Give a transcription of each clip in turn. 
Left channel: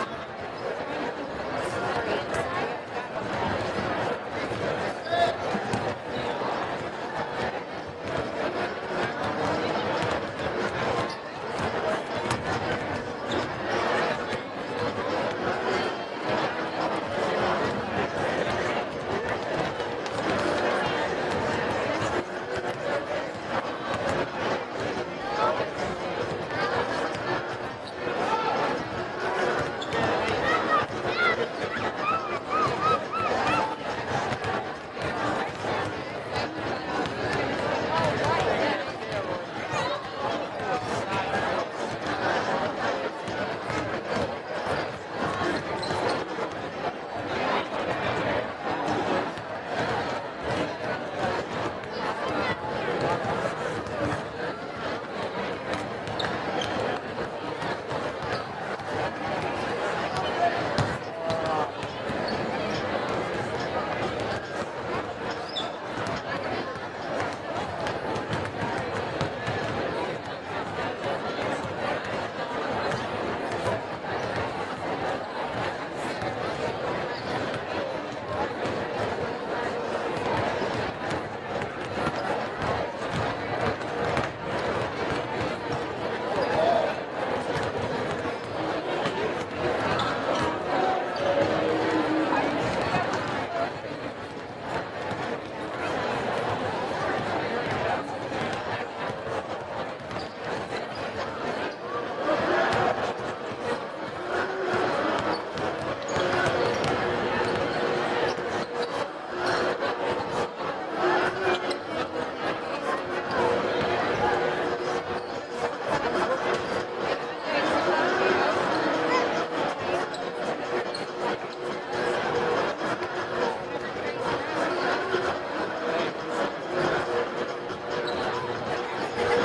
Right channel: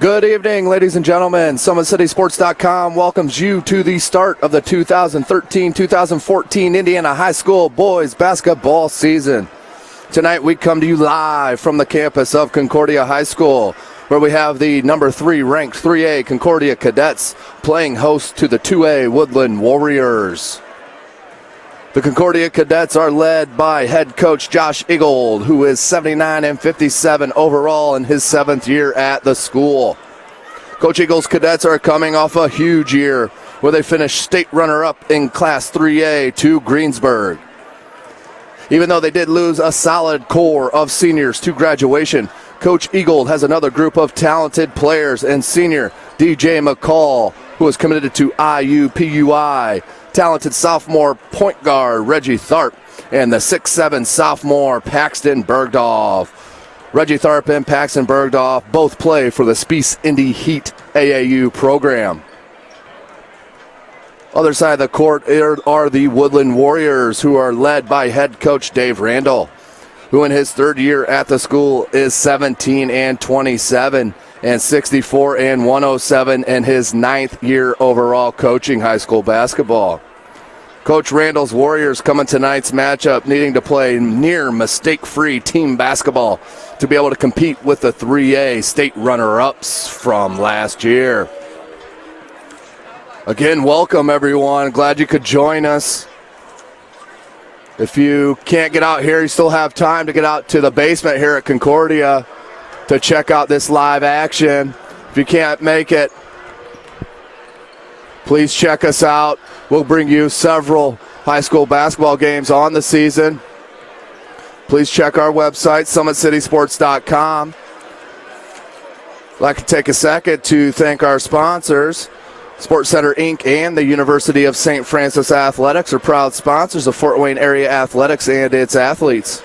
Good evening, ladies and gentlemen. SummitCitySports.com welcomes you to the start of the 2013-2014 Indiana High School boys basketball season. Tonight we come to you live from the campus of Concordia High School, where we have the number 3 ranked 3A Concordia Cadets playing host to the 2A Woodlan Warriors. The Concordia Cadets are led by head coach Josh Eagold, who is 79-57 overall in his 7th year at the school. Coach Eagle's Cadets are coming off a huge year where they finished state runner-up in Class 3A to Greensburg. Even though they did lose a solid core of seniors to graduation, Coach Eagold has another group of talented players and senior DJ McCall, who is committed to IUPUI. Talented sophomore point guard Reggie Tharp, and the 6'7" sophomore Paxton Bergdorf. Reggie Tharp and Paxton Bergdorf both play for the Spice Indy Heat AAU program. Other side of the court are the Woodlan Warriors, who are led by head coach Dave Randall, who in his 3rd year at the school is 17-27 and 64-107 in his 9th year overall coaching high school basketball. Coach Randall's Warriors come in tonight's matchup needing to play near mistake-free team basketball to be able to compete with the 3A state runner-ups from last year. Again, welcome everyone. Glad you could join us. If you can't get out here, you still have time to get out to the basement here at Concordia to check out this live action. If you can't make it, please check us out. We'll bring you several high school basketball games on the season. Please check our website, SummitCitySports.com. I'd like to take a second to thank our sponsors. Sports Center Inc. and the University of St. Francis Athletics are proud sponsors of Fort Wayne area athletics and its athletes.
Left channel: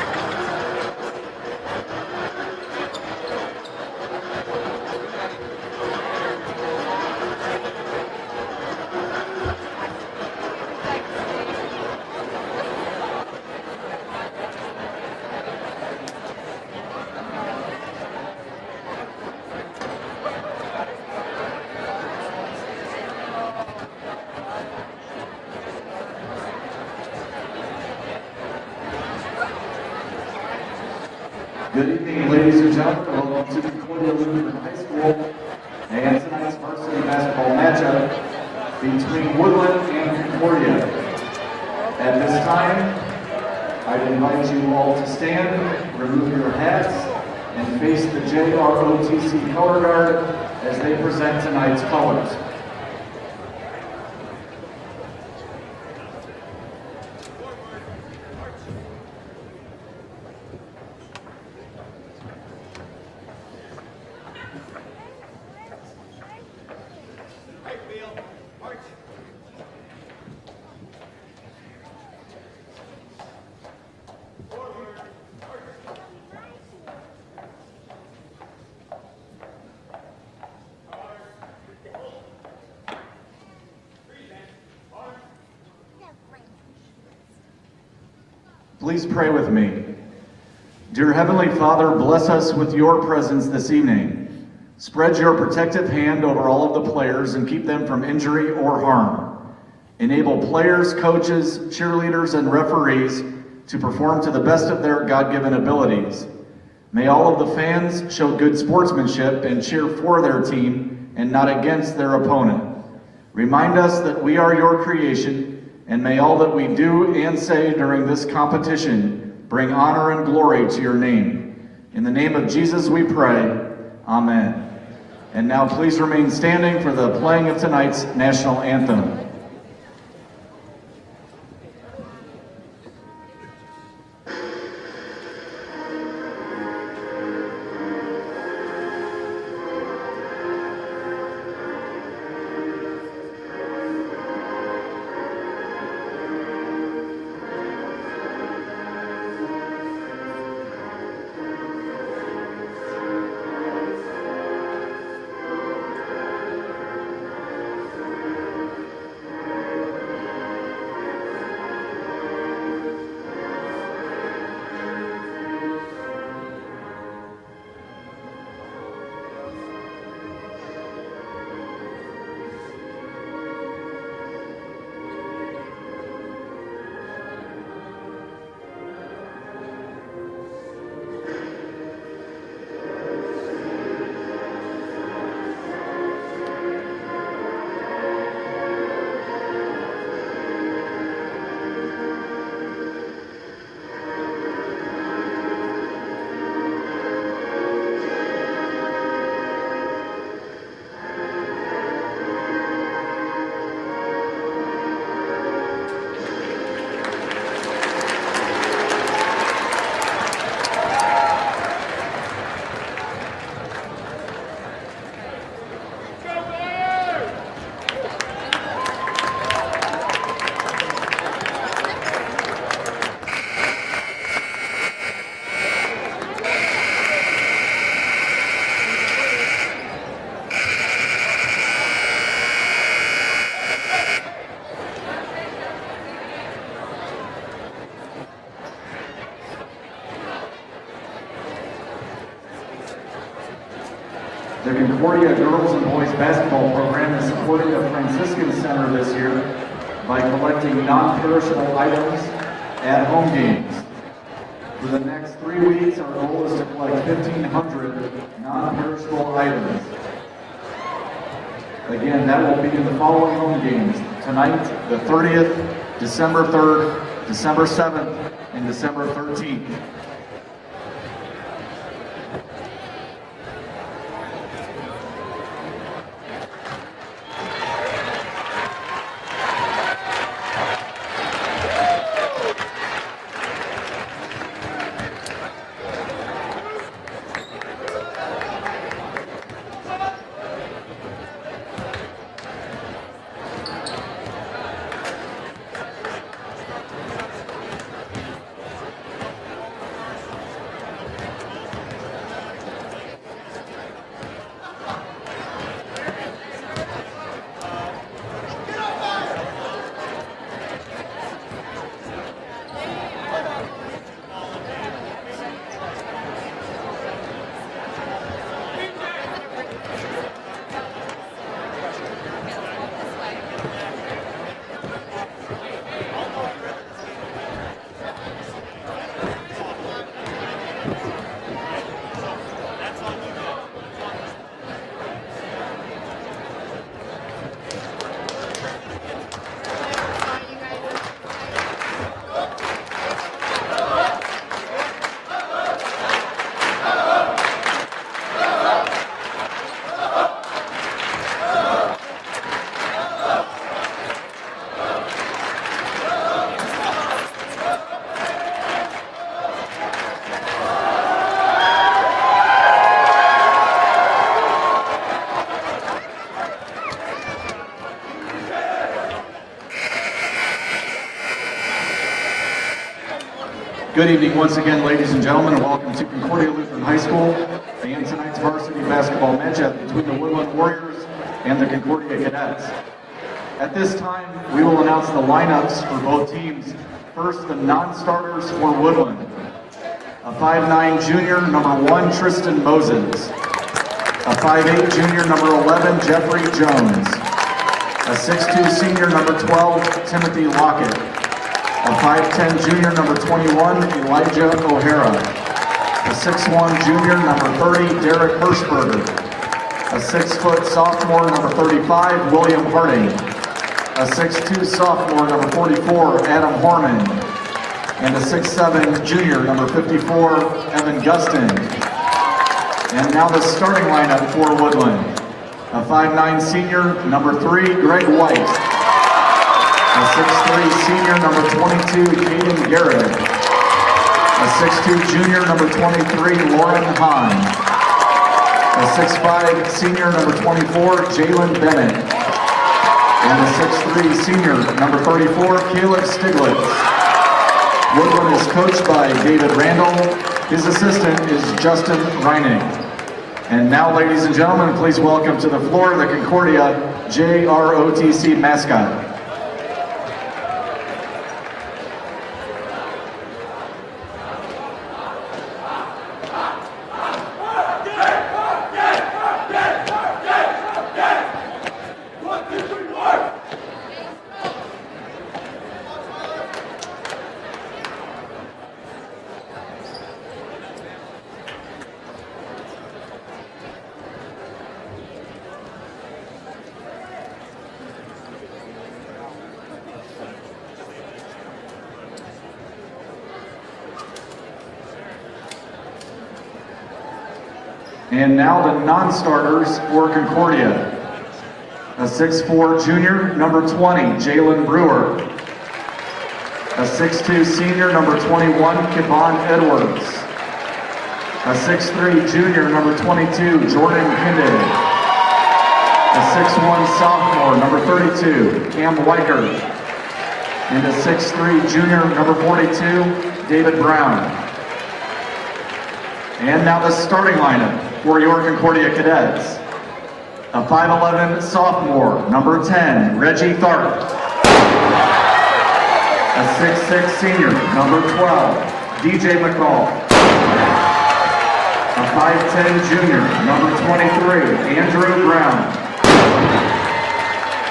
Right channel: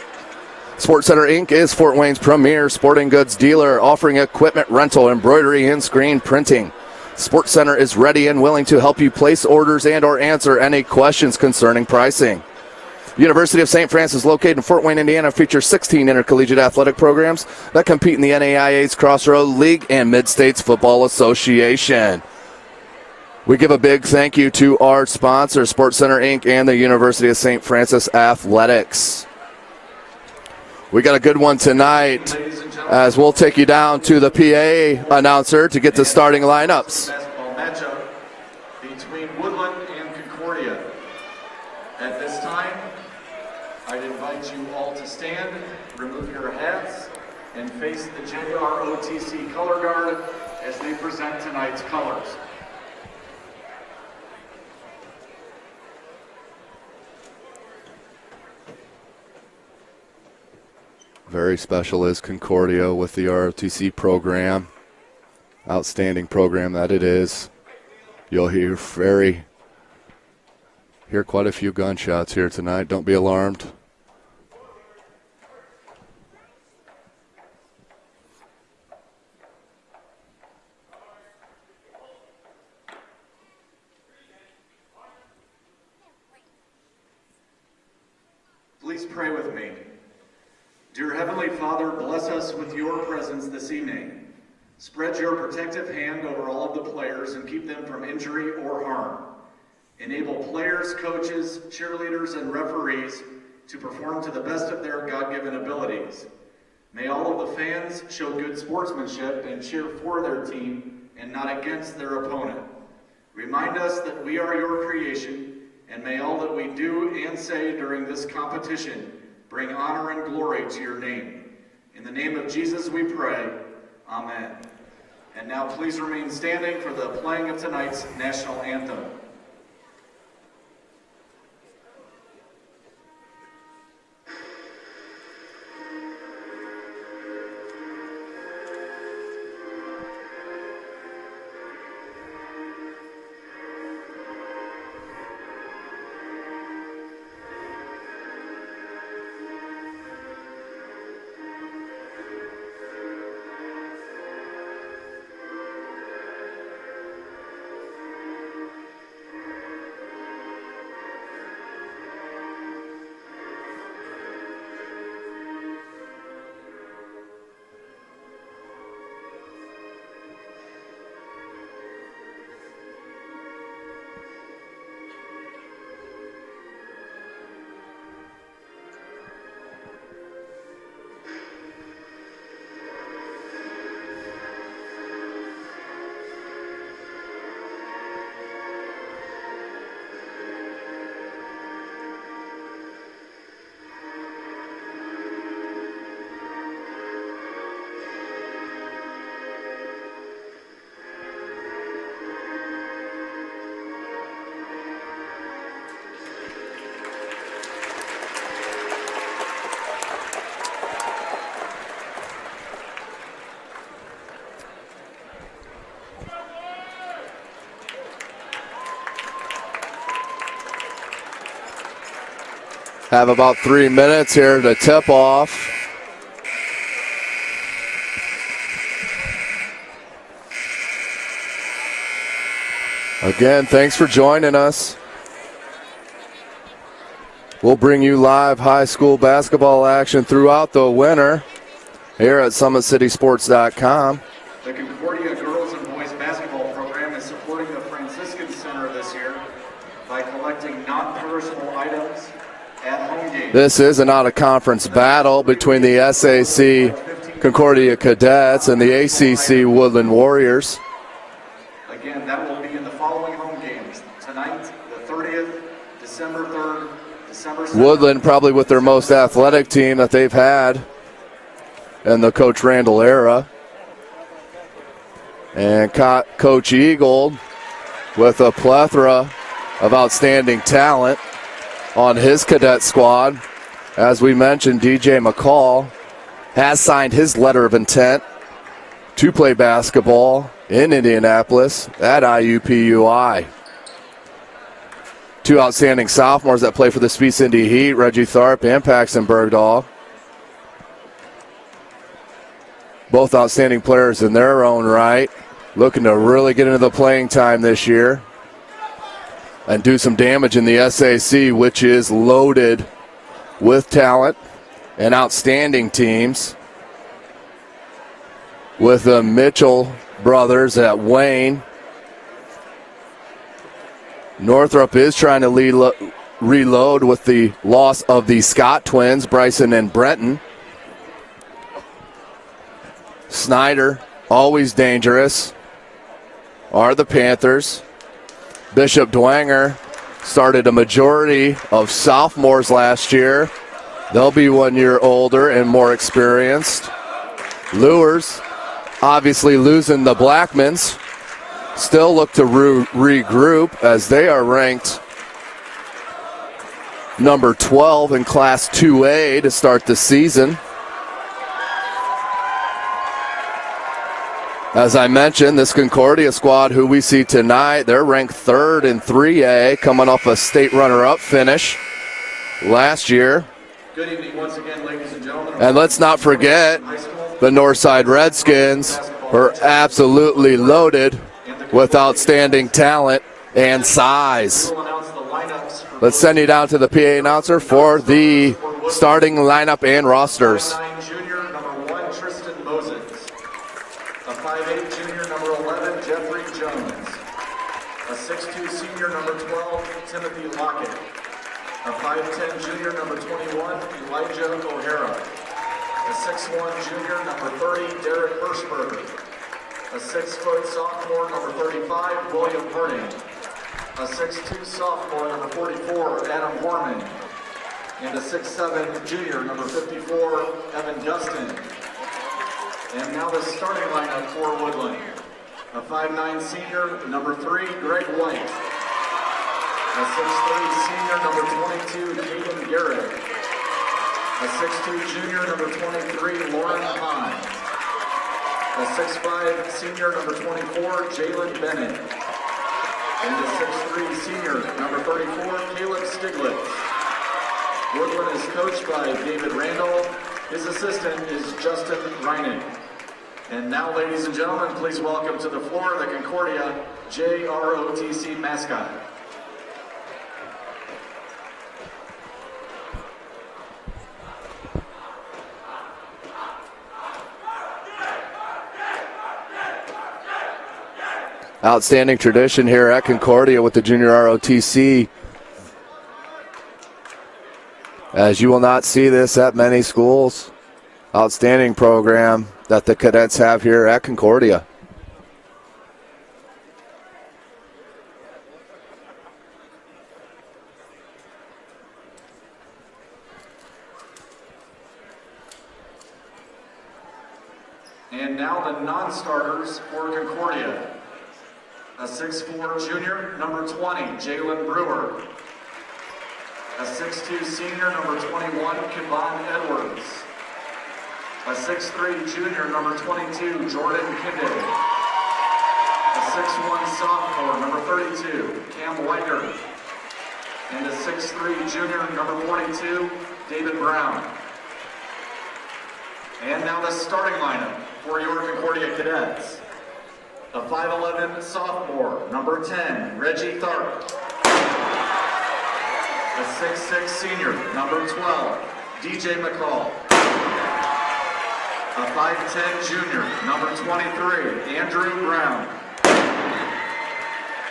Sports Center Inc. is Fort Wayne's premier sporting goods dealer, offering equipment rental, embroidery, and screen printing. Sports Center is ready and willing to help you place orders and or answer any questions concerning pricing. University of St. Francis, located in Fort Wayne, Indiana, features 16 intercollegiate athletic programs that compete in the NAIA's Crossroad League and Mid-States Football Association. We give a big thank you to our sponsors, Sports Center Inc. and the University of St. Francis Athletics. We got a good one tonight, as we'll take you down to the PA announcer to get the starting lineups. Basketball matchup between Woodlan and Concordia. At this time, I'd invite you all to stand, remove your hats, and face the JROTC color guard as they present tonight's colors. Very special is Concordia with the ROTC program. Outstanding program that it is. You'll hear quite a few gunshots here tonight. Don't be alarmed. Please pray with me. Dear Heavenly Father, bless us with your presence this evening. Spread your protective hand over all of the players and keep them from injury or harm. Enable players, coaches, cheerleaders, and referees to perform to the best of their God-given abilities. May all of the fans show good sportsmanship and cheer for their team and not against their opponent. Remind us that we are your creation, and may all that we do and say during this competition bring honor and glory to your name. In the name of Jesus we pray, amen. And now please remain standing for the playing of tonight's national anthem. Have about 3 minutes here to tip off. Again, thanks for joining us. We'll bring you live high school basketball action throughout the winter here at SummitCitySports.com. The Concordia girls and boys basketball program is supporting the Franciscan Center this year by collecting non-perishable items at home games. This is an out-of-conference battle between the SAC Concordia Cadets and the ACC Woodlan Warriors. Again, that will be in the following home games. Tonight, the 30th, December 3rd, December 7th. Woodlan probably with their most athletic team that they've had in the Coach Randall era. And Coach Eagle with a plethora of outstanding talent on his cadet squad. As we mentioned, DJ McCall has signed his letter of intent to play basketball in Indianapolis at IUPUI. Two outstanding sophomores that play for the Speed Indy Heat, Reggie Tharp and Paxton Bergdahl. Both outstanding players in their own right, looking to really get into the playing time this year and do some damage in the SAC, which is loaded with talent and outstanding teams. With the Mitchell brothers at Wayne. Northrop is trying to reload with the loss of the Scott twins, Bryson and Brenton. Snyder, always dangerous, are the Panthers. Bishop Dwenger started a majority of sophomores last year. They'll be 1 year older and more experienced. Lures, obviously losing the Blackmans, still look to regroup as they are ranked number 12 in Class 2A to start the season. As I mentioned, this Concordia squad, who we see tonight, they're ranked 3rd in 3A, coming off a state runner-up finish last year. Good evening once again, ladies and gentlemen. And let's not forget, the Northside Redskins are absolutely loaded with outstanding talent and size. We will announce the lineups. Let's send you down to the PA announcer for the starting lineup and rosters. 5'9" junior, number 1, Tristan Moses. A 5'8" junior, number 11, Jeffrey Jones. A 6'2" senior, number 12, Timothy Lockett. A 5'10" junior, number 21, Elijah O'Hara. A 6'1" junior, number 30, Derek Hirschberger. A 6' sophomore, number 35, William Harding. A 6'2" sophomore, number 44, Adam Horman. And a 6'7" junior, number 54, Evan Gustin. And now the starting lineup for Woodlan. A 5'9" senior, number 3, Greg White. A 6'3" senior, number 22, Caden Garrett. A 6'2" junior, number 23, Lauren Hahn. A 6'5" senior, number 24, Jalen Bennett. And a 6'3" senior, number 34, Caleb Stiglitz. Woodlan is coached by David Randall. His assistant is Justin Reining. And now, ladies and gentlemen, please welcome to the floor the Concordia JROTC mascot. Outstanding tradition here at Concordia with the Junior ROTC. As you will not see this at many schools. Outstanding program that the cadets have here at Concordia. And now the non-starters for Concordia. A 6'4" junior, number 20, Jalen Brewer. A 6'2" senior, number 21, Kevon Edwards. A 6'3" junior, number 22, Jordan Kinde. A 6'1" sophomore, number 32, Cam Weichert. And a 6'3" junior, number 42, David Brown. And now the starting lineup for your Concordia Cadets. A 5'11" sophomore, number 10, Reggie Tharp. A 6'6" senior, number 12, DJ McCall. A 5'10" junior, number 23, Andrew Brown.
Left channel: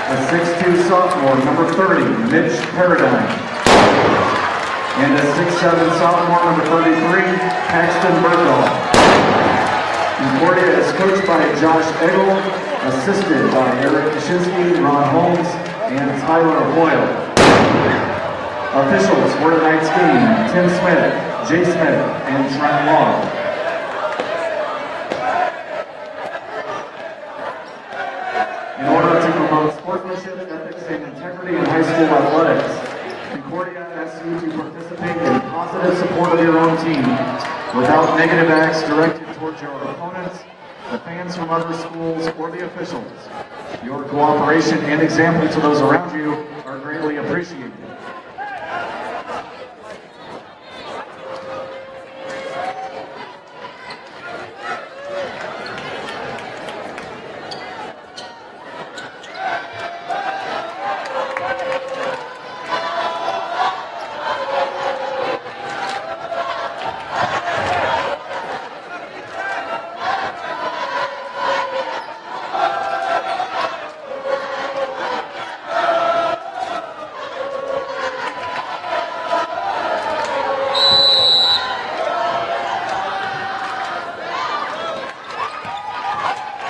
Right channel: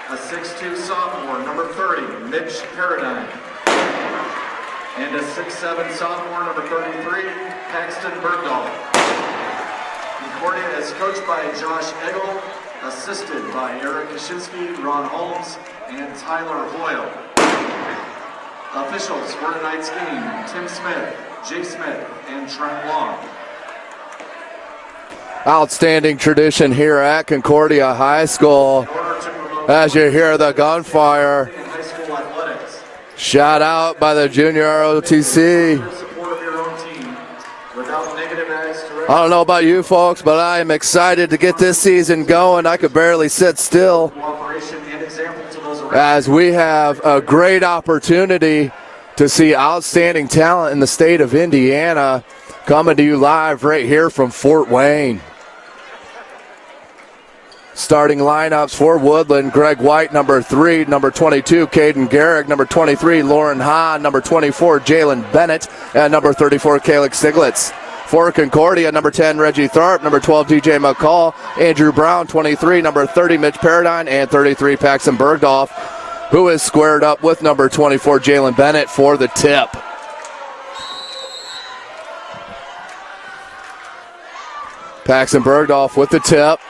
A 6'2" sophomore, number 30, Mitch Paradigm. And a 6'7" sophomore, number 33, Paxton Bergdahl. Concordia is coached by Josh Eggle, assisted by Eric Kaczynski, Ron Holmes, and Tyler Hoyle. Officials for tonight's game, Tim Smith, Jay Smith, and Trent Long. Outstanding tradition here at Concordia High School. As you hear the gunfire. High school athletics. Shout out by the junior ROTC. The support of your own team without negative acts directed. I don't know about you folks, but I am excited to get this season going. I could barely sit still. Cooperation and example to those around. As we have a great opportunity to see outstanding talent in the state of Indiana coming to you live right here from Fort Wayne. Starting lineups for Woodlan: Greg White, number 3, number 22, Caden Garrick, number 23, Lauren Hahn, number 24, Jalen Bennett, and number 34, Calix Stiglitz. For Concordia, number 10, Reggie Tharp, number 12, DJ McCall, Andrew Brown, 23, number 30, Mitch Paradine, and 33, Paxton Bergdahl, who is squared up with number 24, Jalen Bennett for the tip. Paxton Bergdahl with the tip.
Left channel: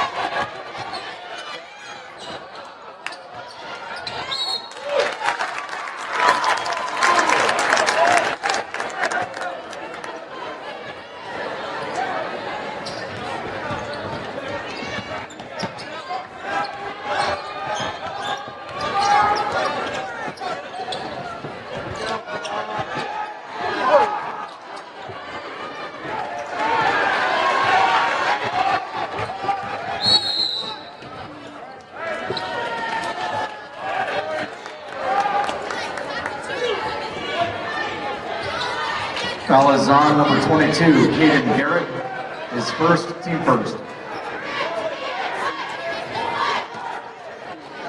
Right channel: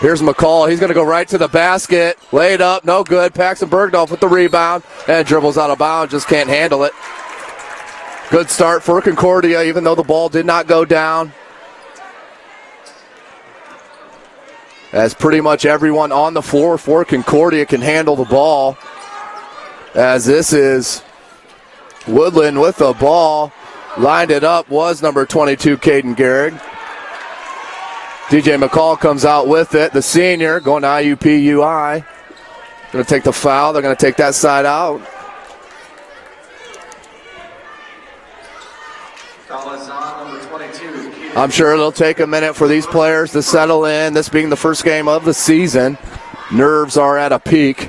Here's McCall. He's going to go right to the basket. Laid up, no good. Paxton Bergdahl with the rebound and dribbles out of bounds. Just can't handle it. Good start for Concordia, even though the ball did not go down. As pretty much everyone on the floor for Concordia can handle the ball. As this is Woodlan with the ball. Lined it up was number 22, Caden Garrick. DJ McCall comes out with it. The senior going to IUPUI. Going to take the foul. They're going to take that side out. Foul is on number 22. I'm sure it'll take a minute for these players to settle in. This being the first game of the season. Nerves are at a peak.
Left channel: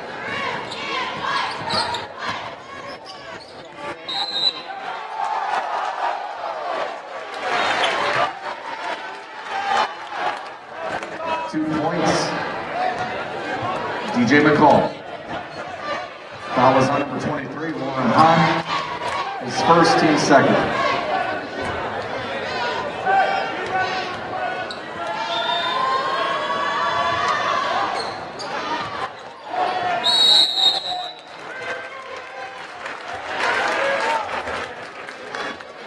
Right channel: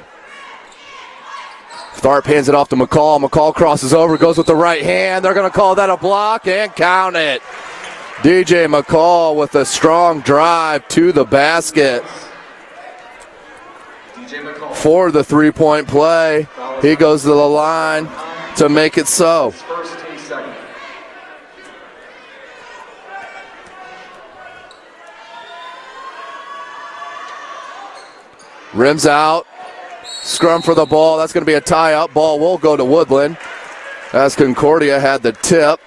Tharp hands it off to McCall. McCall crosses over, goes with the right hand. They're going to call that a block and count it. DJ McCall with a strong drive to the basket. DJ McCall for the three-point play. He goes to the line to make it so. First team second. Rims out. Scrum for the ball. That's going to be a tie-up. Ball will go to Woodlan as Concordia had the tip.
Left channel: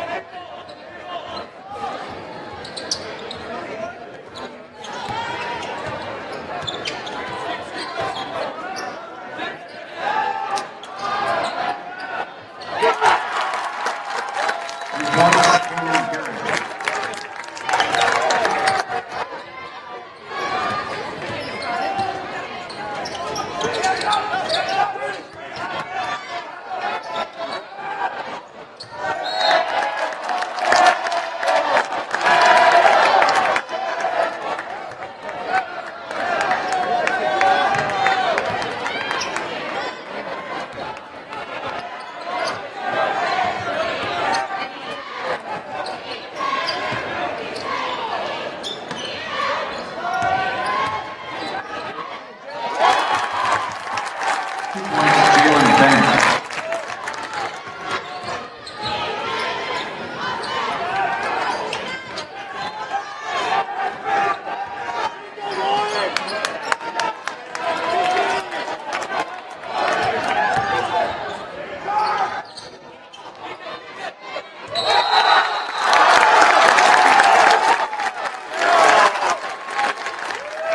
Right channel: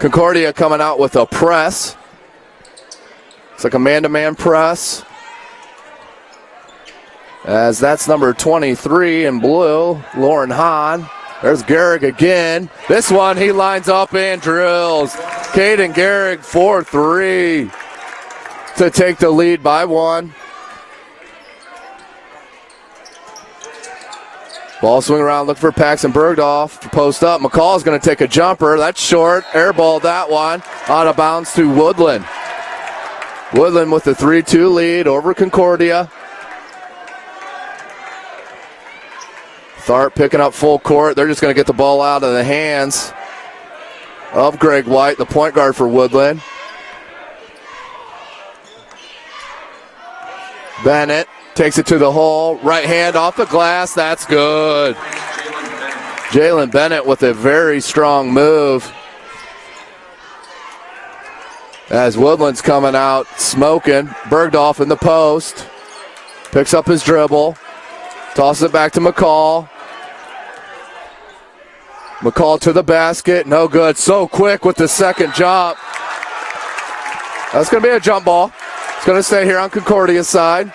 Concordia coming out with a press. It's like a man-to-man press. As that's number 23 in blue, Lauren Hahn. There's Garrick again. This one he lines up and drills. Caden Garrick for 3 to take the lead by 1. Ball swing around, look for Paxton Bergdahl. Post up, McCall's going to take a jumper. That's short, airball that one. Out of bounds to Woodlan. Woodlan with the 3-2 lead over Concordia. Tharp picking up full court. They're just going to get the ball out of the hands of Greg White, the point guard for Woodlan. Bennett takes it to the hole. Right hand off the glass. That's good. Jalen Bennett with a very strong move. As Woodlan's coming out smoking. Bergdahl in the post. Picks up his dribble. Tosses it back to McCall. McCall to the basket. No good. So quick with the second jump. That's going to be a jump ball. Going to stay here on Concordia's side.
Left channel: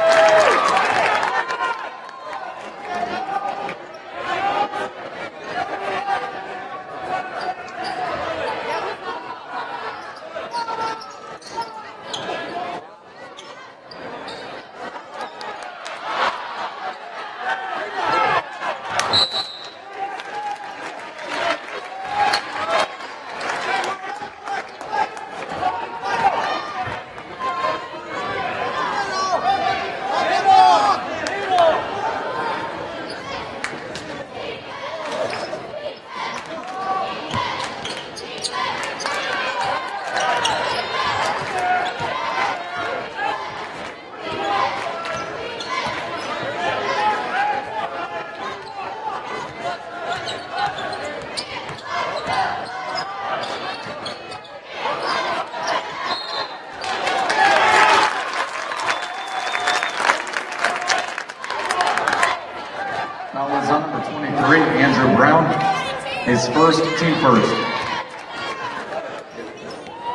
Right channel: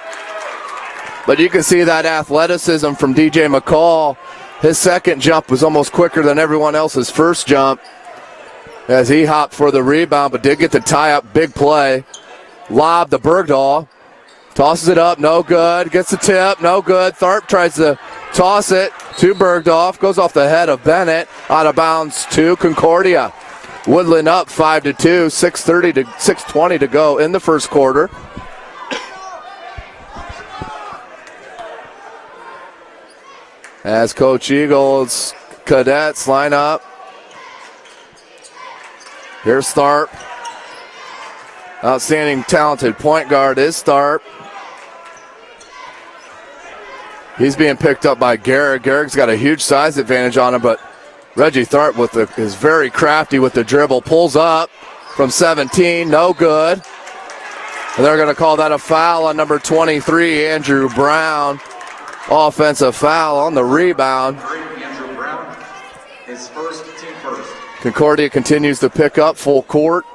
But you can see that athleticism from DJ McCall. His second jump was almost quicker than everyone else's first jump as he hopped for the rebound, but did get the tie-up. Big play. Lob to Bergdahl. Tosses it up, no good. Gets the tip, no good. Tharp tries to toss it to Bergdorf, goes off the head of Bennett, out of bounds to Concordia. Woodlan up 5-2, 6:20 to go in the first quarter. As Coach Eagles cadets line up. Here's Tharp. Outstanding, talented point guard is Tharp. He's being picked up by Garrick. Garrick's got a huge size advantage on him, but Reggie Tharp is very crafty with the dribble. Pulls up from 17, no good. And they're going to call that a foul on number 23, Andrew Brown. Offensive foul on the rebound. Andrew Brown, his first, team first. Concordia continues to pick up full court.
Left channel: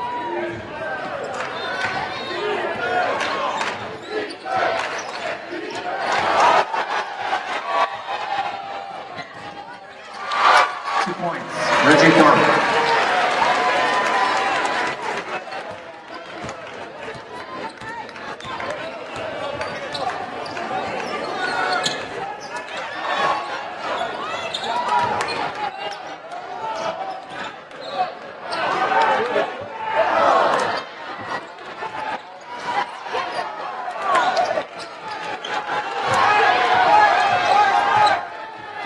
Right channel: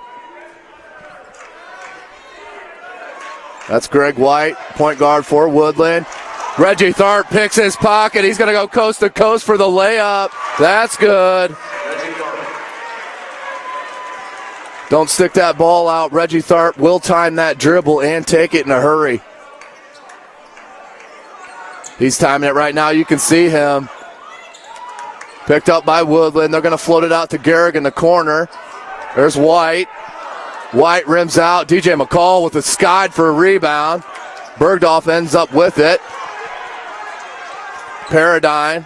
That's Greg White, point guard for Woodland. Reggie Tharp picks his pocket. He's going to go coast to coast for the layup. That's good. Reggie Tharp. Don't stick that ball out. Reggie Tharp will time that dribble and take it in a hurry. He's timing it right now. You can see him. Picked up by Woodland. They're going to float it out to Garrick in the corner. There's White. White rims out. DJ McCall with a skide for a rebound. Bergdorf ends up with it. Paradigm.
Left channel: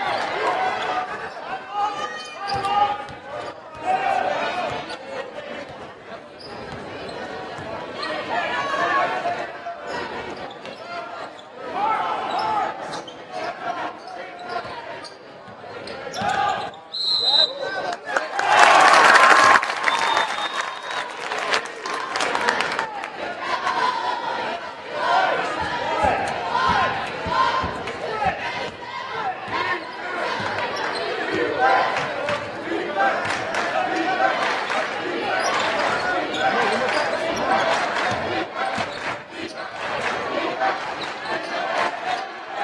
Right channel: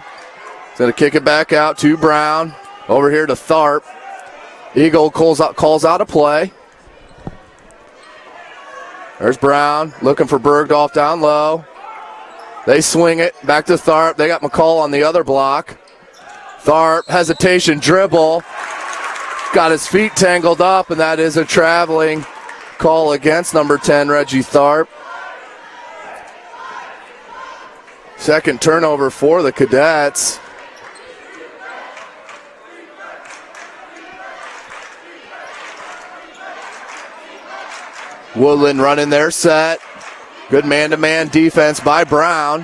Going to kick it back out to Brown. Over here to Tharp. Eagle calls out a play. There's Brown looking for Bergdorf down low. They swing it back to Tharp. They got McCall on the other block. Tharp, hesitation, dribble. Got his feet tangled up, and that is a traveling call against number 10, Reggie Tharp. Second turnover for the Cadets. Woodland running their set. Good man-to-man defense by Brown.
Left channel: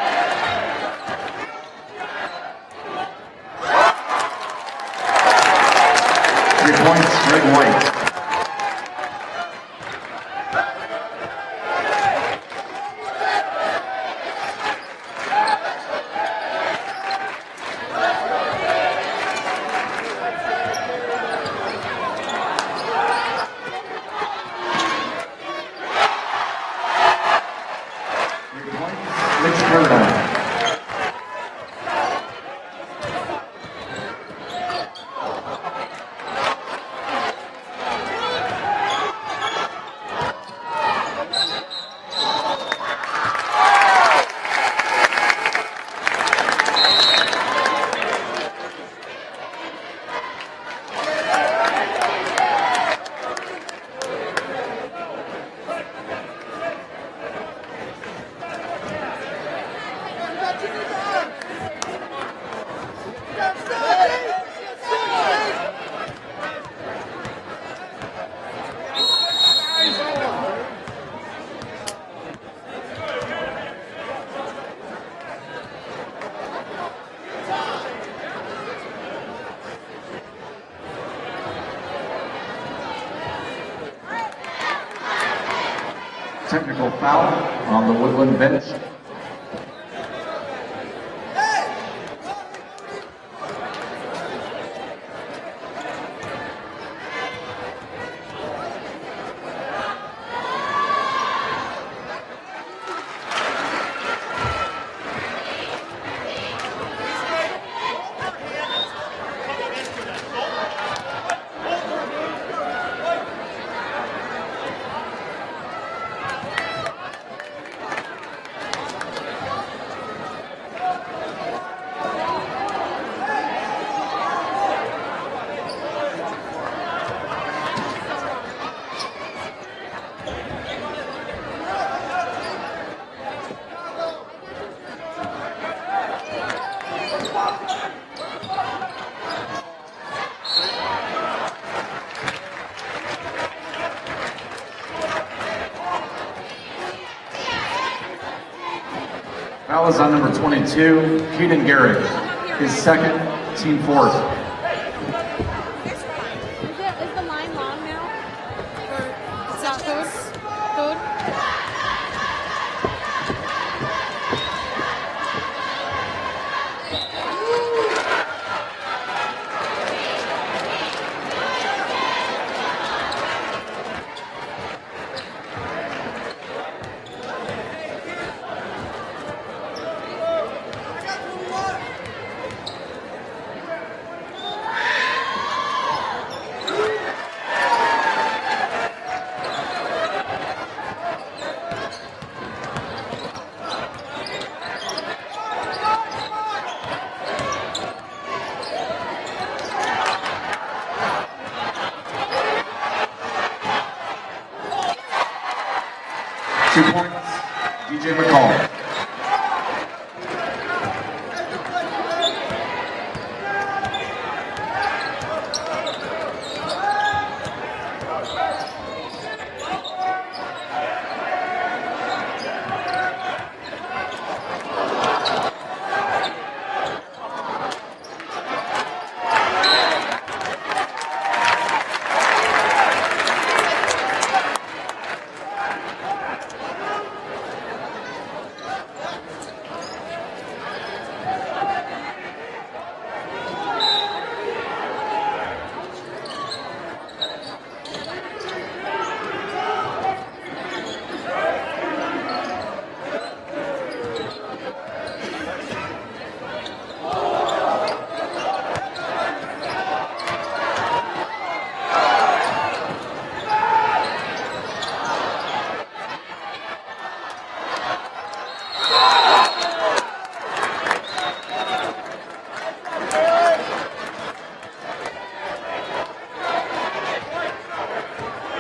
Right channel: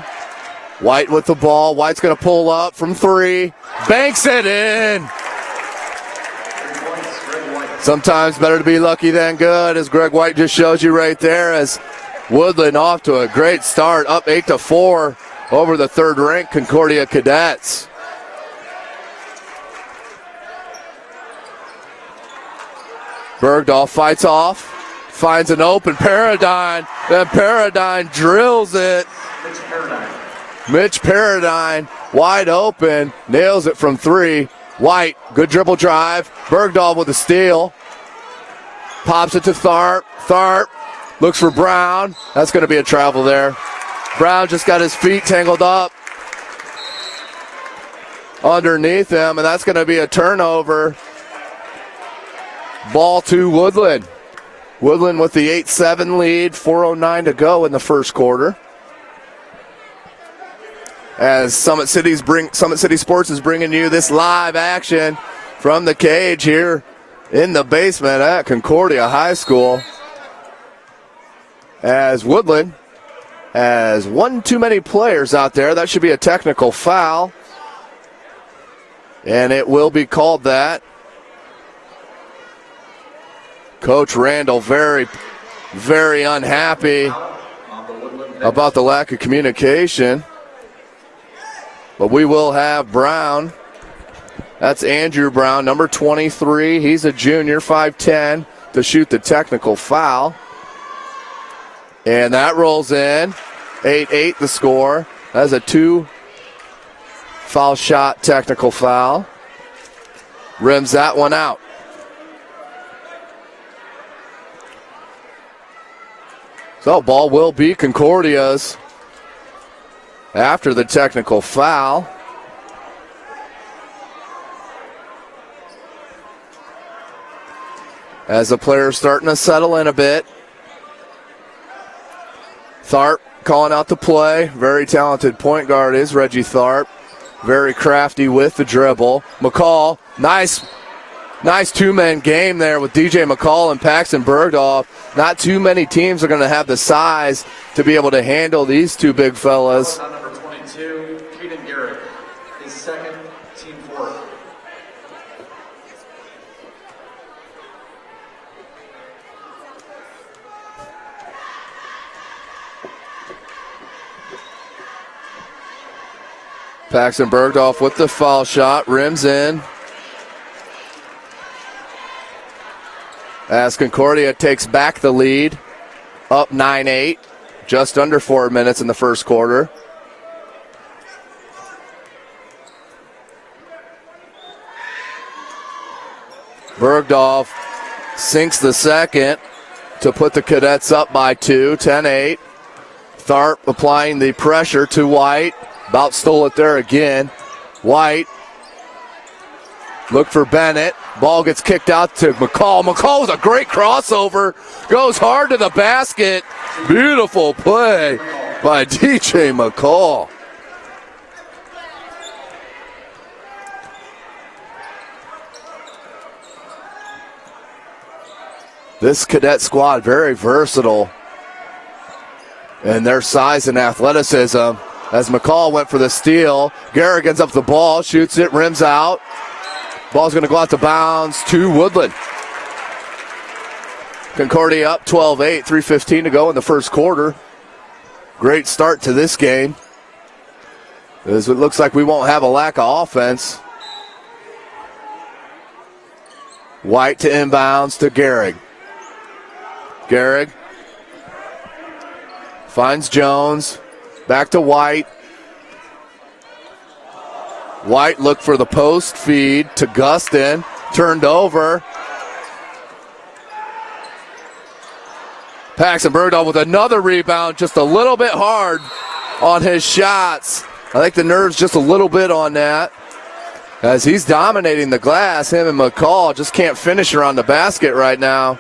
White with the ball. White's going to pull up from three. Banks it in. 3 points, Greg White. Sometimes better to be lucky than good, as Greg White just shows you right there, as Woodland off to a great start, up 8-4 over the third-ranked Concordia Cadets. Bergdorf fights off. Finds an open Paradigm, and Paradigm drills it. Mitch Paradigm, wide open, nails it from three. White, good dribble drive. Bergdorf with a steal. Pops it to Tharp. Tharp looks for Brown. That's going to be a travel there. Brown just got his feet tangled up underneath him, and that's going to be a turnover. Ball to Woodland. Woodland with the 8-7 lead, 4:09 to go in the first quarter. As Summit City Sports is bringing you this live action from the cage here in the basement at Concordia High School. As Woodland has one too many players out there. That should be a technical foul. And it will be called that. Coach Randall very, very unhappy about the lack of communication. But we will have Brown. That's Andrew Brown, number 23. He's a junior, 5'10", to shoot the technical foul. And that rolls in. 8-8 the score. That's a 2-foul shot technical foul. Rims that one out. So ball will be Concordia's after the technical foul. As the players starting to settle in a bit. Tharp calling out the play. Very talented point guard is Reggie Tharp. Very crafty with the dribble. McCall, nice two-man game there with DJ McCall and Paxton Bergdorf. Not too many teams are going to have the size to be able to handle these two big fellas. That was on number 22, Keaton Garrett, his second, team fourth. Is the line long now? Or South Coast code? Paxton Bergdorf with the foul shot, rims in. As Concordia takes back the lead, up 9-8, just under 4 minutes in the first quarter. Bergdorf sinks the second to put the Cadets up by 2, 10-8. Tharp applying the pressure to White. About stole it there again. White look for Bennett. Ball gets kicked out to McCall. McCall with a great crossover. Goes hard to the basket. Beautiful play by DJ McCall. This Cadet squad very versatile in their size and athleticism. As McCall went for the steal, Garrigan's up the ball, shoots it, rims out. Ball's going to go out to bounds to Woodlan. Concordia up 12-8, 3:15 to go in the first quarter. Great start to this game, as it looks like we won't have a lack of offense. White to inbounds to Garrig. Garrig finds Jones. Back to White. White looked for the post feed to Gustin. Turned over. Paxton Bergdahl with another rebound, just a little bit hard on his shots. I think the nerves just a little bit on that, as he's dominating the glass. Him and McCall just can't finish around the basket right now,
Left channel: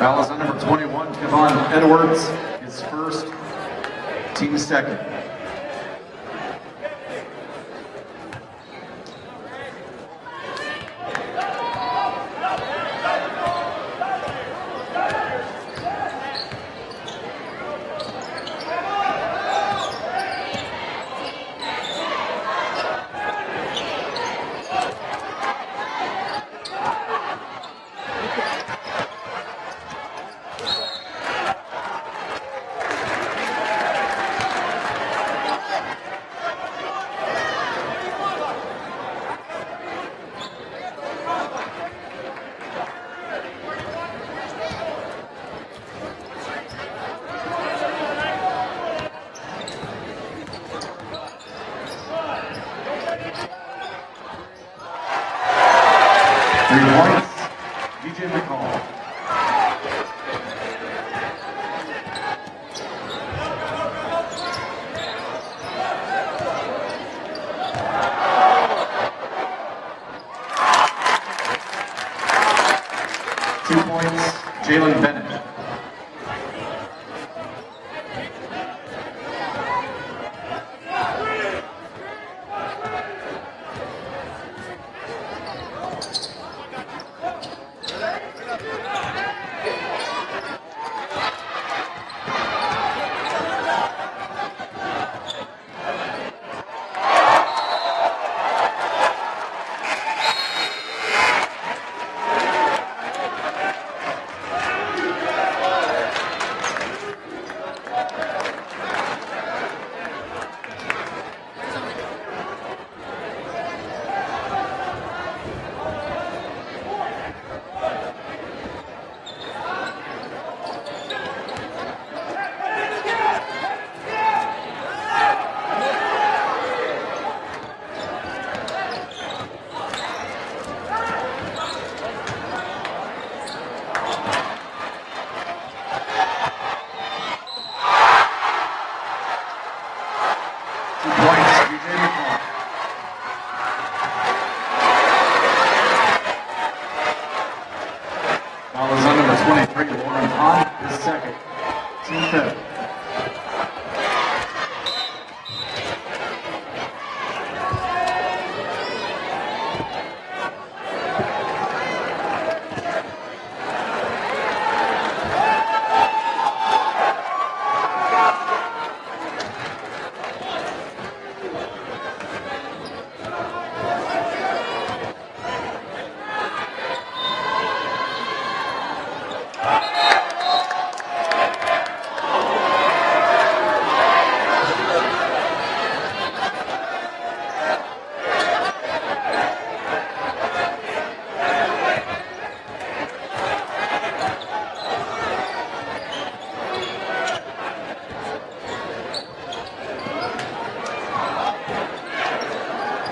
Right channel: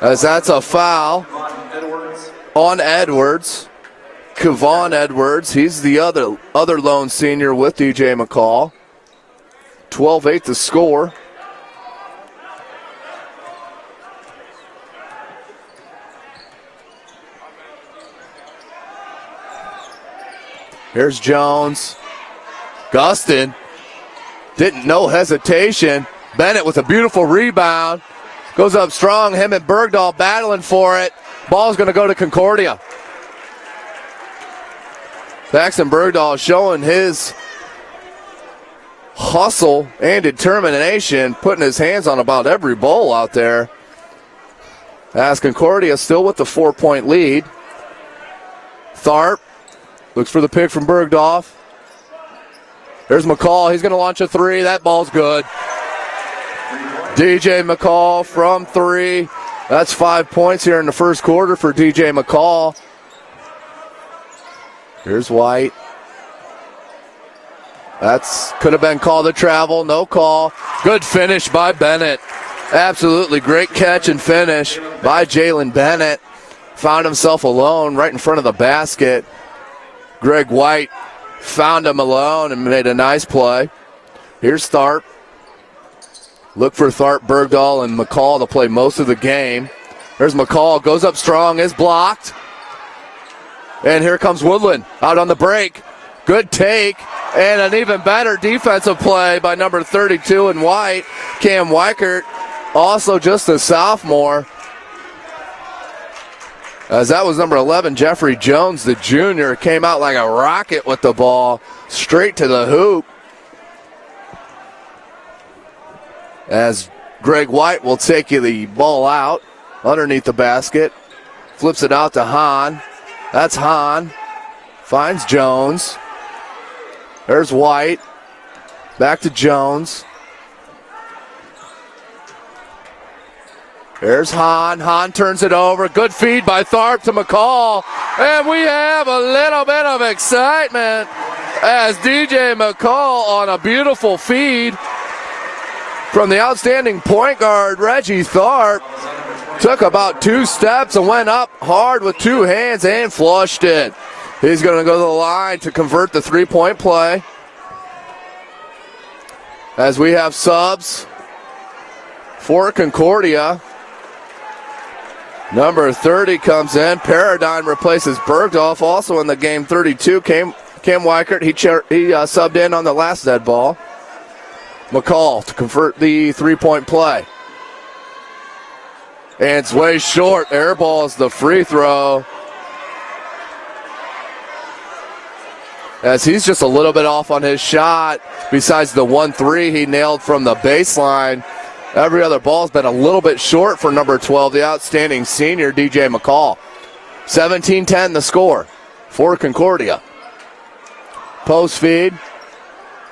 as that's a foul on Edwards. Kevon Edwards, he's the other lone senior with DJ McCall. 12-8 to score. Here's Jones. Gustin, no hesitation. Bennett with a beautiful rebound. Goes up strong, him and Bergdahl battling for it. Ball's gonna go to Concordia. Paxton Bergdahl showing his hustle and determination, putting his hands on about every ball out there. As Concordia still with the 4-point lead. Tharp looks for the pick from Bergdorf. There's McCall, he's gonna launch a three, that ball's good. DJ McCall from 3. That's 5 points here in the first quarter for DJ McCall. Here's White. That's could have been called a travel, no call. Good finish by Bennett. Absolutely great catch and finish by Jalen Bennett. Found himself alone right in front of the basket. Greg White found him alone and made a nice play. Here's Tharp. Look for Tharp, Bergdahl, and McCall to play most of the game. There's McCall, goes up strong, is blocked. And here comes Woodlan out on the break. Good take, and an even better defensive play by number 32 in White, Cam Weichert, also just a sophomore. As that was number 11, Jeffrey Jones, the junior, came out like a rocket with the ball, straight to the hoop. As Greg White will take the ball out underneath the basket, flips it out to Hahn. That's Hahn, finds Jones. There's White, back to Jones. There's Hahn, Hahn turns it over. Good feed by Tharp to McCall. And we have a little bit of excitement as DJ McCall on a beautiful feed from the outstanding point guard, Reggie Tharp. Took about 2 steps and went up hard with 2 hands and flushed it. He's going to go to the line to convert the 3-point play. As we have subs for Concordia. Number 30 comes in. Paradigm replaces Bergdorf. Also in the game, 32, Cam Weichert. He subbed in on the last dead ball. McCall to convert the 3-point play. And it's way short. Airballs the free throw. as he's just a little bit off on his shot. Besides the 1-3 he nailed from the baseline, every other ball's been a little bit short for number 12, the outstanding senior, DJ McCall. 17-10 the score for Concordia. Post feed,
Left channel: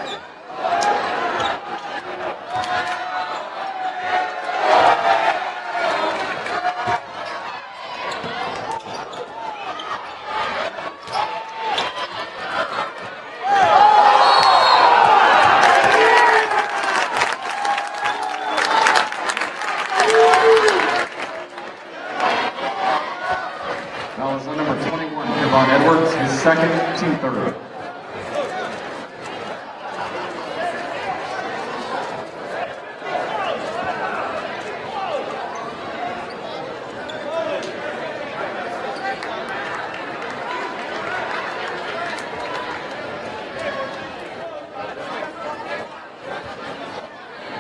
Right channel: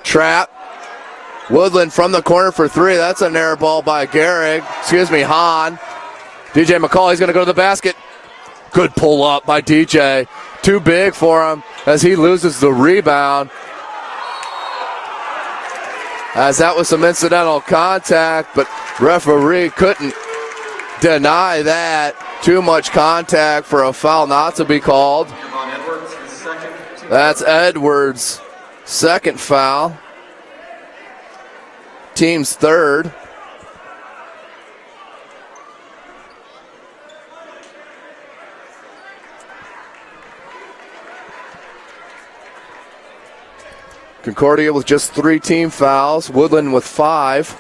trap. Woodlan from the corner for three. That's a narrow ball by Hahn. DJ McCall, he's going to go to the basket. Good pull up by DJ. Too big for him as he loses the rebound. As that was some incidental contact, but referee couldn't deny that. Too much contact for a foul not to be called. That's Edwards' second foul. Team's third. Concordia with just 3 team fouls. Woodlan with 5.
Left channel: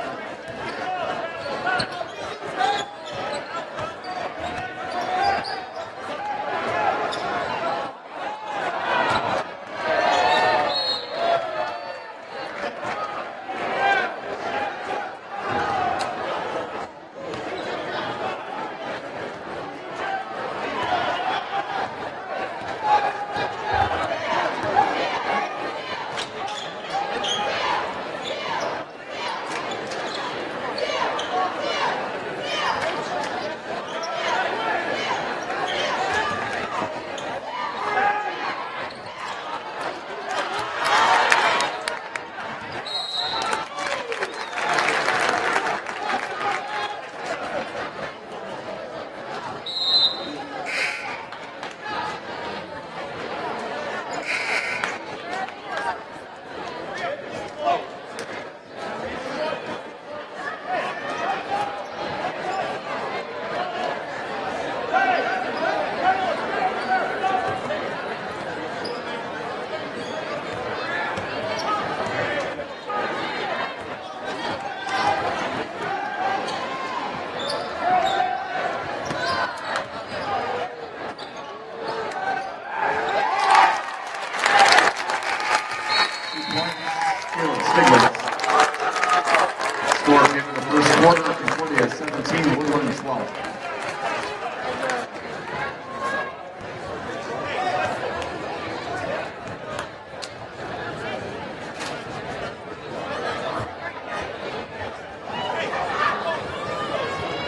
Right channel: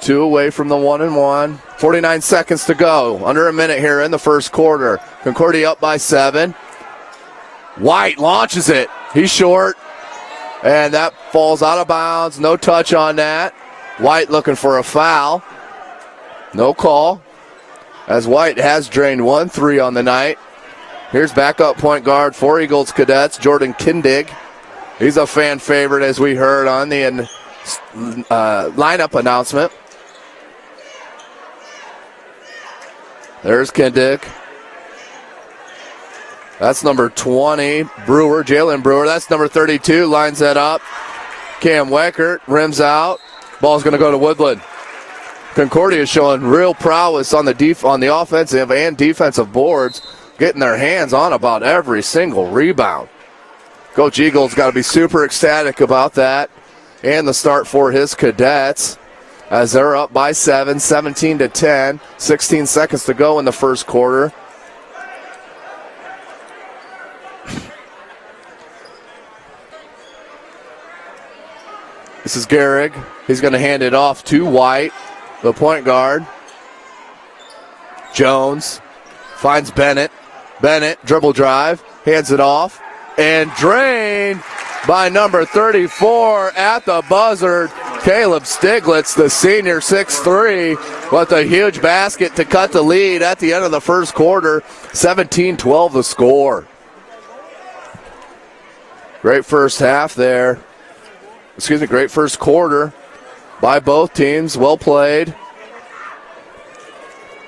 2 away from the 1-1. 49 seconds to go. Under a minute here in the first quarter. Concordia up by 7. White launches it. He's short. And that falls out of bounds. No touch on that. White looking for a foul. No call. As White has drained 1 3 on the night. Here's backup point guard for Eagles Cadets, Jordan Kindig. He's a fan favorite, as we heard on the lineup announcement. There's Kindig. That's number 20, Brewer, Jalen Brewer. That's number 32, lines that up. Cam Weckert rims out. Ball's going to go to Woodlan. Concordia is showing real prowess on the offensive and defensive boards, getting their hands on about every single rebound. Coach Eagles got to be super ecstatic about that and the start for his Cadets as they're up by 7, 17-10, 16 seconds to go in the first quarter. This is Gehrig. He's going to hand it off to White, the point guard. Jones finds Bennett. Bennett, dribble drive, hands it off, and drained by number 34 at the buzzer, Caleb Stiglitz, the senior, 6'3", with a huge basket to cut the lead at the end of the first quarter. 17-12 the score. Great first half there. Great first quarter by both teams. Well played.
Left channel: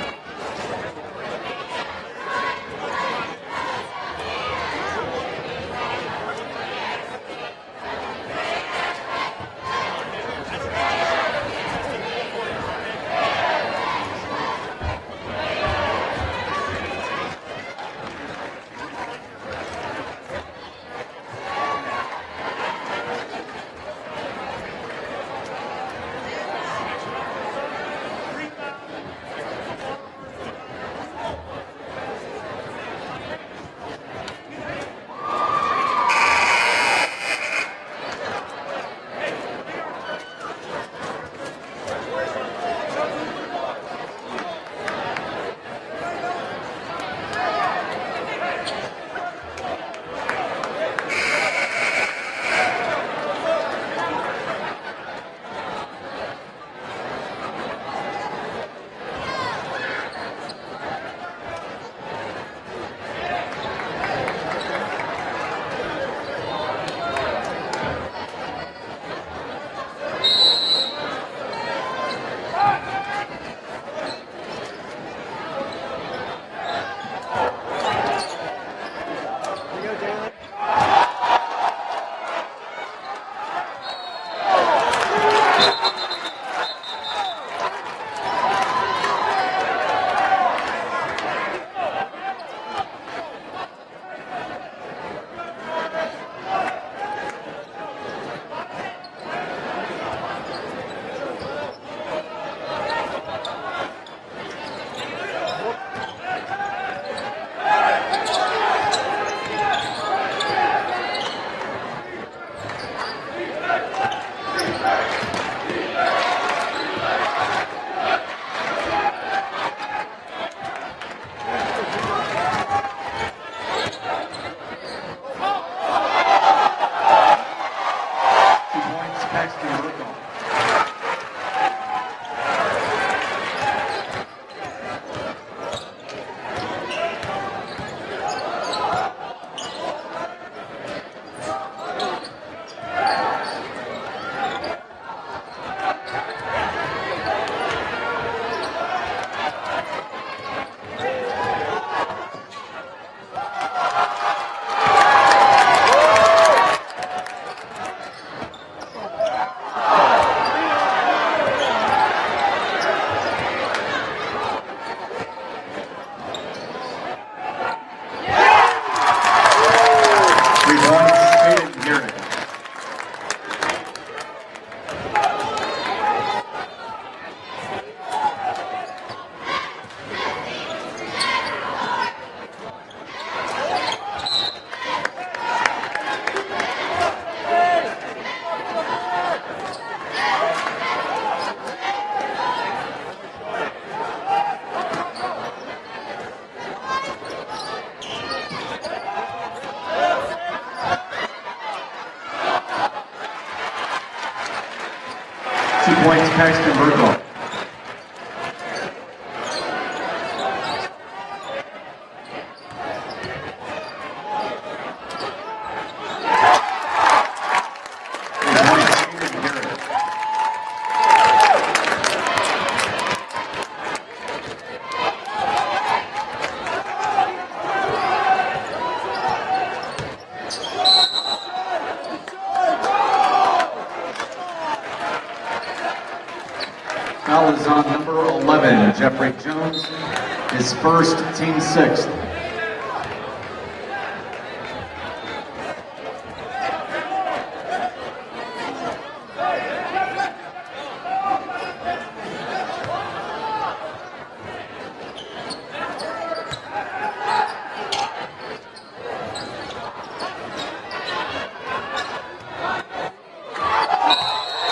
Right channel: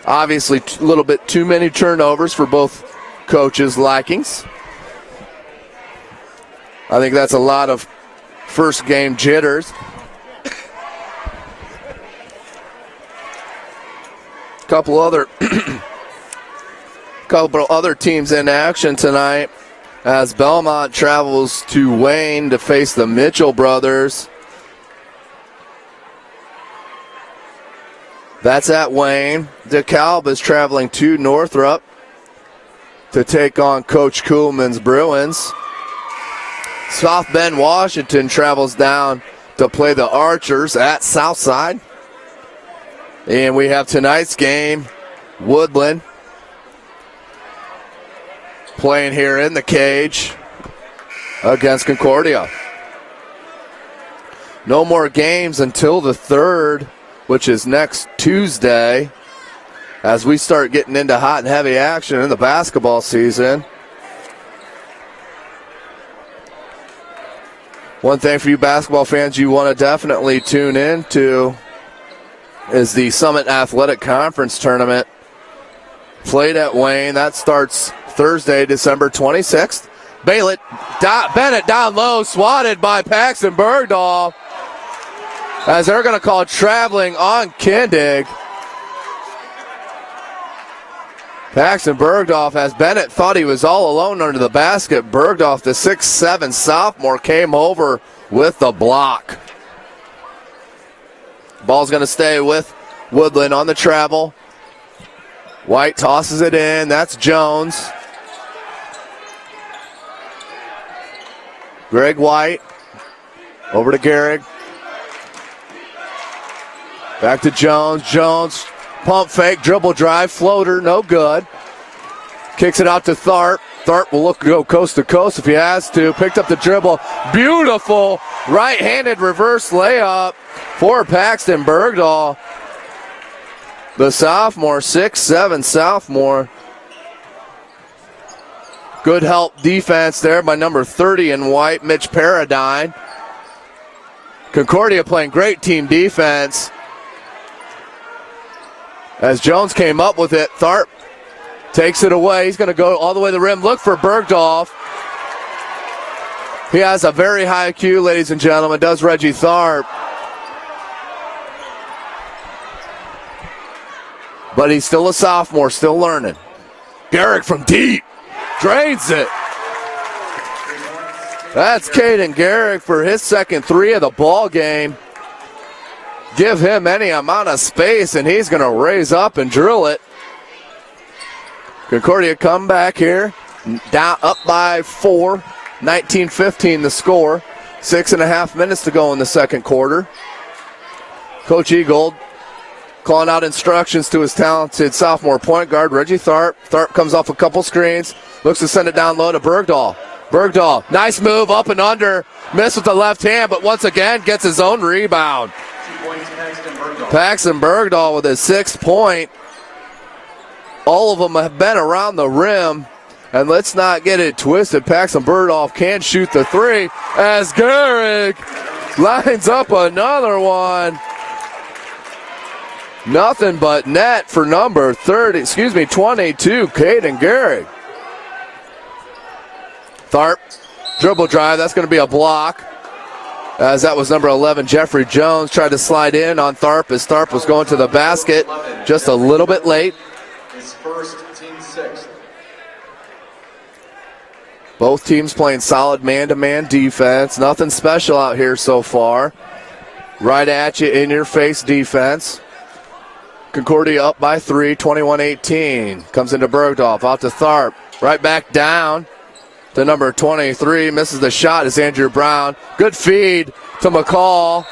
Obviously, a little bit too many turnovers for both coaches' likings. I think that's a lot of first game jitters. Couple other teams in action tonight as Belmont travels to Wayne to face the Mitchell brothers. That's at Wayne. DeKalb is traveling to Northrop to take on Coach Kuhlman's Bruins. South Bend, Washington travels down to play the Archers at Southside. And we have tonight's game, Woodlan playing here in the cage against Concordia. No more games until the 3rd, which is next Tuesday, as we start getting into hot and heavy action in the basketball season. One thing for you basketball fans you want to definitely tune into is the Summit Athletic Conference Tournament played at Wayne. That starts Thursday, December 26th. Bennett down low, swatted by Paxton Bergdahl, as they're going to call traveling on Kindig. Paxton Bergdorf, as Bennett thought he was all alone under the basket. Bergdorf, the 6'7" sophomore, came over with the block. Ball's going to stay with Woodlan on the travel. White tosses it in. That's Jones. Greg White over to Gehrig. Back to Jones. Jones, pump fake, dribble drive, floater, no good. Kicks it out to Tharp. Tharp will go coast to coast if he has to. Picked up the dribble. Beautiful right-handed reverse layup for Paxton Bergdahl. The sophomore, 6'7" sophomore. Good help defense there by number 30 in white, Mitch Paradine. Concordia playing great team defense. As Jones came up with it, Tharp takes it away. He's going to go all the way to the rim. Look for Bergdahl. He has a very high IQ, ladies and gentlemen, does Reggie Tharp. But he's still a sophomore, still learning. Garrick from deep. Drains it. That's Caden Garrick for his second three of the ball game. Give him any amount of space and he's going to raise up and drill it. Concordia come back here, down up by 4, 19-15 the score. 6.5 minutes to go in the second quarter. Coach Eagold calling out instructions to his talented sophomore point guard, Reggie Tharp. Tharp comes off a couple screens, looks to send it down low to Bergdahl. Bergdahl, nice move, up and under, missed with the left hand, but once again gets his own rebound. 2 points, Paxton Bergdahl. Paxton Bergdahl with his 6th point. All of them have been around the rim. And let's not get it twisted. Paxton Bergdahl can shoot the three as Garrick lines up another one. Nothing but net for number 22, Caden Garrick. Tharp, dribble drive, that's going to be a block. As that was number 11, Jeffrey Jones, tried to slide in on Tharp as Tharp was going to the basket just a little bit late. His first, team 6th. Both teams playing solid man-to-man defense. Nothing special out here so far. Right at you, in your face defense. Concordia up by 3, 21-18. Comes into Bergdahl, out to Tharp. Right back down to number 23. Misses the shot is Andrew Brown. Good feed to McCall.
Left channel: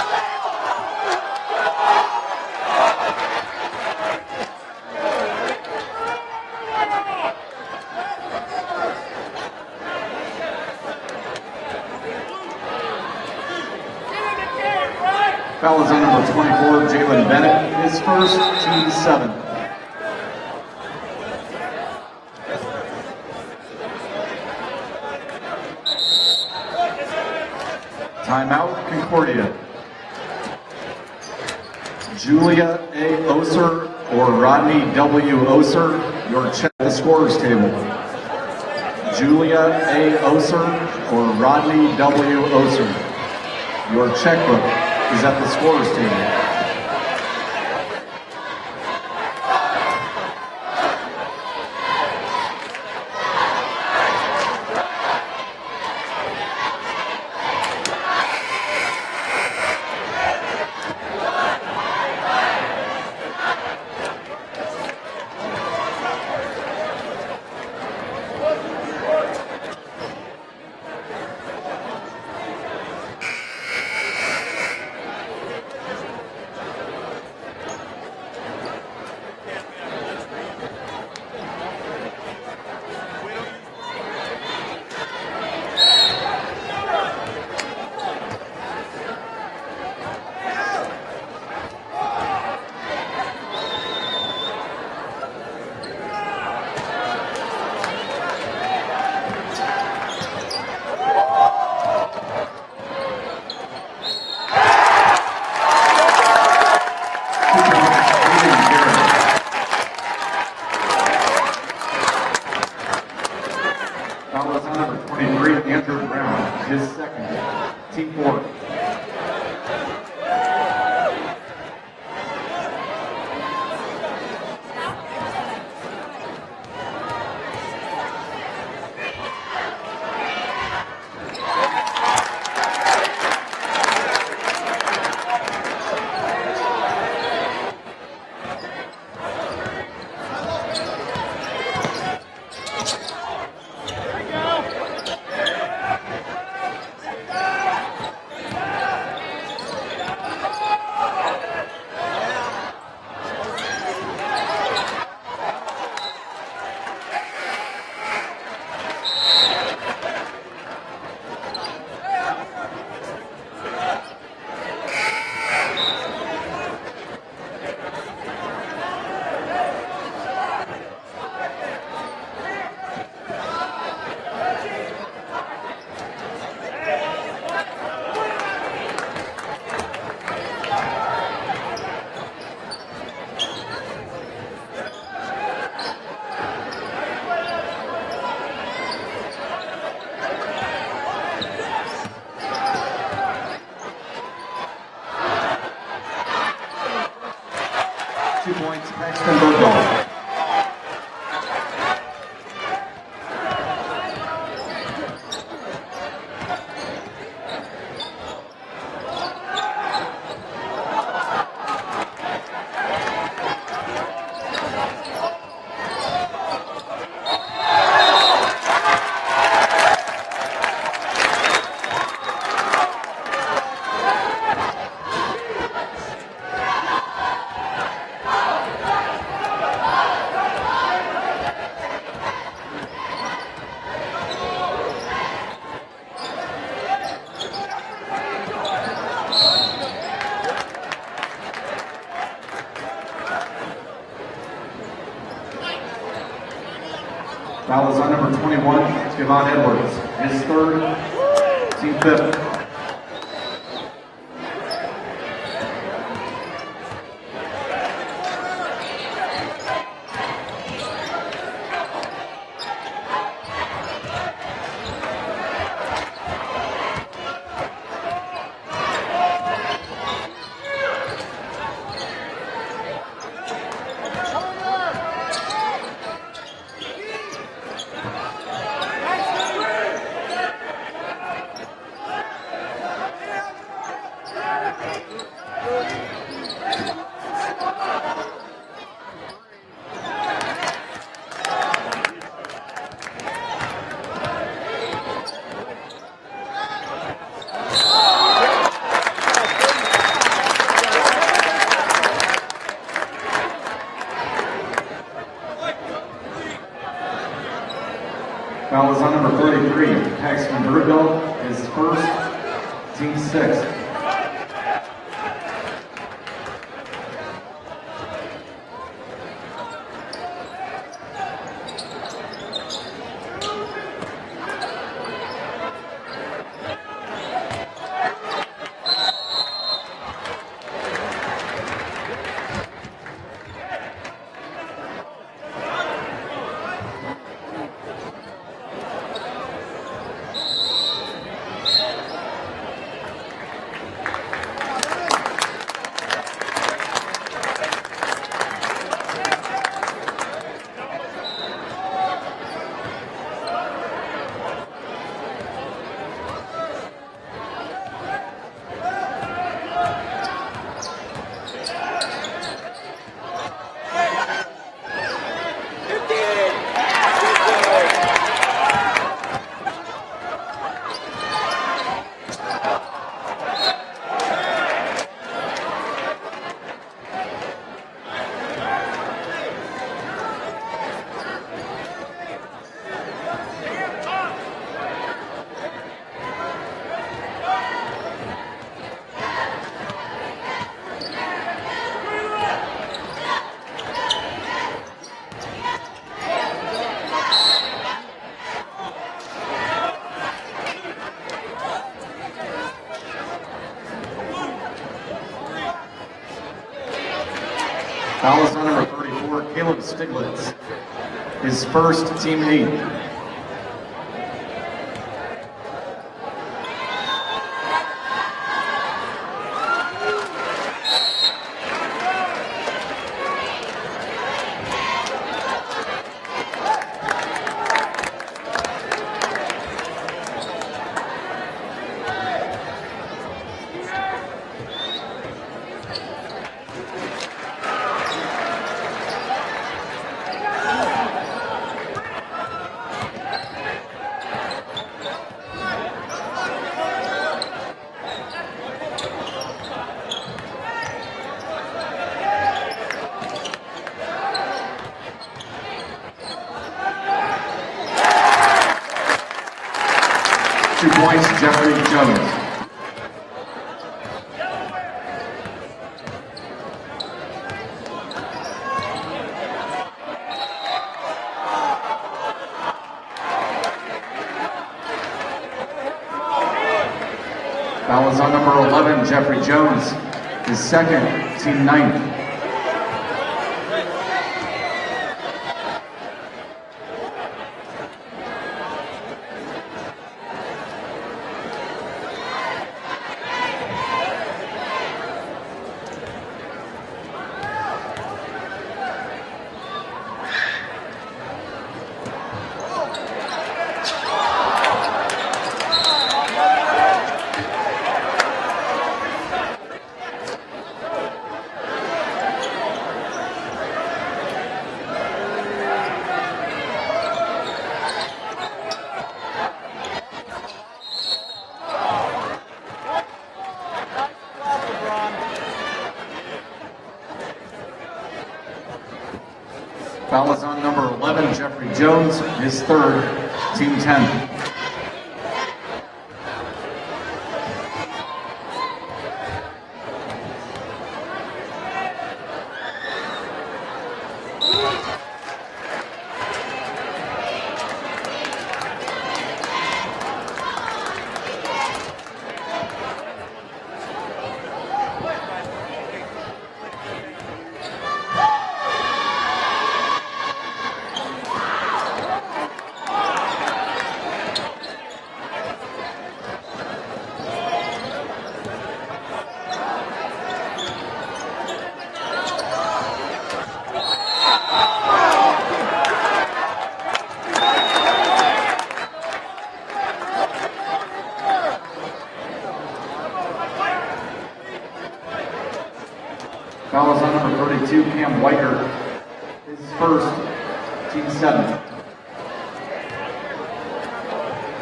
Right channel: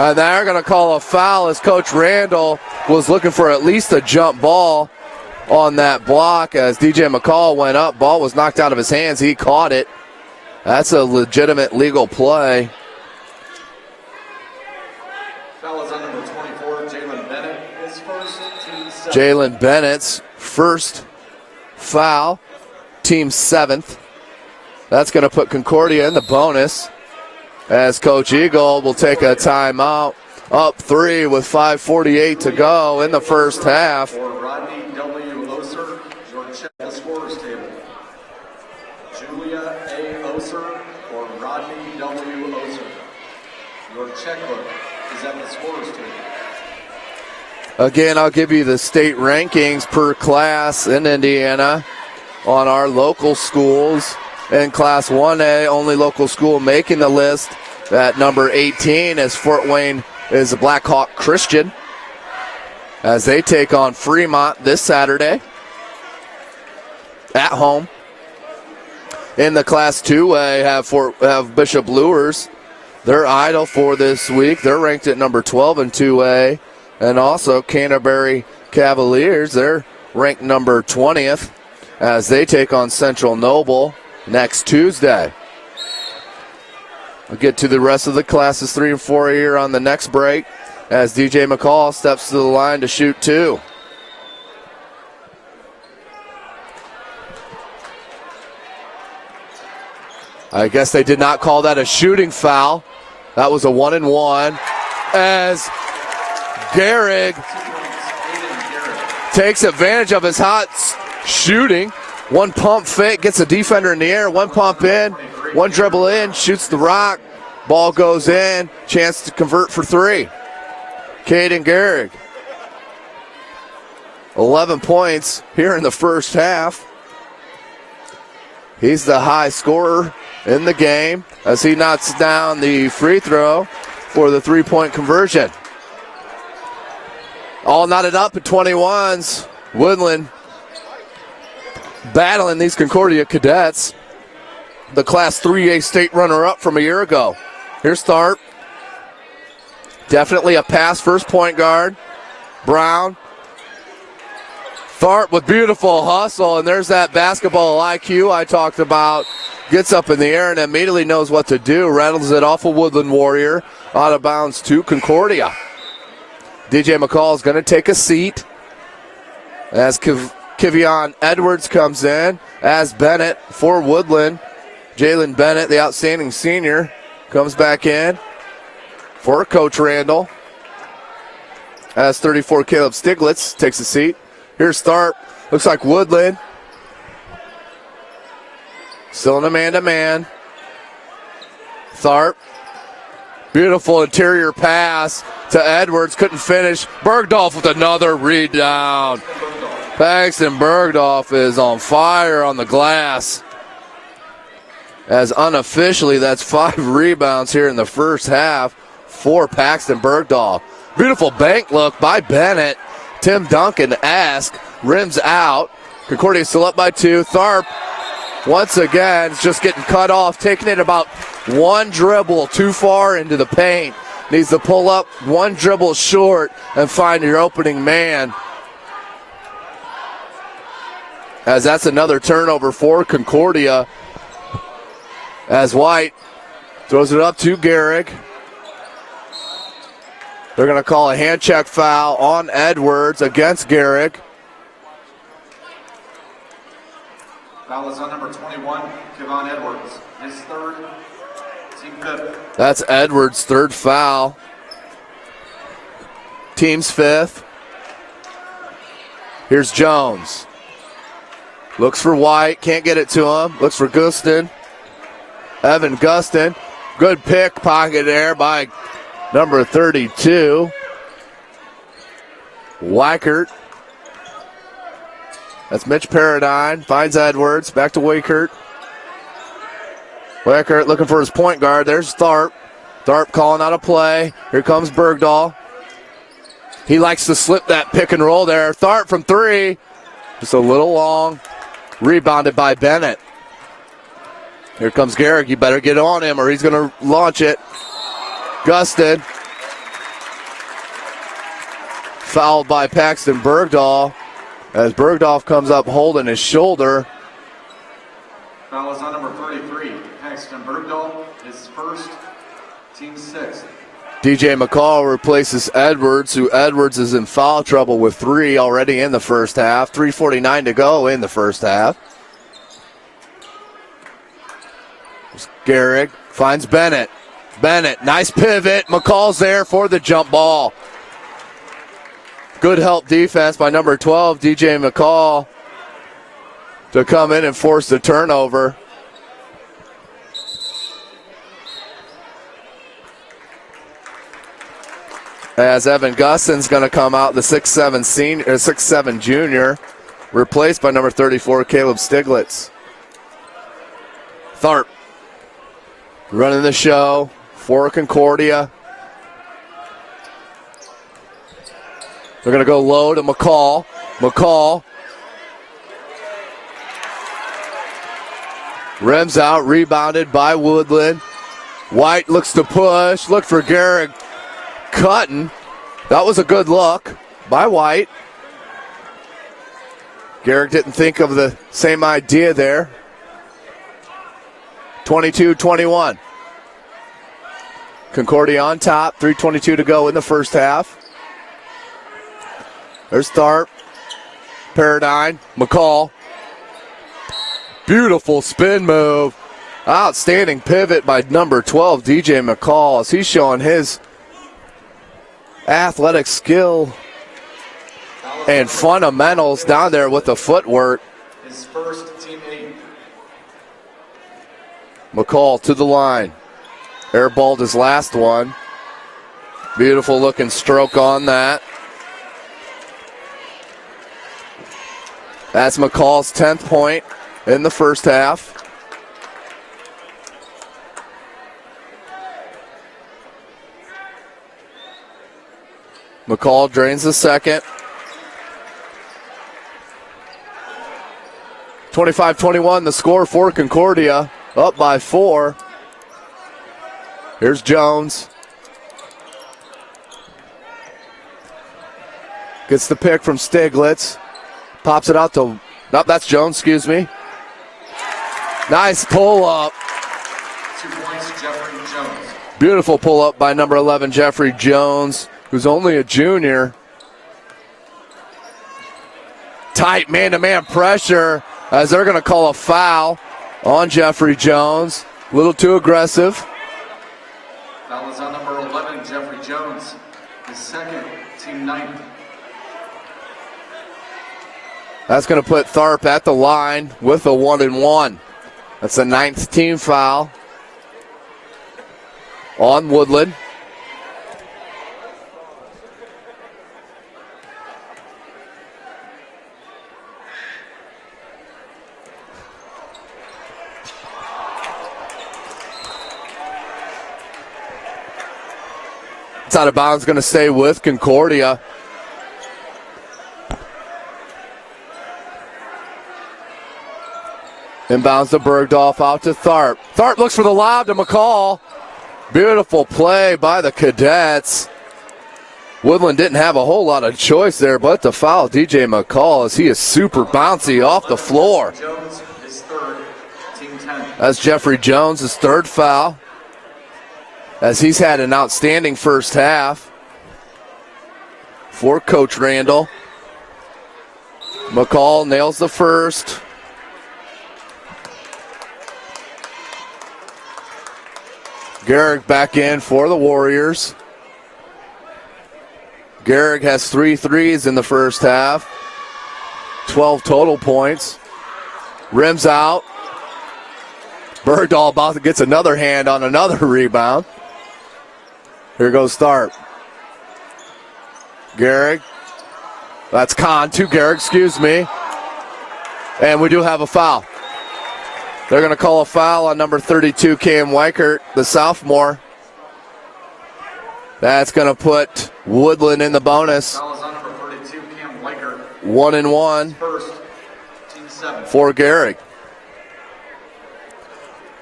And they're going to call a foul as Coach Randall was looking for at least a jump ball on that block as DJ McCall went up. Ball was knocked out of his hands. He caught it. That's a legitimate legal play. Foul is on number 24, Jalen Bennett. His first, team 7th. Jalen Bennett's first foul, team 7th. That's going to put Concordia in the bonus as Coach Eagle will take a timeout. Up 3 with 5:48 to go in the first half. Or Rodney W. Oser, your check the scorers table. Julia A. Oser or Rodney W. Oser. Your checkbook is at the scorers table. Again, I'll give you the state rankings per class in Indiana on our local schools. In Class 1A, only local school making the list at number 18 is Fort Wayne is Blackhawk Christian as they take on Fremont this Saturday at home. In the Class 2A have Bishop Luers. They're idle for this week. They're ranked at number 12 in 2A. And also Canterbury Cavaliers, they're ranked number 20th as they take on Central Noble next Tuesday. We'll get to the rest of the classes 3 and 4 here on the next break as DJ McCall steps to the line to shoot 2. I guess they did not call that a shooting foul. That was a 1-and-1 as Garrick takes advantage of his hot shooting. One pump fake, gets a defender in the air, one pump in, one dribble in, shoots the rock, ball goes in, chance to convert for 3. Caden Garrick, 11 points here in the first half. He's the high scorer in the game as he knocks down the free throw for the 3-point conversion. All knotted up at 21s. Woodlan battling these Concordia cadets. The Class 3A state runner-up from a year ago. Here's Tharp. Definitely a pass first point guard. Brown Tharp with beautiful hustle, and there's that basketball IQ I talked about. Gets up in the air and immediately knows what to do. Rattles it off a Woodland Warrior. Out of bounds to Concordia. DJ McCall is going to take a seat as Kivion Edwards comes in as Bennett for Woodland. Jalen Bennett, the outstanding senior, comes back in for Coach Randall. As 34, Caleb Stiglitz takes a seat. Here's Tharp. Looks like Woodland. Still in a man-to-man. Tharp. Beautiful interior pass to Edwards. Couldn't finish. Bergdorf with another rebound. Paxton Bergdorf is on fire on the glass. As unofficially, that's 5 rebounds here in the first half for Paxton Bergdorf. Beautiful bank look by Bennett. Tim Duncan asked, rims out. Concordia still up by 2. Tharp, once again, just getting cut off, taking it about 1 dribble too far into the paint. Needs to pull up 1 dribble short and find your opening man. As that's another turnover for Concordia. As White throws it up to Garrick. They're going to call a hand check foul on Edwards against Garrick. Foul is on number 21, Kevon Edwards. His third, team 5th. That's Edwards' 3rd foul. Team's 5th. Here's Jones. Looks for White, can't get it to him. Looks for Gustin. Evan Gustin. Good pickpocket there by number 32. Weichert. That's Mitch Paradine. Finds Edwards. Back to Weichert. Weichert looking for his point guard. There's Tharp. Tharp calling out a play. Here comes Bergdahl. He likes to slip that pick and roll there. Tharp from 3. Just a little long. Rebounded by Bennett. Here comes Garrick. You better get on him or he's going to launch it. Gustin. Fouled by Paxton Bergdahl. As Bergdorf comes up holding his shoulder. Foul is on number 33, Paxton Bergdahl, his first, team 6th. DJ McCall replaces Edwards, who Edwards is in foul trouble with 3 already in the first half. 3:49 to go in the first half. Garrick finds Bennett. Bennett, nice pivot. McCall's there for the jump ball. Good help defense by number 12, DJ McCall, to come in and force the turnover. As Evan Gustin's going to come out, the 6'7 junior, replaced by number 34, Caleb Stiglitz. Tharp running the show for Concordia. They're going to go low to McCall. McCall rims out, rebounded by Woodland. White looks to push. Look for Garrick cutting. That was a good look by White. Garrick didn't think of the same idea there. 22-21. Concordia on top. 3:22 to go in the first half. There's Tharp, Paradine, McCall. Beautiful spin move. Outstanding pivot by number 12, DJ McCall, as he's showing his athletic skill and fundamentals down there with the footwork. His first, team 8. McCall to the line. Airballed his last one. Beautiful looking stroke on that. That's McCall's 10th point in the first half. McCall drains the second. 25-21 the score for Concordia, up by 4. Here's Jones. Gets the pick from Stiglitz. Pops it out to, no, that's Jones, excuse me. Nice pull-up. 2 points, Jeffrey Jones. Beautiful pull-up by number 11, Jeffrey Jones, who's only a junior. Tight man-to-man pressure as they're going to call a foul on Jeffrey Jones. A little too aggressive. Foul is on number 11, Jeffrey Jones, his second, team 9th. That's going to put Tharp at the line with a 1-and-1. That's the 9th team foul on Woodlan. It's out of bounds, going to stay with Concordia. Inbounds to Bergdorf, out to Tharp. Tharp looks for the lob to McCall. Beautiful play by the Cadets. Woodland didn't have a whole lot of choice there, but to foul DJ McCall as he is super bouncy off the floor. Jeffrey Jones, his third, team 10. That's Jeffrey Jones, his third foul, as he's had an outstanding first half for Coach Randall. McCall nails the first. Garrick back in for the Warriors. Garrick has 3 threes in the first half. 12 total points. Rims out. Bergdahl about to gets another hand on another rebound. Here goes Tharp. Garrick. That's Kahn to Garrick, excuse me. And we do have a foul. They're going to call a foul on number 32, Cam Weichert, the sophomore. That's going to put Woodland in the bonus. Foul is on number 32, Cam Weichert. 1-and-1. First, team 7. For Garrick.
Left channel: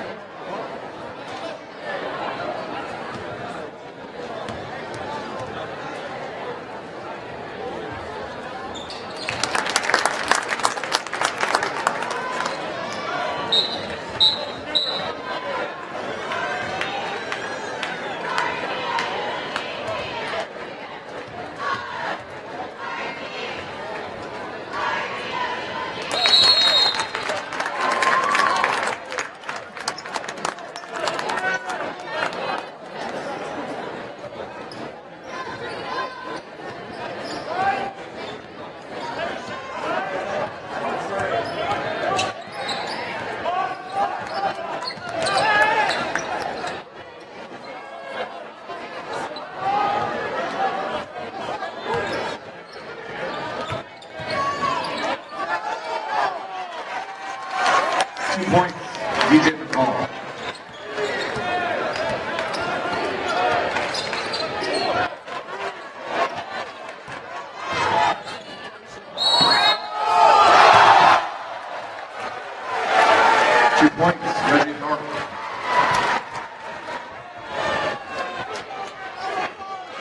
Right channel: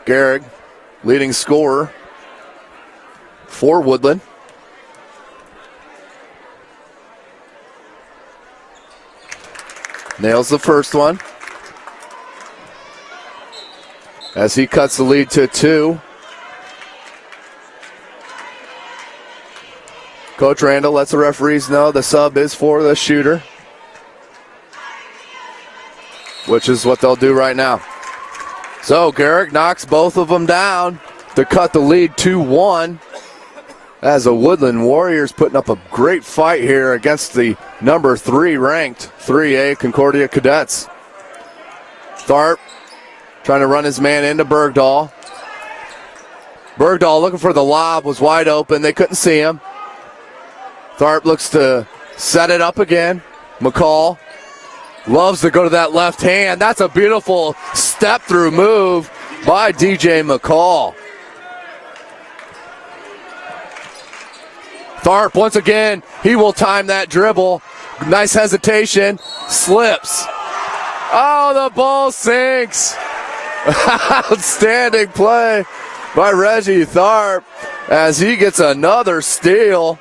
Garrick, leading scorer for Woodland. Nails the first one as he cuts the lead to 2. Coach Randall lets the referees know the sub is for the shooter, which is what they'll do right now. So Garrick knocks both of them down to cut the lead 2-1 as the Woodland Warriors putting up a great fight here against the number 3 ranked 3A Concordia Cadets. Tharp trying to run his man into Bergdahl. Bergdahl looking for the lob, was wide open. They couldn't see him. Tharp looks to set it up again. McCall loves to go to that left hand. That's a beautiful step through move by DJ McCall. Tharp once again, he will time that dribble. Nice hesitation, slips. Oh, the ball sinks. Outstanding play by Reggie Tharp as he gets another steal.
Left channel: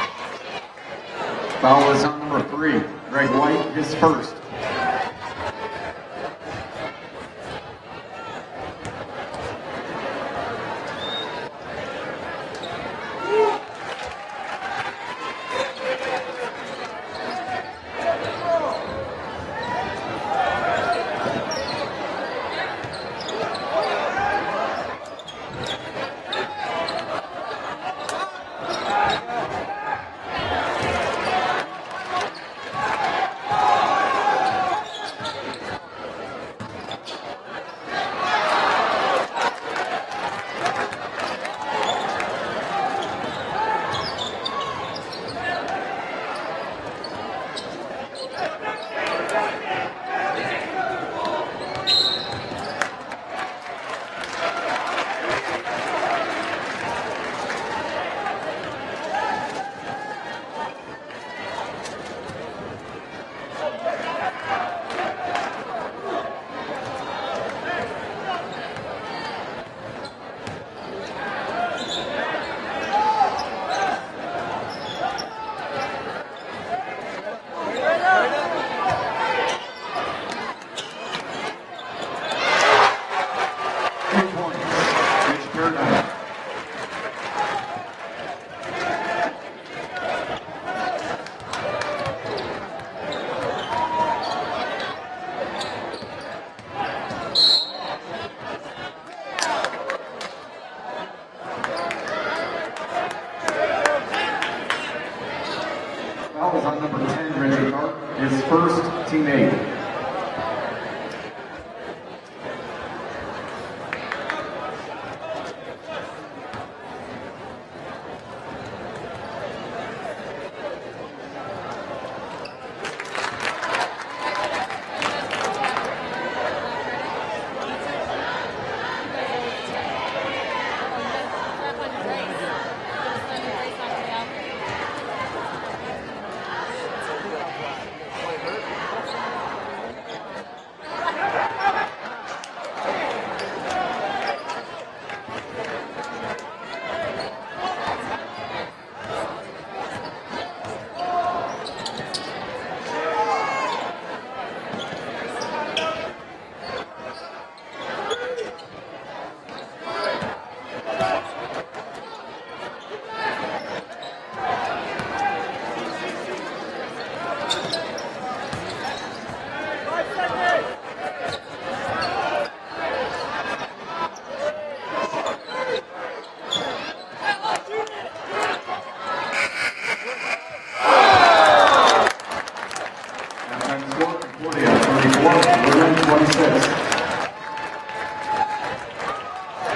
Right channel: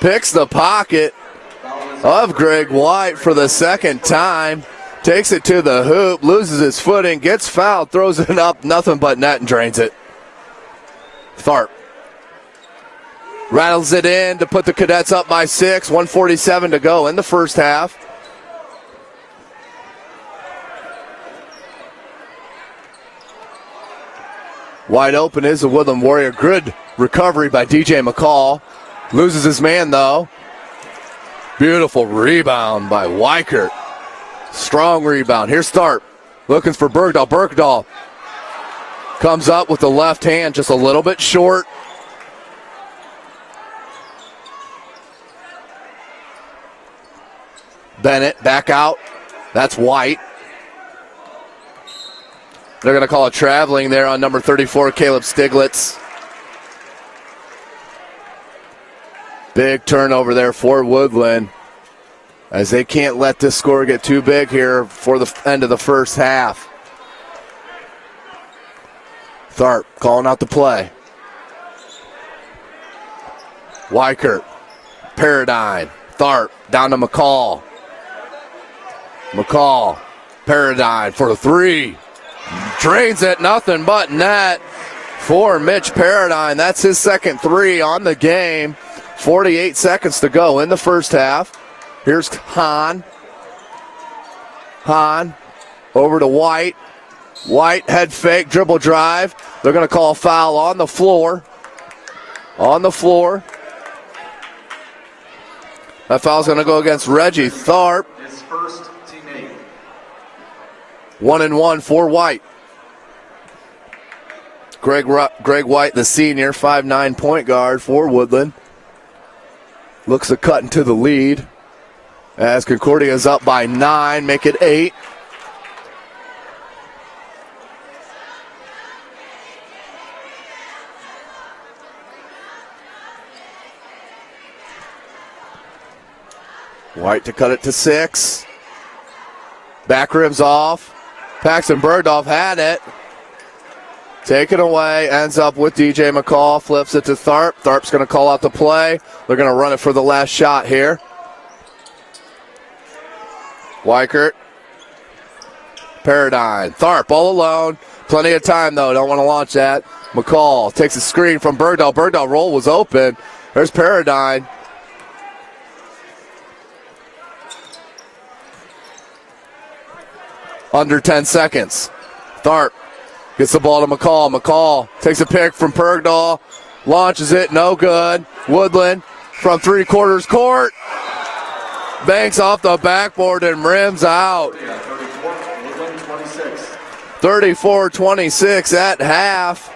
Picks the pocket of Greg White for the second time. Takes it to the hoop, loses his footing, gets fouled, throws it up, nothing but net and drains it. Tharp rattles it in to put the Cadets up by 6, 1:47 to go in the first half. Wide open is the Woodland Warrior. Good recovery by DJ McCall. Loses his man though. Beautiful rebound by Weichert. Strong rebound. Here's Tharp looking for Bergdahl. Bergdahl comes up with the left hand just a little bit short. Bennett back out. That's White. They're going to call a traveling there on number 34, Caleb Stiglitz. Big turnover there for Woodland as they can't let this score get too big here for the end of the first half. Tharp calling out the play. Weichert, Paradigm, Tharp down to McCall. McCall, Paradigm for 3. Drains it, nothing but net for Mitch Paradigm. That's his second 3 on the game. 48 seconds to go in the first half. Here's Hahn. Hahn over to White. White head fake, dribble drive. They're going to call a foul on the floor. On the floor. That foul's going to go against Reggie Tharp. His first teammate. 1-1 for White. Greg White, the senior, 5'9" point guard for Woodlan. Looks to cut into the lead as Concordia is up by 9, make it 8. White to cut it to 6. Back rims off. Paxton Bergdorf had it. Taken away, ends up with DJ McCall, flips it to Tharp. Tharp's going to call out the play. They're going to run it for the last shot here. Weichert. Paradigm. Tharp all alone. Plenty of time, though. Don't want to launch that. McCall takes a screen from Bergdahl. Bergdahl roll was open. There's Paradigm. Under 10 seconds. Tharp gets the ball to McCall. McCall takes a pick from Bergdahl. Launches it. No good. Woodlan from 3/4 court. Banks off the backboard and rims out. 34-26 at half.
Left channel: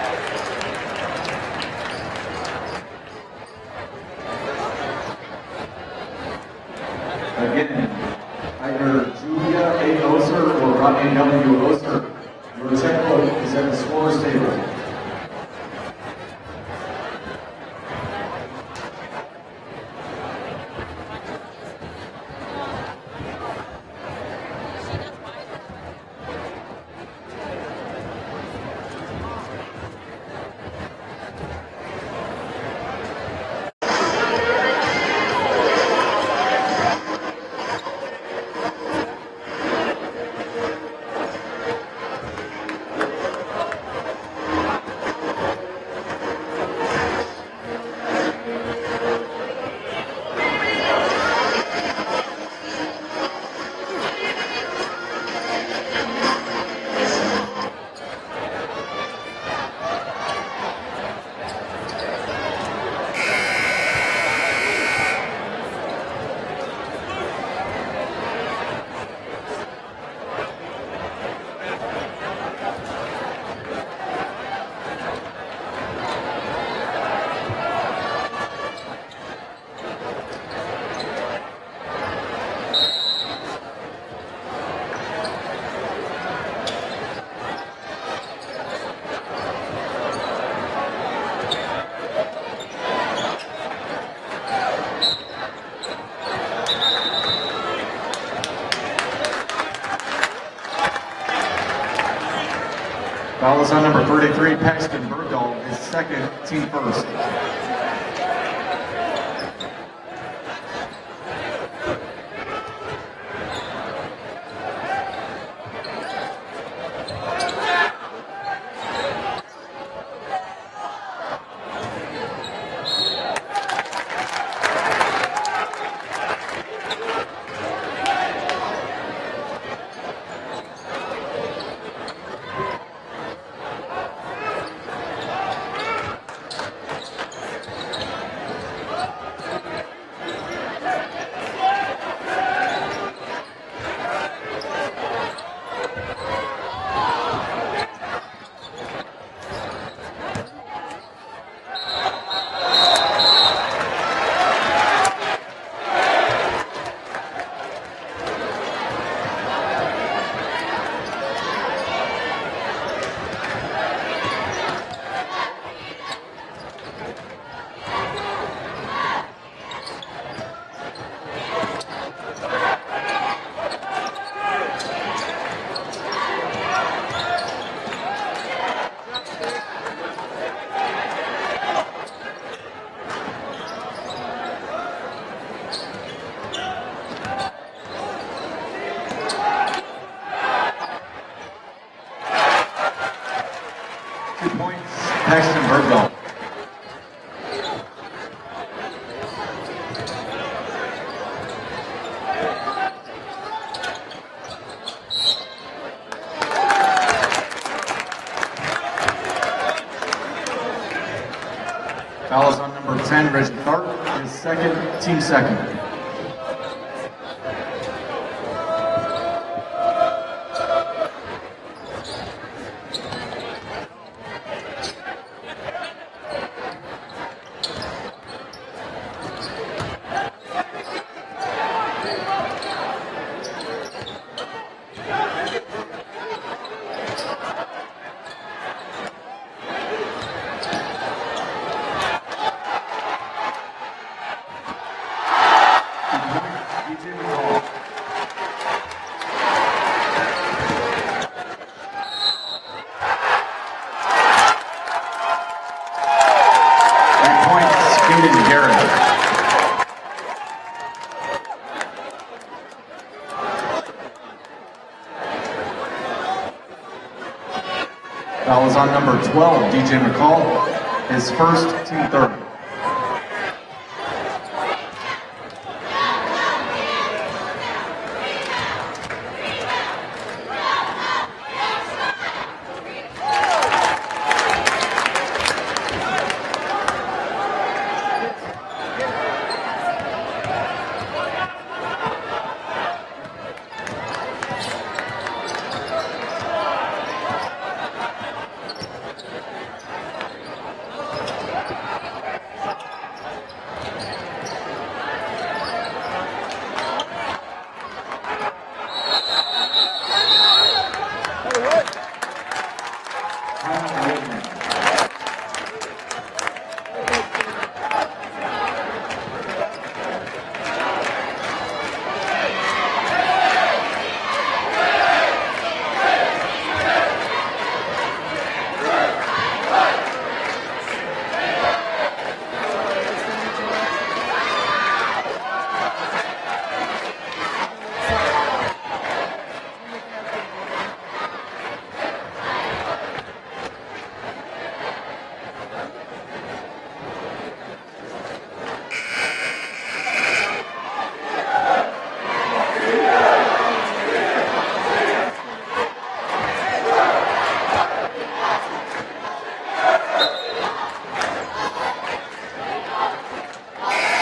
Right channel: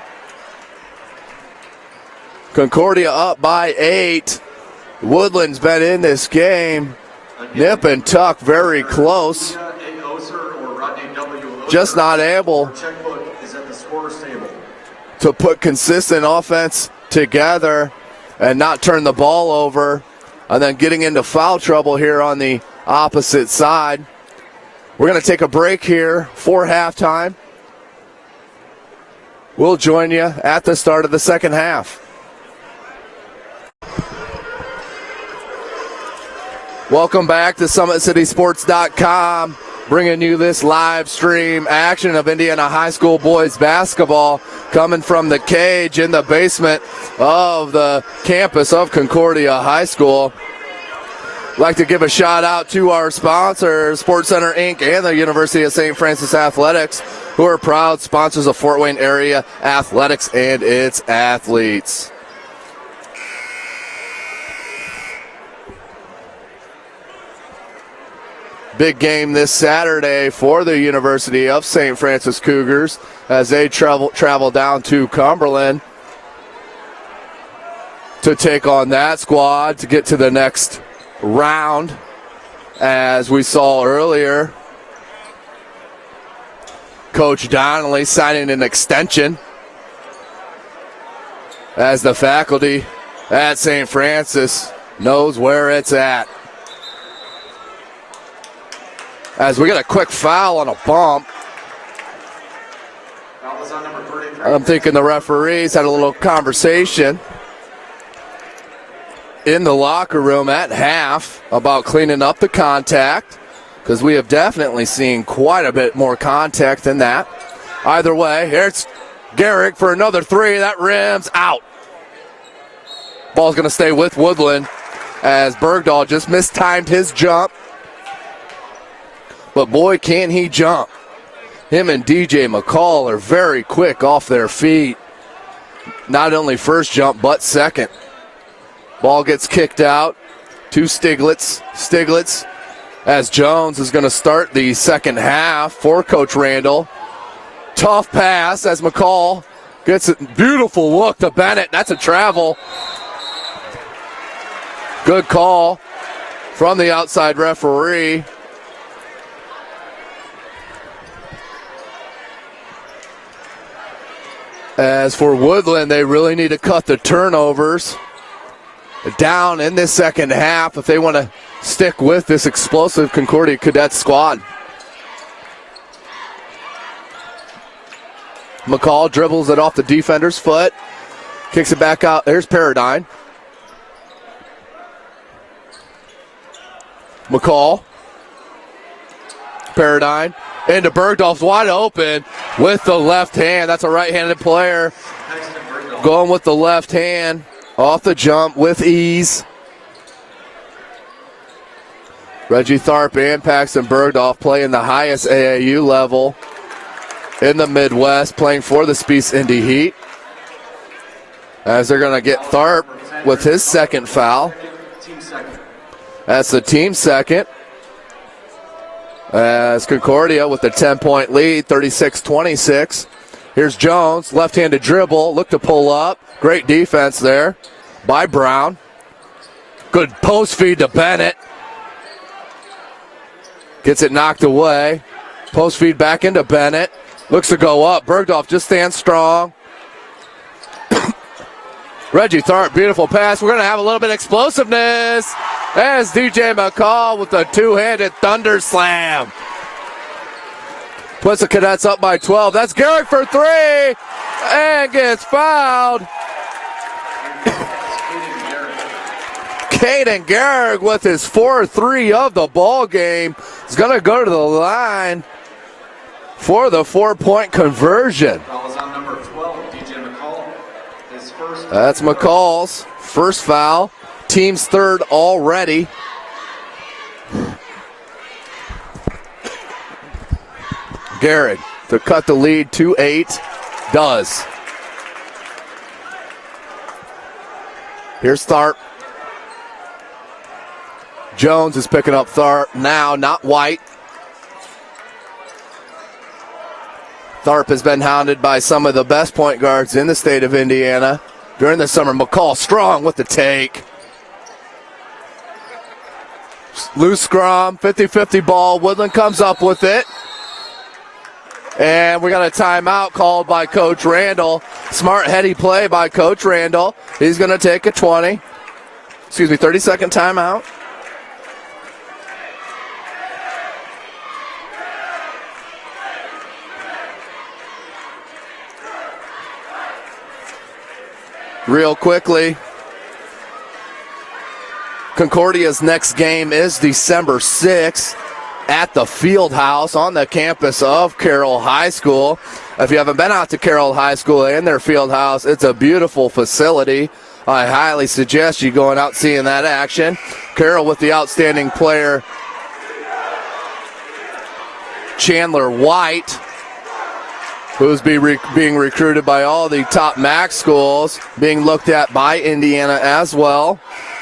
Concordia up by 8. Woodland's been in this game. Nip and tuck very close. Just not able to put consistent offense together and not turn the ball over. And then getting into foul trouble here on the opposite side. We're going to take a break here for halftime. We'll join you at the start of the second half. Welcome back to SummitCitySports.com, bringing you this live stream action of Indiana High School boys basketball coming from the cage in the basement of the campus of Concordia High School. I'd like to give a shout out to our sponsors, Sports Center Inc. and the University of St. Francis Athletics, who are proud sponsors of Fort Wayne area athletics and its athletes. Big game this Saturday for the University of St. Francis Cougars as they travel down to Cumberland to take on that squad to get to the next round. As we saw earlier, Coach Donnelly signing an extension as the faculty at St. Francis knows where it's at. As we get a quick foul on a bump. Foul is on number 33. I'm thinking the referees had a little conversation in the locker room at half about cleaning up the contact, because we have definitely seen quite a bit more contact than that. Either way, here's Garrick for another 3. That rims out. Ball's going to stay with Woodland as Bergdahl just mistimed his jump. But boy, can he jump. Him and DJ McCall are very quick off their feet. Not only first jump, but second. Ball gets kicked out to Stiglitz. Stiglitz, as Jones is going to start the second half for Coach Randall. Tough pass as McCall gets a beautiful look to Bennett. That's a travel. Good call from the outside referee. As for Woodland, they really need to cut the turnovers down in this second half if they want to stick with this explosive Concordia Cadet squad. McCall dribbles it off the defender's foot, kicks it back out. There's Paradigm. McCall paradigm. Into Bergdorf's wide open with the left hand. That's a right-handed player. Going with the left hand off the jump with ease. Reggie Tharp and Paxton Bergdorf playing the highest AAU level in the Midwest, playing for the Spies Indy Heat. As they're going to get Tharp with his second foul. Team second. That's the team second. As Concordia with the 10-point lead, 36-26. Here's Jones, left-handed dribble, look to pull up. Great defense there by Brown. Good post feed to Bennett. Gets it knocked away. Post feed back into Bennett. Looks to go up. Bergdorf just stands strong. Reggie Tharp, beautiful pass. We're going to have a little bit of explosiveness as DJ McCall with a two-handed thunder slam. Puts the Cadets up by 12. That's Garrick for three and gets fouled. Caden Garrick with his 4-3 of the ball game. He's going to go to the line for the 4-point conversion. That was on number 12, DJ McCall. His first. That's McCall's first foul. Team's third already. Garrett to cut the lead to 8. Does. Here's Tharp. Jones is picking up Tharp now, not White. Tharp has been hounded by some of the best point guards in the state of Indiana during the summer. McCall strong with the take. Loose scrum, 50-50 ball. Woodlan comes up with it. And we got a timeout called by Coach Randall. Smart heady play by Coach Randall. He's going to take a 30-second timeout. Real quickly, Concordia's next game is December 6th at the Field House on the campus of Carroll High School. If you haven't been out to Carroll High School and their Field House, it's a beautiful facility. I highly suggest you going out seeing that action. Carroll with the outstanding player Chandler White, who's being recruited by all the top MAC schools, being looked at by Indiana as well.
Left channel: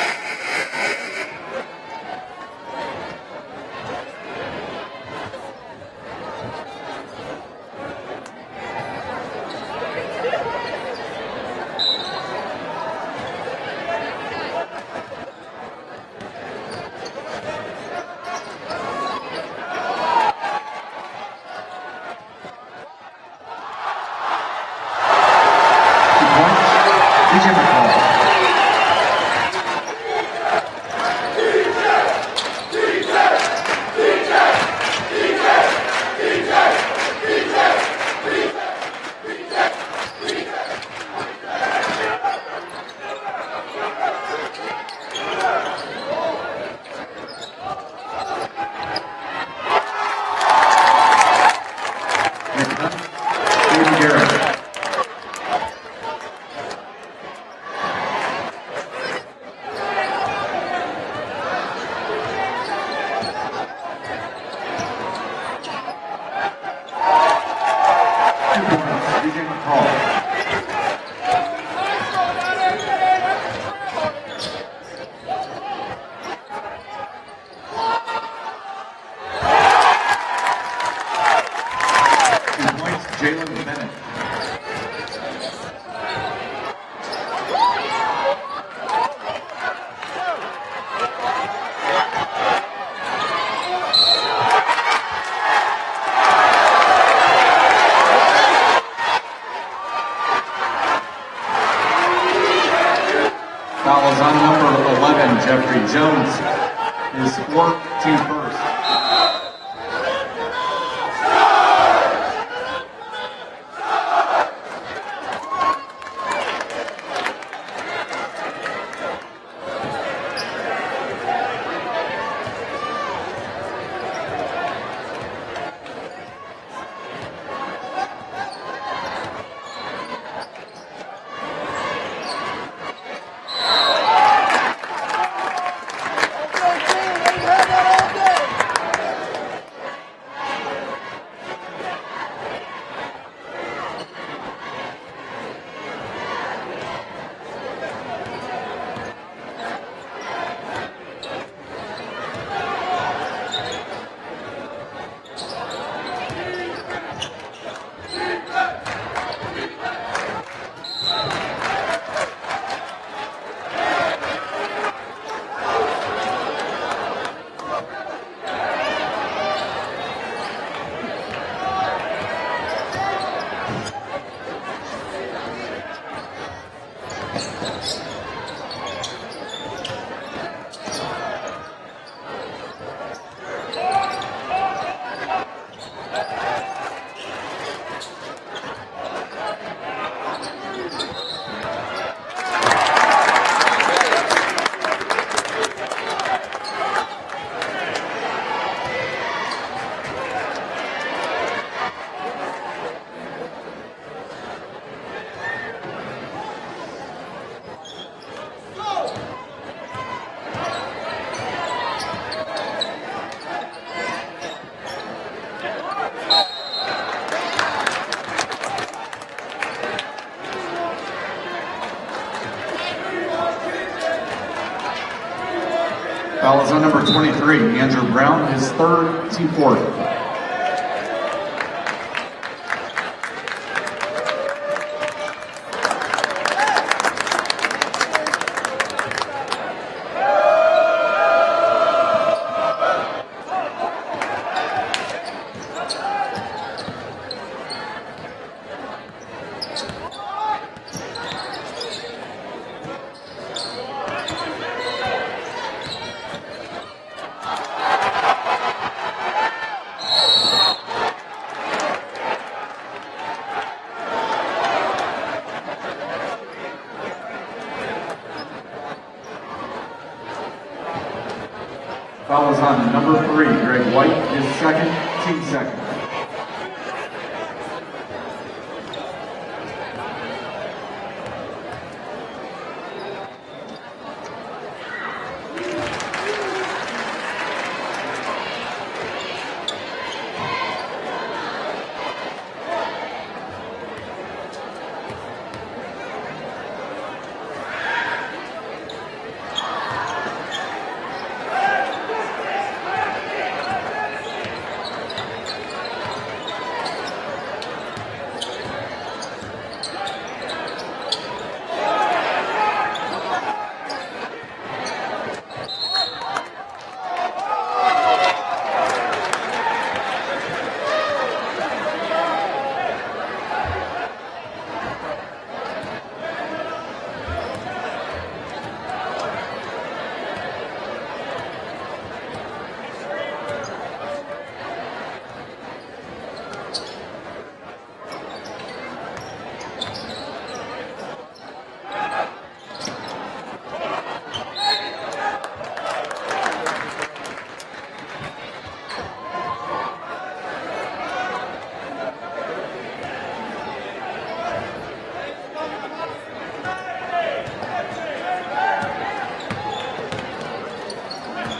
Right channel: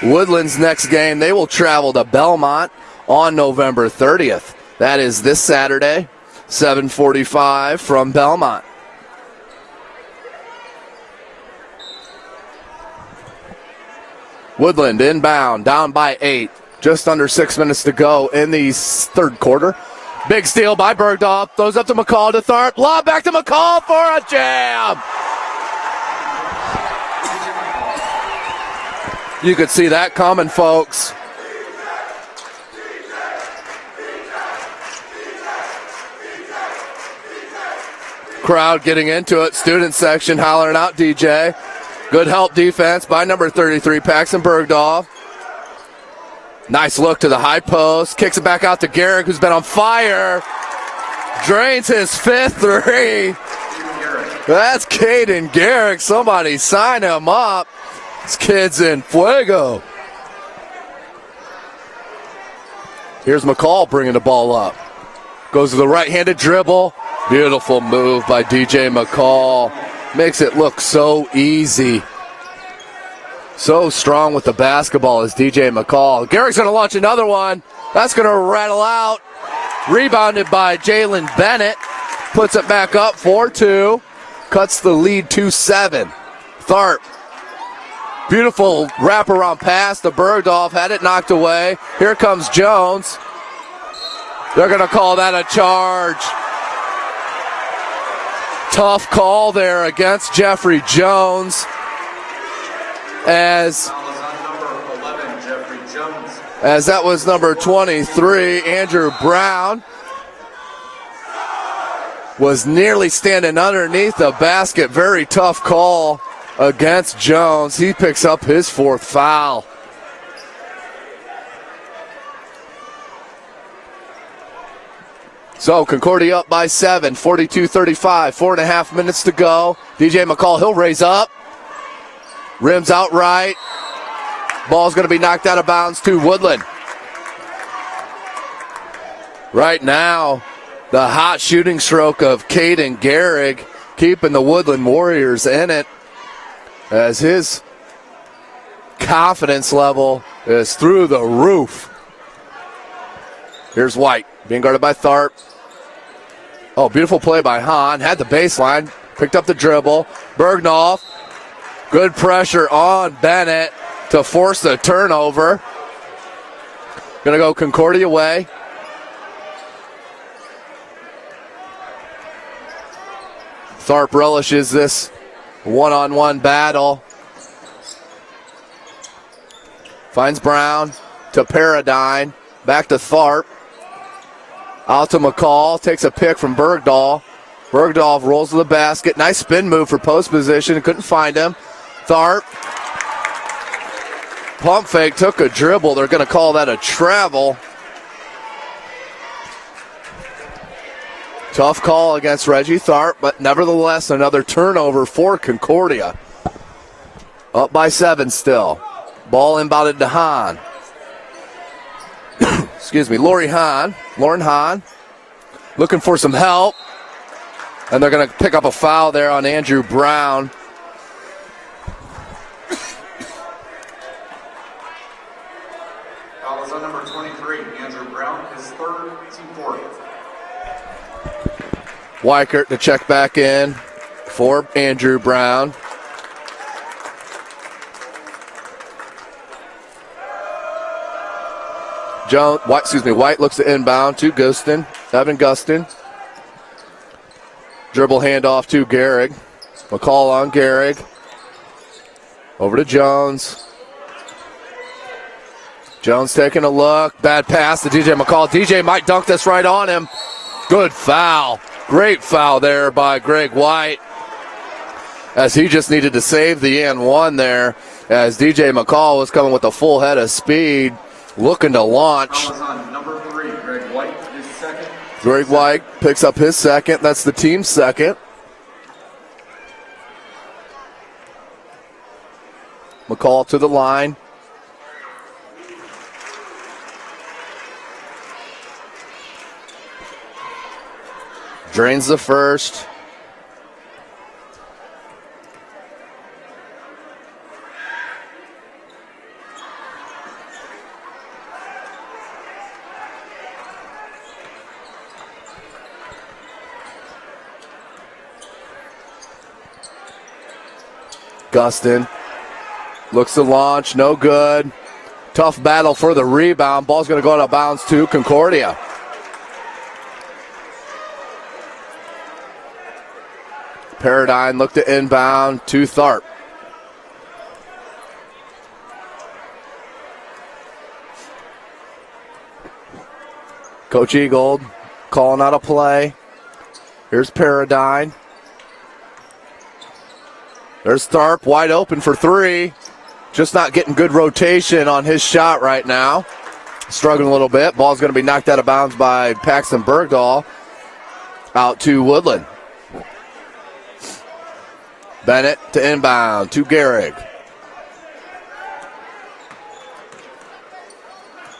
Woodland's next game, they will travel to Belmont on November 30th. That is this Saturday, 7:45 from Belmont. Woodland inbound, down by 8. Just under 6 minutes to go in the third quarter. Big steal by Bergdorf. Throws up to McCall to Tharp. Lob back to McCall for a jam. You could see that coming, folks. Crowd getting into it. Student section hollering out DJ. Good help defense by number 33, Paxton Bergdorf. Nice look to the high post. Kicks it back out to Garrick, who's been on fire. Drains his 5th three. That's Caden Garrick. Somebody sign him up. This kid's in fuego. Here's McCall bringing the ball up. Goes to the right-handed dribble. Beautiful move by DJ McCall. Makes it look so easy. So strong with the basketball is DJ McCall. Garrick's going to launch another one. That's going to rattle out. Rebounded by Jalen Bennett. Puts it back up 4-2. Cuts the lead to 7. Tharp. Beautiful wraparound pass to Bergdorf. Had it knocked away. Here comes Jones. They're going to call that a charge. Tough call there against Jeffrey Jones. As that was on number 11, Jeffrey Jones. As that was number 23, Andrew Brown. Was nearly standing underneath the basket. Very tough call against Jones. He picks up his 4th foul. So Concordia up by 7, 42-35, 4.5 minutes to go. DJ McCall, he'll raise up. Rims out right. Ball's going to be knocked out of bounds to Woodlan. Right now, the hot shooting stroke of Caden Gehrig keeping the Woodland Warriors in it as his confidence level is through the roof. Here's White being guarded by Tharp. Oh, beautiful play by Hahn. Had the baseline, picked up the dribble. Bergnoff, good pressure on Bennett to force the turnover. Gonna go Concordia way. Tharp relishes this one-on-one battle. Finds Brown to Paradine. Back to Tharp. Out to McCall. Takes a pick from Bergdahl. Bergdahl rolls to the basket. Nice spin move for post position. Couldn't find him. Tharp. Pump fake. Took a dribble. They're going to call that a travel. Tough call against Reggie Tharp, but nevertheless another turnover for Concordia. Up by 7 still. Ball inbounded to Hahn. Excuse me, Lauren Hahn. Looking for some help. And they're going to pick up a foul there on Andrew Brown. Foul is on number 23, Andrew Brown, his third, team fourth. Weichert to check back in for Andrew Brown. White looks to inbound to Gustin, Evan Gustin. Dribble handoff to Gehrig. McCall on Gehrig. Over to Jones. Jones taking a look. Bad pass to DJ McCall. DJ might dunk this right on him. Good foul. Great foul there by Greg White, as he just needed to save the and one there, as DJ McCall was coming with a full head of speed, looking to launch. Foul is on number 3, Greg White, his second. Greg White picks up his second. That's the team's second. McCall to the line. Drains the first. Gustin looks to launch, no good. Tough battle for the rebound. Ball's going to go out of bounds to Concordia. Paradine looked to inbound to Tharp. Coach Eagold calling out a play. Here's Paradine. There's Tharp wide open for 3. Just not getting good rotation on his shot right now. Struggling a little bit. Ball's going to be knocked out of bounds by Paxton Bergdahl. Out to Woodland. Bennett to inbound to Gehrig.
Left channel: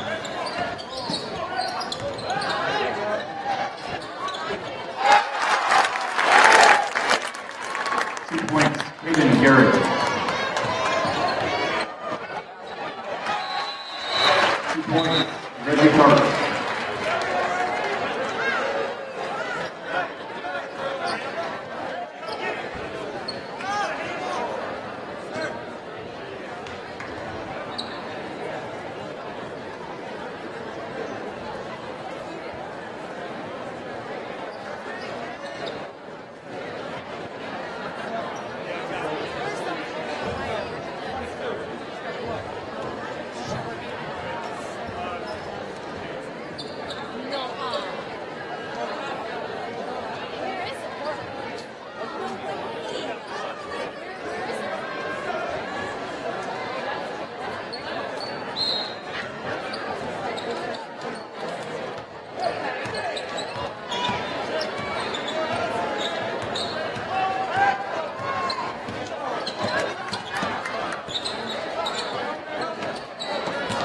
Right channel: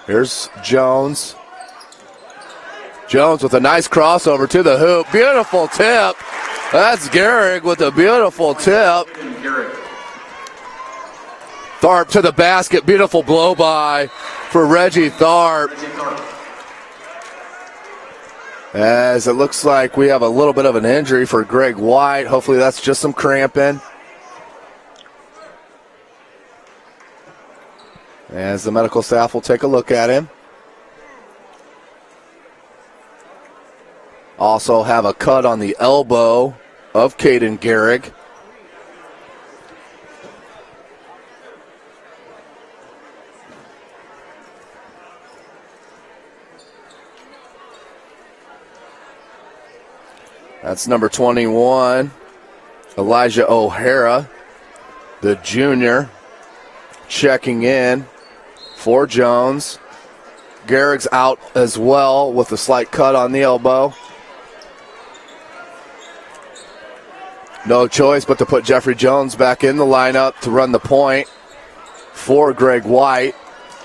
Here's Jones. Jones with a nice crossover to the hoop. Beautiful tip. That's Gehrig with a beautiful tip. Tharp to the basket. Beautiful blow by for Reggie Tharp. As it looks like we have a little bit of an injury for Greg White. Hopefully that's just some cramping. As the medical staff will take a look at him. Also have a cut on the elbow of Caden Gehrig. That's number 21, Elijah O'Hara, the junior, checking in for Jones. Garrick's out as well with a slight cut on the elbow. No choice but to put Jeffrey Jones back in the lineup to run the point for Greg White.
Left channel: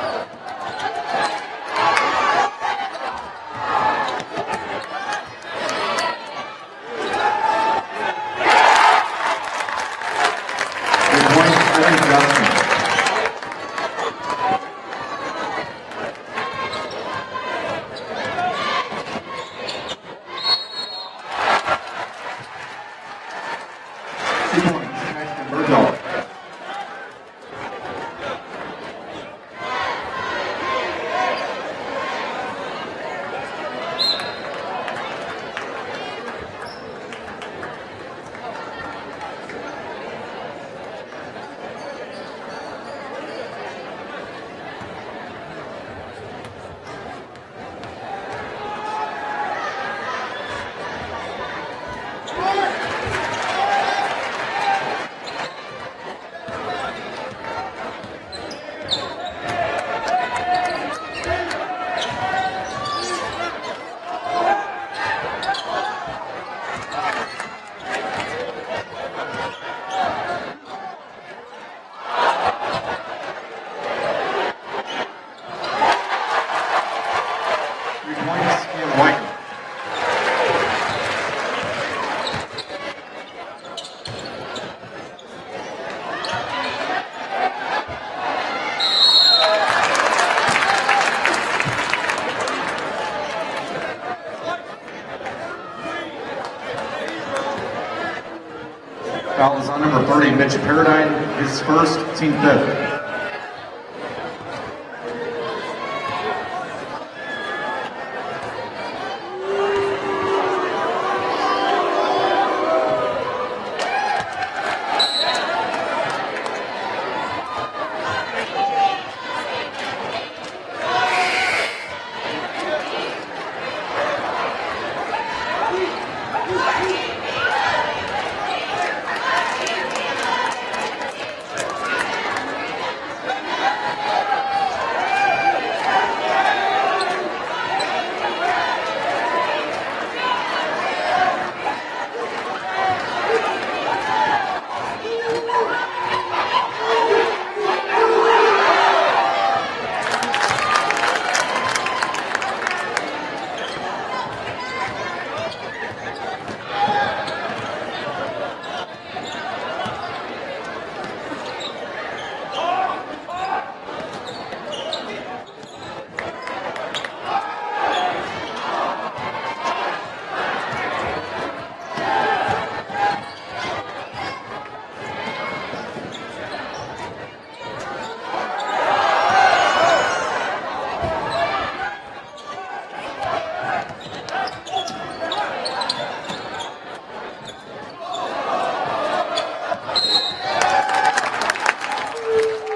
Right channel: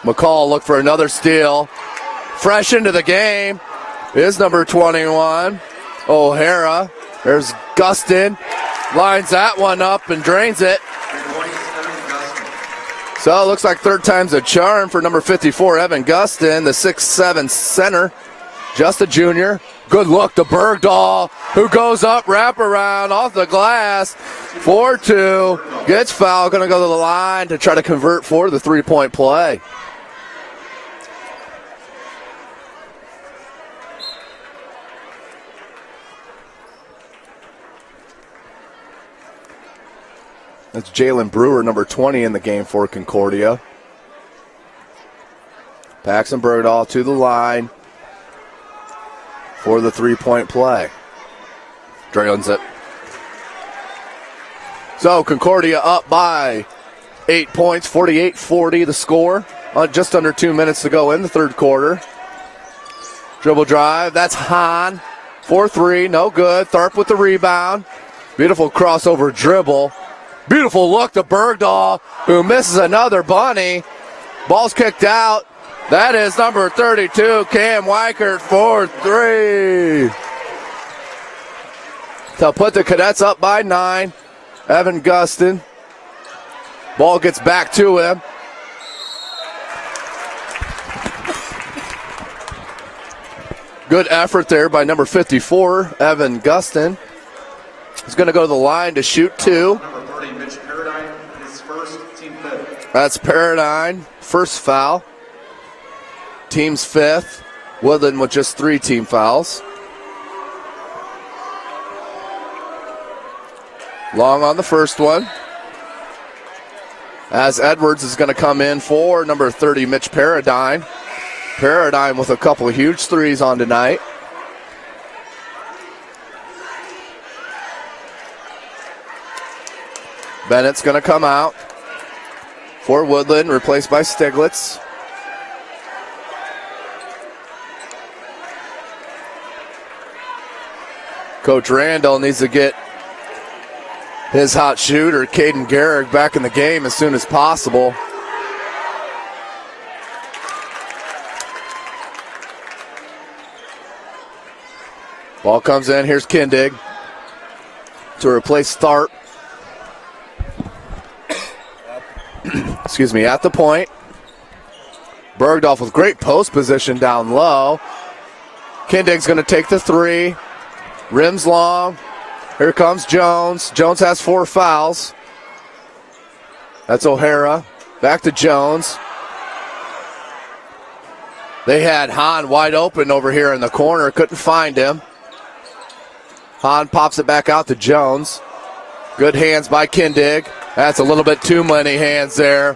McCall looked for another steal. Fresh into the game is number 21, O'Hara. There's Gustin. Lines that one up and drains it. So it looks like third time's a charm for number 54, Evan Gustin, the 6'7" center. Just a junior. Good look to Bergdahl, who goes up, wraparound off the glass. 4-2. Gets fouled. Going to go to the line to try to convert for the three-point play. That's Jalen Brewer, number 20 in the game for Concordia. Paxton Bergdahl to the line for the three-point play. Drains it. So Concordia up by 8 points, 48-40 the score. Just under 2 minutes to go in the third quarter. Dribble drive, that's Hahn. 4-3, no good. Tharp with the rebound. Beautiful crossover dribble. Beautiful look to Bergdahl, who misses another bunny. Ball's kicked out. That is number 32, Cam Weichert, for 3. To put the Cadets up by 9. Evan Gustin. Ball gets back to him. Good effort there by number 54, Evan Gustin. He's going to go to the line to shoot 2. Number 30, Mitch Paradine, his first, team 5th. That's Paradine, first foul. Team's 5th. Woodlan with just 3 team fouls. Long on the first one. As Edwards is going to come in for number 30, Mitch Paradine. Paradine with a couple of huge threes on tonight. Bennett's going to come out for Woodlan, replaced by Stiglitz. Coach Randall needs to get his hot shooter, Caden Garrick, back in the game as soon as possible. Ball comes in, here's Kindig to replace Tharp. Excuse me, at the point. Bergdahl with great post position down low. Kindig's going to take the 3. Rims long. Here comes Jones. Jones has 4 fouls. That's O'Hara. Back to Jones. They had Hahn wide open over here in the corner. Couldn't find him. Hahn pops it back out to Jones. Good hands by Kindig. That's a little bit too many hands there.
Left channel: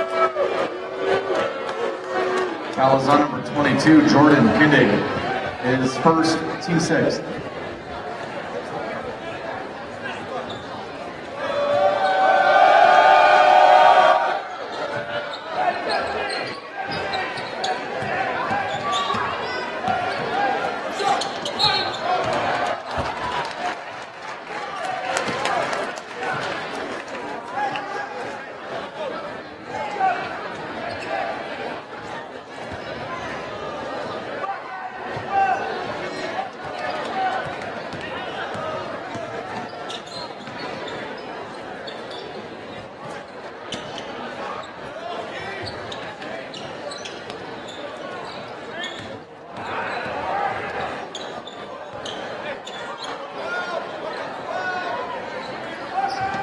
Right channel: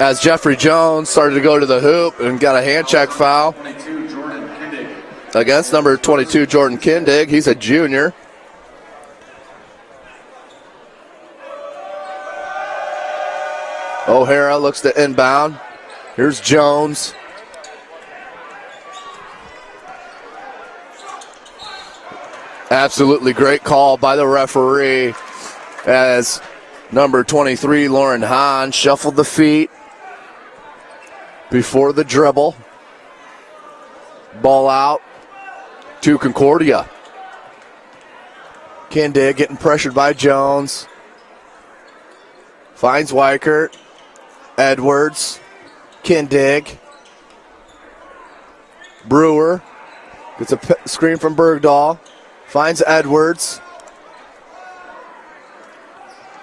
As Jeffrey Jones started to go to the hoop and got a hand check foul. 22, Jordan Kindig. Against number 22, Jordan Kindig. He's a junior. O'Hara looks to inbound. Here's Jones. Absolutely great call by the referee as number 23, Lauren Hahn, shuffled the feet before the dribble. Ball out to Concordia. Kindig getting pressured by Jones. Finds Weichert. Edwards. Kindig. Brewer gets a screen from Bergdahl. Finds Edwards.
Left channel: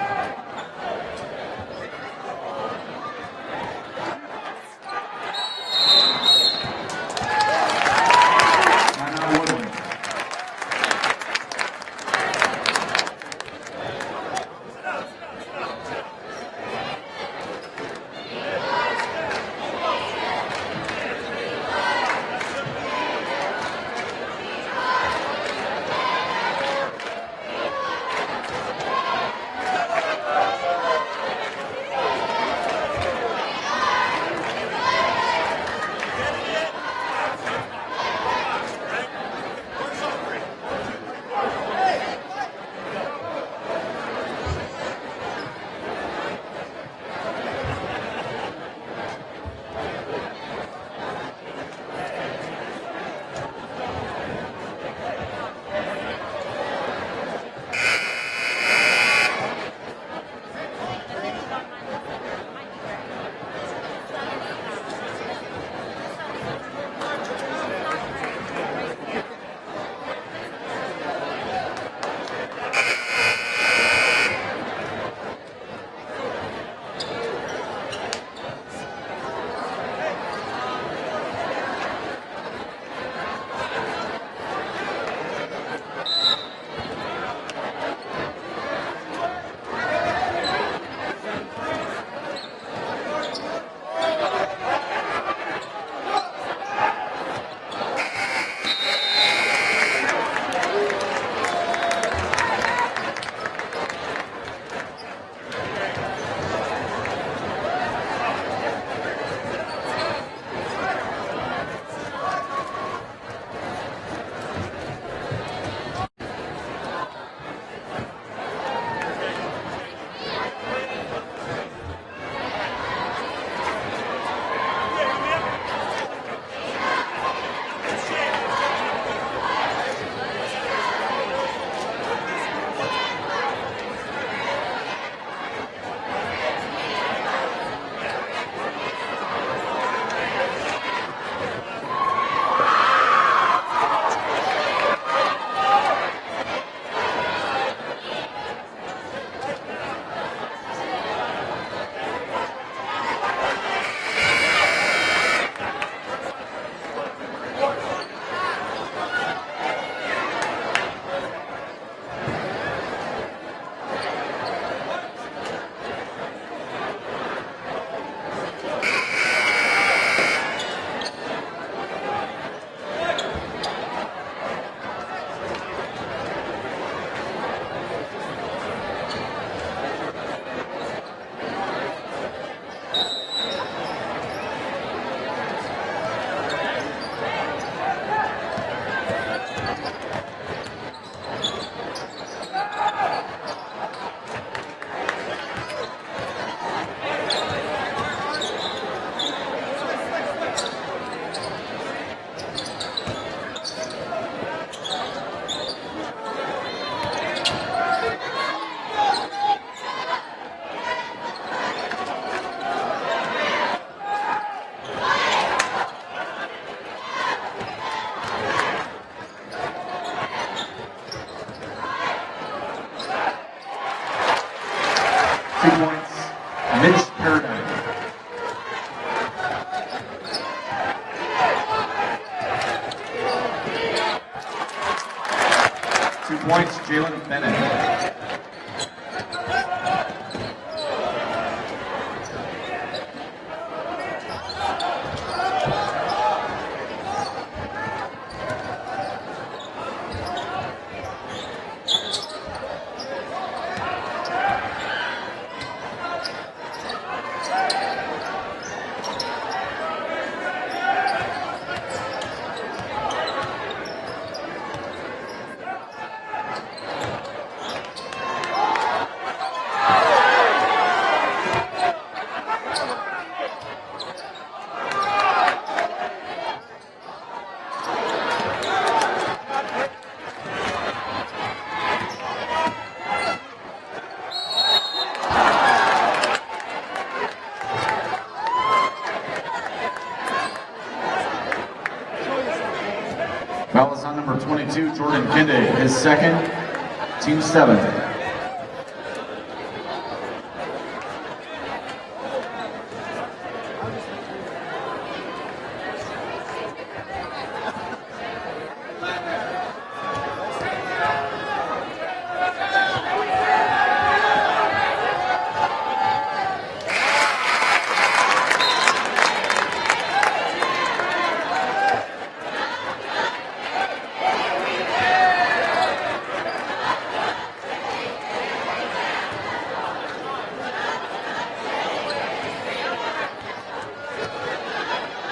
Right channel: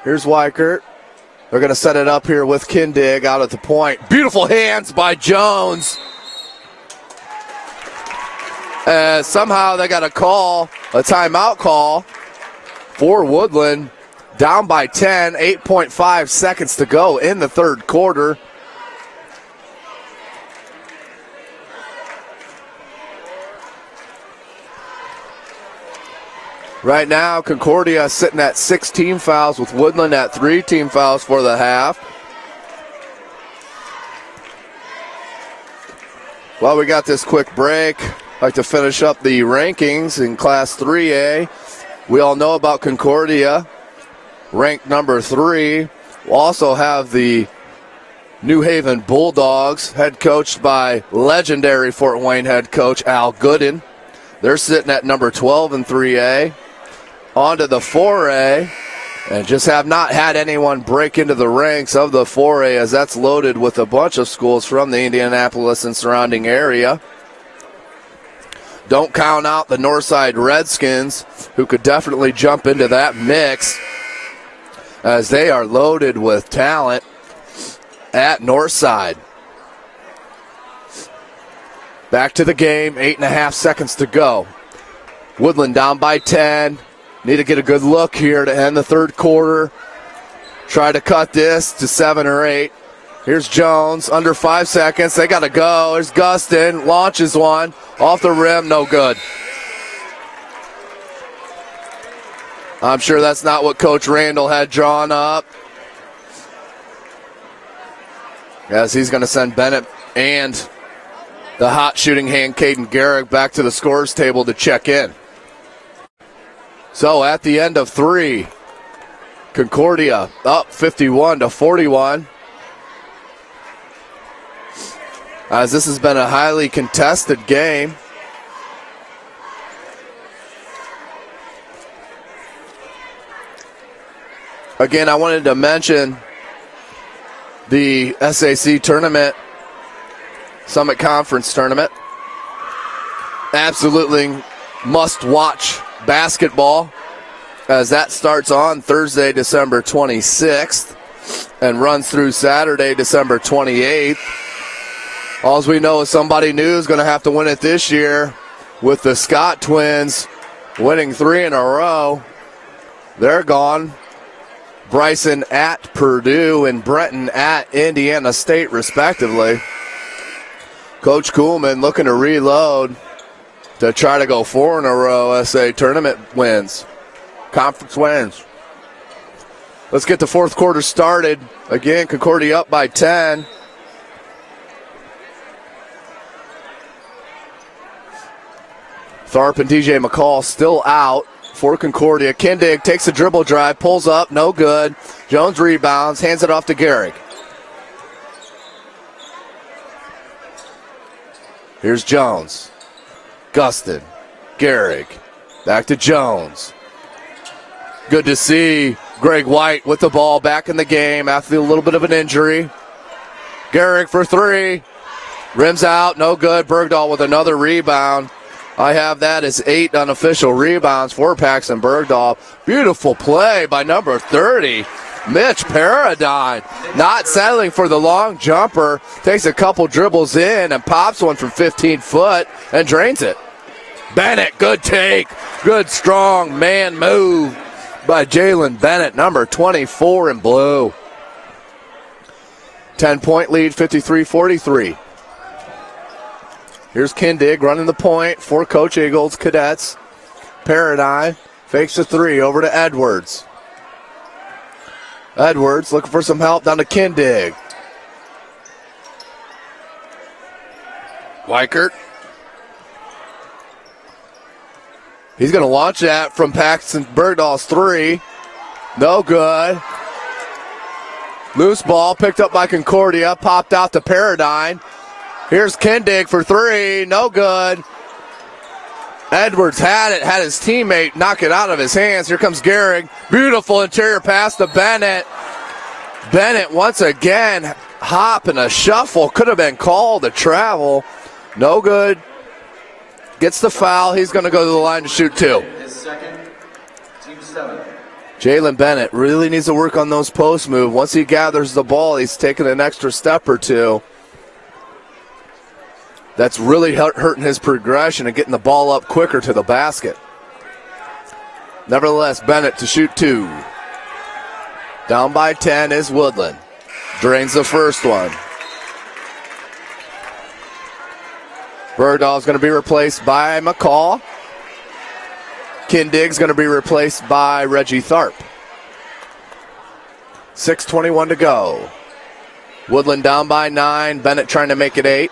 Here's Weichert. They're going to set it up here with Kindig out at the point. Beautiful hands by Jones. Somehow they got a timeout call for Woodlan. Down by 10, 8.5 seconds to go in the third quarter. Right now, Concordia sitting at 6 team fouls with Woodlan at 3 team fouls for the half. Well, we got this quick break. I'd like to finish up the rankings in Class 3A. We all know about Concordia, ranked number 3. We'll also have the New Haven Bulldogs, head coached by legendary Fort Wayne head coach Al Gooden. They're sitting at number 12 in 3A. On to the 4A, and just have not had anyone break into the ranks of the 4A, as that's loaded with a bunch of schools from the Indianapolis and surrounding area. Don't count out the Northside Redskins, who could definitely jump into that mix, as they are loaded with talent at Northside. Back to the game, 8.5 seconds to go. Woodlan down by 10. Need to get a good look here to end the third quarter. Try to cut this to 7 or 8. Here's Jones, under 5 seconds. They got to go. There's Gustin, launches one. Off the rim, no good. I'm sure that's not what Coach Randall had drawn up, as he's going to send Bennett and the hot shooting hand Caden Garrick back to the scores table to check in. So at the end of 3, Concordia up 51-41. As this has been a highly contested game. Again, I wanted to mention the SAC tournament, Summit Conference tournament. Absolutely must-watch basketball, as that starts on Thursday, December 26th, and runs through Saturday, December 28th. All we know is somebody new is going to have to win it this year, with the Scott twins winning 3 in a row. They're gone. Bryson at Purdue and Brenton at Indiana State, respectively. Coach Kuhlman looking to reload to try to go 4 in a row SA tournament wins, conference wins. Let's get the fourth quarter started. Again, Concordia up by 10. Tharp and DJ McCall still out for Concordia. Kindig takes a dribble drive, pulls up, no good. Jones rebounds, hands it off to Gary. Here's Jones. Gustin. Garrick. Back to Jones. Good to see Greg White with the ball back in the game after a little bit of an injury. Garrick for 3. Rims out, no good. Bergdahl with another rebound. I have that as 8 unofficial rebounds for Paxton Bergdahl. Beautiful play by number 30, Mitch Paradine. Not settling for the long jumper. Takes a couple dribbles in and pops one from 15 foot and drains it. Bennett, good take. Good strong man move by Jalen Bennett, number 24 in blue. 10-point lead, 53-43. Here's Kindig running the point for Coach Eagles Cadets. Paradine fakes the 3 over to Edwards. Edwards looking for some help down to Kindig. Weichert. He's going to launch that from Paxton Bergdahl's 3. No good. Loose ball picked up by Concordia. Popped out to Paradine. Here's Kindig for 3. No good. Edwards had it. Had his teammate knock it out of his hands. Here comes Gehrig. Beautiful interior pass to Bennett. Bennett once again hop and a shuffle. Could have been called a travel. No good. Gets the foul. He's going to go to the line to shoot 2. His second, team 7. Jalen Bennett really needs to work on those post moves. Once he gathers the ball, he's taking an extra step or 2. That's really hurting his progression and getting the ball up quicker to the basket. Nevertheless, Bennett to shoot 2. Down by 10 is Woodlan. Drains the first one. Bergdahl's going to be replaced by McCall. Kindig's going to be replaced by Reggie Tharp. 6:21 to go. Woodlan down by 9. Bennett trying to make it 8.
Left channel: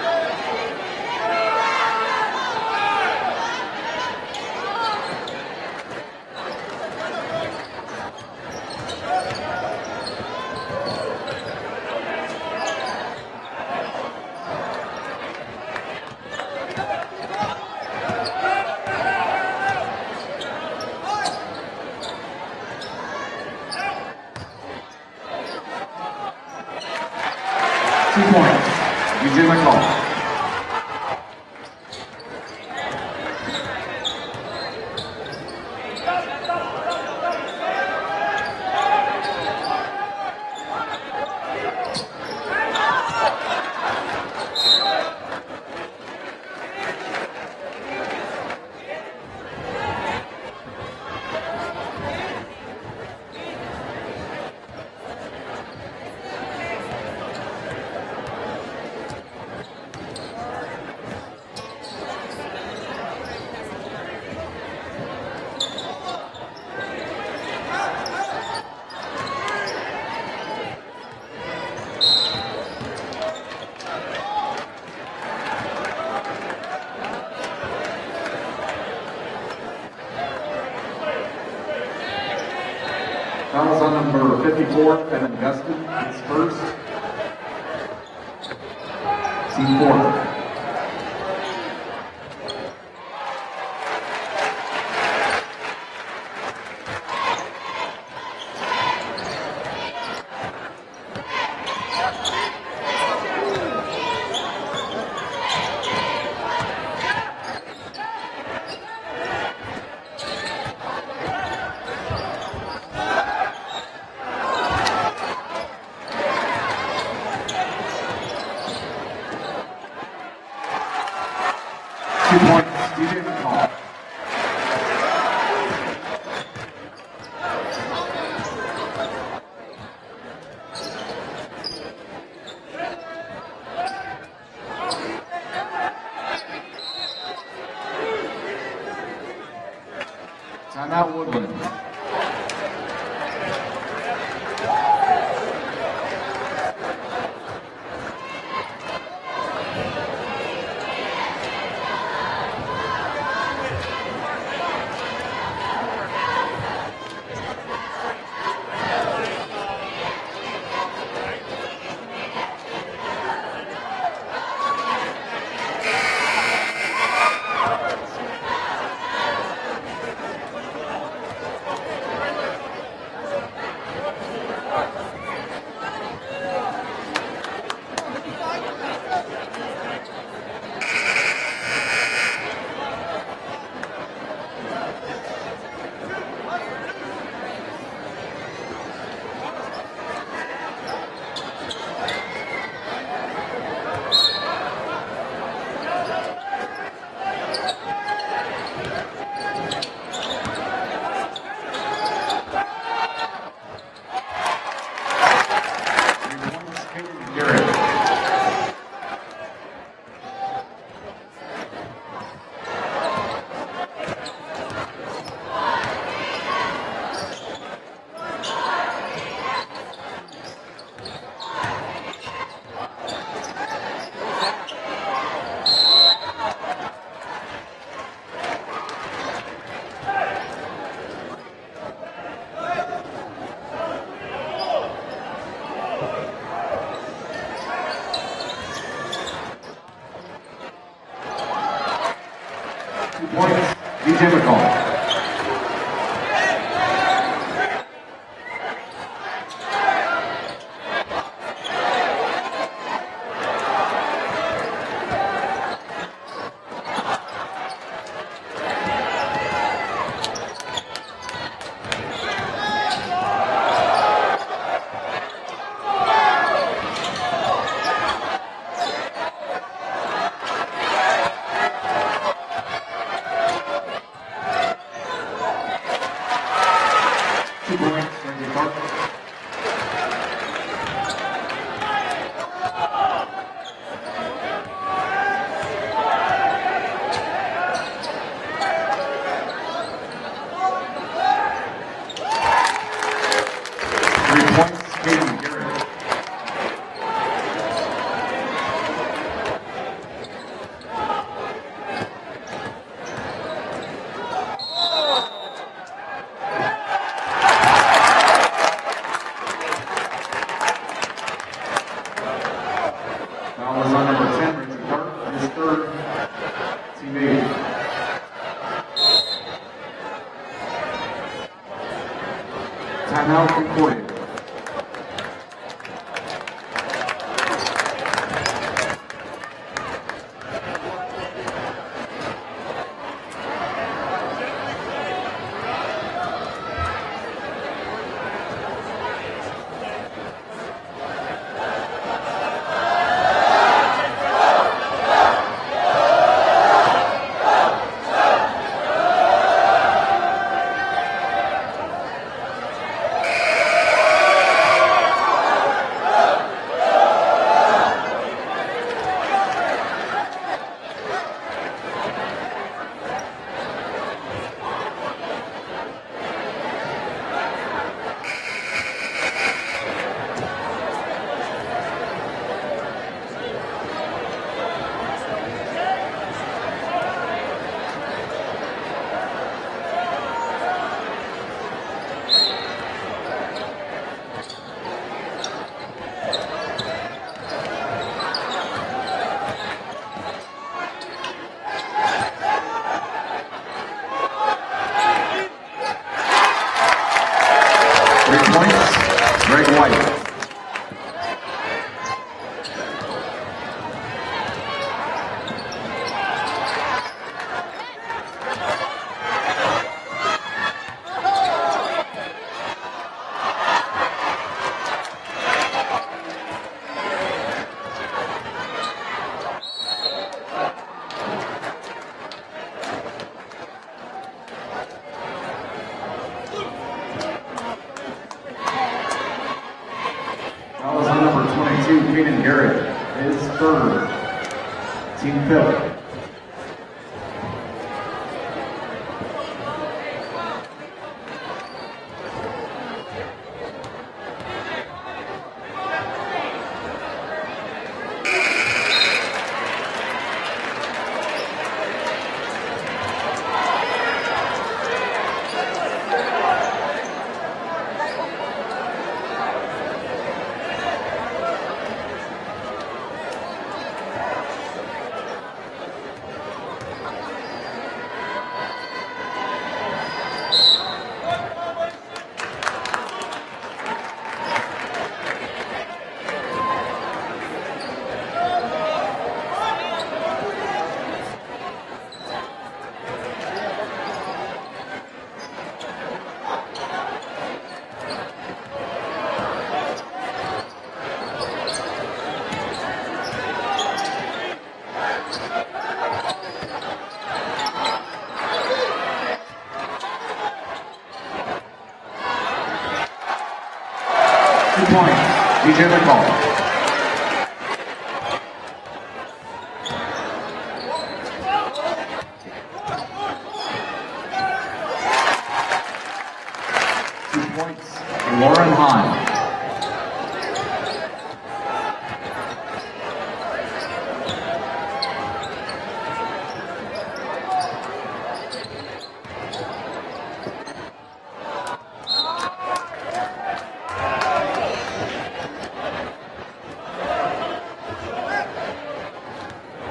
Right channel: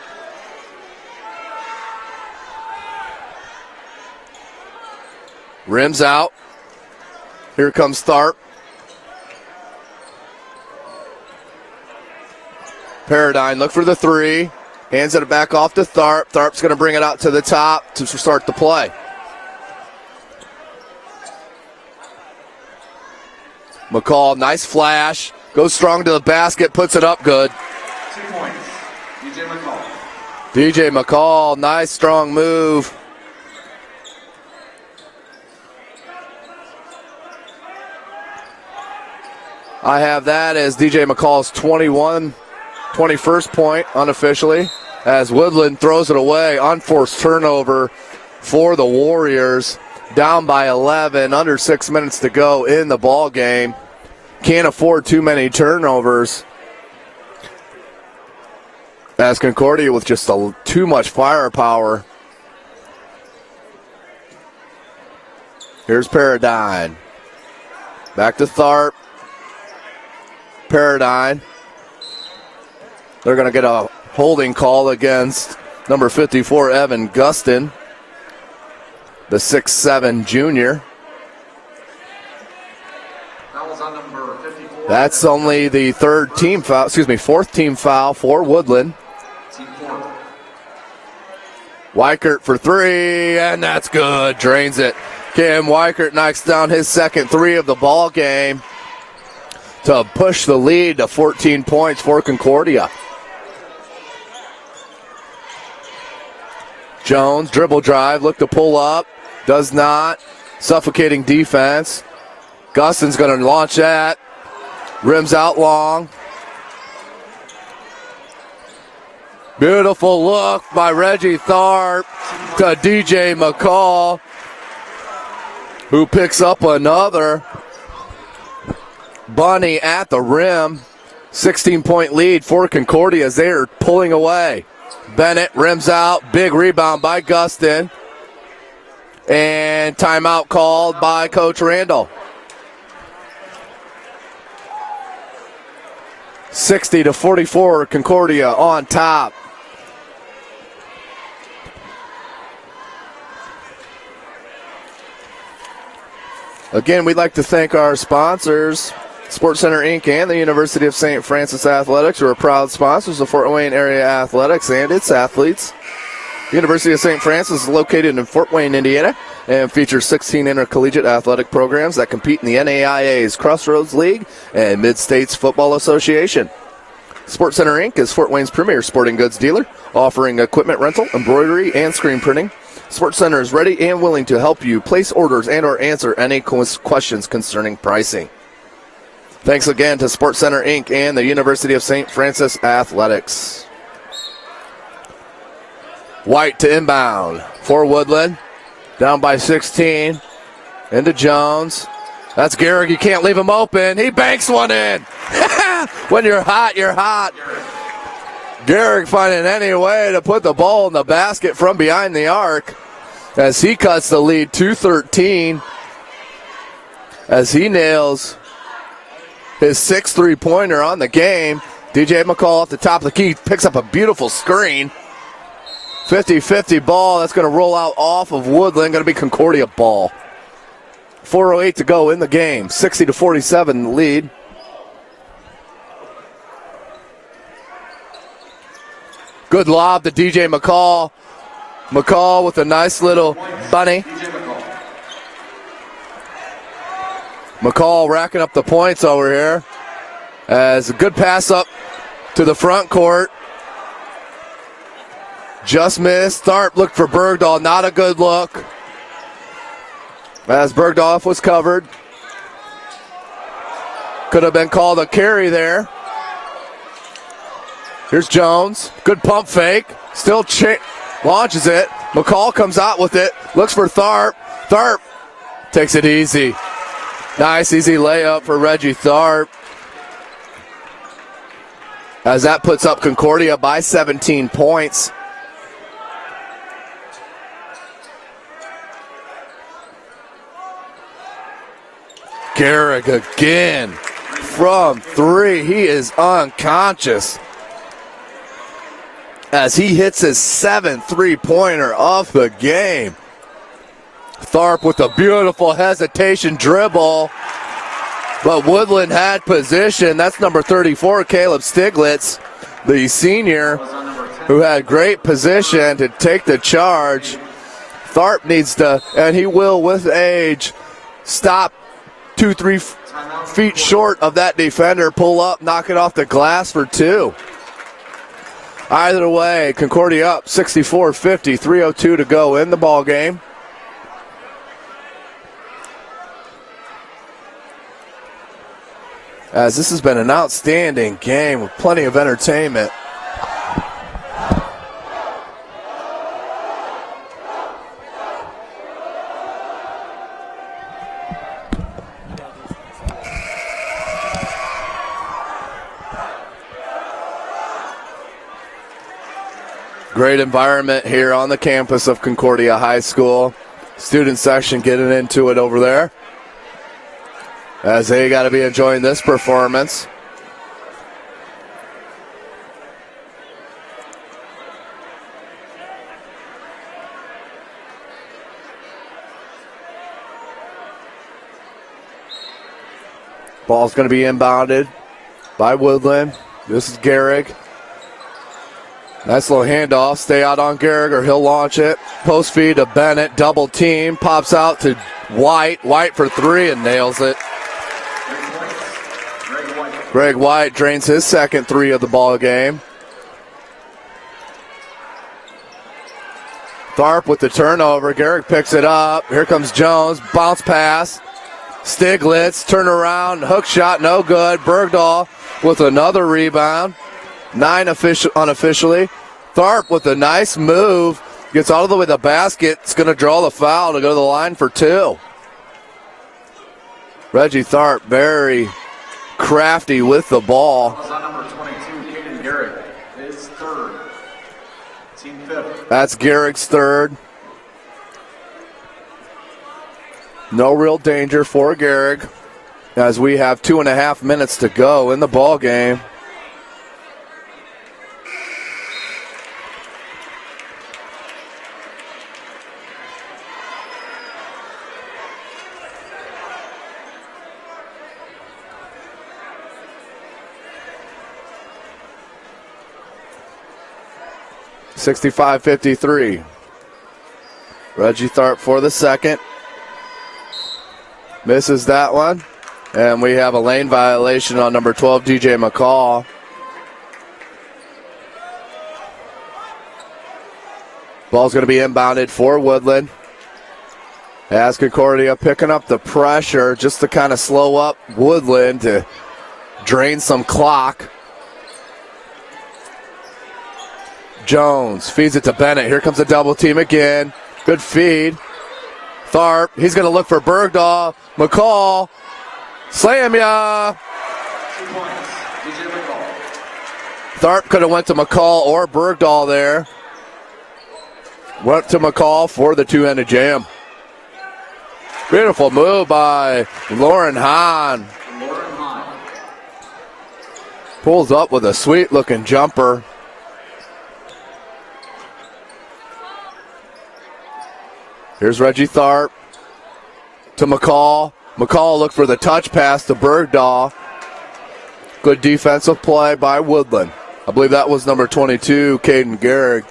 Rims out. Here comes Tharp. Paradigm, look for the three. Hands it back off to Tharp. Tharp's going to bring it out to the top to start the play. McCall, nice flash. Goes strong to the basket, puts it up good. 2 points. DJ McCall. DJ McCall, nice strong move. I have that as DJ McCall's 21st point unofficially, as Woodlan throws it away. Unforced turnover for the Warriors. Down by 11, under 6 minutes to go in the ball game. Can't afford too many turnovers, as Concordia with just too much firepower. Here's Paradigm. Back to Tharp. Paradigm. They're going to get a holding call against number 54, Evan Gustin, the 6'7" junior. Fouls on number 54. That's only the fourth team foul for Woodlan. Team 4. Weichert for three, and that's good. Drains it. Kim Weichert knocks down his second three of the ball game to push the lead to 14 points for Concordia. Jones, dribble drive, look to pull up, does not. Suffocating defense. Gustin's going to launch that. Rims out long. Beautiful look by Reggie Tharp to DJ McCall, who picks up another. Bunny at the rim. 16-point lead for Concordia as they are pulling away. Bennett rims out. Big rebound by Gustin. And timeout called by Coach Randall. 60-44, Concordia on top. Again, we'd like to thank our sponsors, SportsCenter Inc. and the University of St. Francis Athletics, who are proud sponsors of Fort Wayne area athletics and its athletes. The University of St. Francis is located in Fort Wayne, Indiana, and features 16 intercollegiate athletic programs that compete in the NAIA's Crossroads League and Mid-States Football Association. SportsCenter Inc. is Fort Wayne's premier sporting goods dealer, offering equipment rental, embroidery, and screen printing. SportsCenter is ready and willing to help you place orders and or answer any questions concerning pricing. Thanks again to SportsCenter Inc. and the University of St. Francis Athletics. White to inbound for Woodlan. Down by 16. Into Jones. That's Garrick. You can't leave him open. He banks one in. When you're hot, you're hot. Garrick finding any way to put the ball in the basket from behind the arc as he cuts the lead to 13 as he nails his sixth three-pointer on the game. DJ McCall off the top of the key picks up a beautiful screen. 50-50 ball. That's going to roll out off of Woodlan. Going to be Concordia ball. 4:08 to go in the game. 60-47 lead. Good lob to DJ McCall. McCall with a nice little bunny. McCall racking up the points over here. As a good pass up to the front court. Just missed. Tharp looked for Bergdahl. Not a good look. As Bergdahl was covered. Could have been called a carry there. Here's Jones. Good pump fake. Still launches it. McCall comes out with it. Looks for Tharp. Tharp takes it easy. Nice easy layup for Reggie Tharp. As that puts up Concordia by 17 points. Garrick again from three. He is unconscious as he hits his seventh three-pointer of the game. Tharp with a beautiful hesitation dribble. But Woodland had position. That's number 34, Caleb Stiglitz, the senior, who had great position to take the charge. Tharp needs to, and he will with age, stop 2-3 feet short of that defender, pull up, knock it off the glass for 2. Either way, Concordia up 64-50, 3:02 to go in the ball game. As this has been an outstanding game with plenty of entertainment. Great environment here on the campus of Concordia High School. Student section getting into it over there, as they got to be enjoying this performance. Ball's going to be inbounded by Woodland. This is Gehrig. Nice little handoff. Stay out on Gehrig or he'll launch it. Post feed to Bennett. Double team. Pops out to White. White for 3 and nails it. Greg White drains his second 3 of the ball game. Tharp with the turnover. Gehrig picks it up. Here comes Jones. Bounce pass. Stiglitz, turn around, hook shot, no good. Bergdahl with another rebound. 9 unofficially. Tharp with a nice move. Gets all the way to the basket. It's going to draw the foul to go to the line for 2. Reggie Tharp very crafty with the ball. Number 22, Caden Gehrig, his 3rd. Team 5th. That's Gehrig's 3rd. No real danger for Gehrig as we have 2.5 minutes to go in the ball game. (65-53). Reggie Tharp for the second. Misses that one. And we have a lane violation on number 12, DJ McCall. Ball's going to be inbounded for Woodland. As Concordia picking up the pressure just to kind of slow up Woodland to drain some clock. Jones feeds it to Bennett. Here comes a double team again. Good feed. Tharp, he's going to look for Bergdahl. McCall, slam ya. 2 points, DJ McCall. Tharp could have went to McCall or Bergdahl there. Went to McCall for the two-handed jam. Beautiful move by Lauren Hahn. Lauren Hahn. Pulls up with a sweet-looking jumper. Here's Reggie Tharp to McCall. McCall looked for the touch pass to Bergdahl. Good defensive play by Woodland. I believe that was number 22, Caden Gehrig,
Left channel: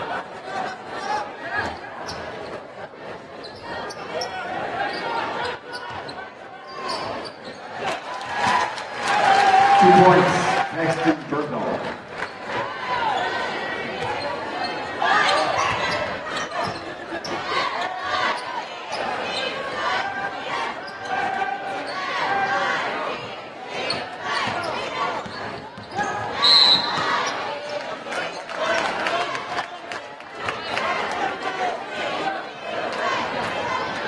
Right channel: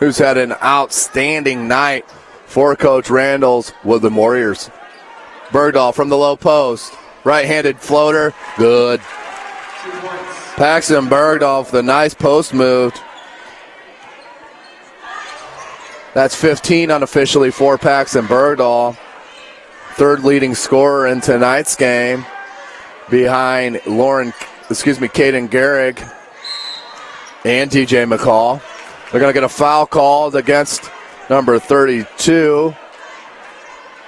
who's had an outstanding night for Coach Randall's Woodland Warriors. Bergdahl from the low post. Right-handed floater. Good. 2 points. Paxton Bergdahl with a nice post move. That's 15 unofficially for Paxton Bergdahl. 3rd leading scorer in tonight's game, behind Caden Gehrig and DJ McCall. They're going to get a foul called against number 32,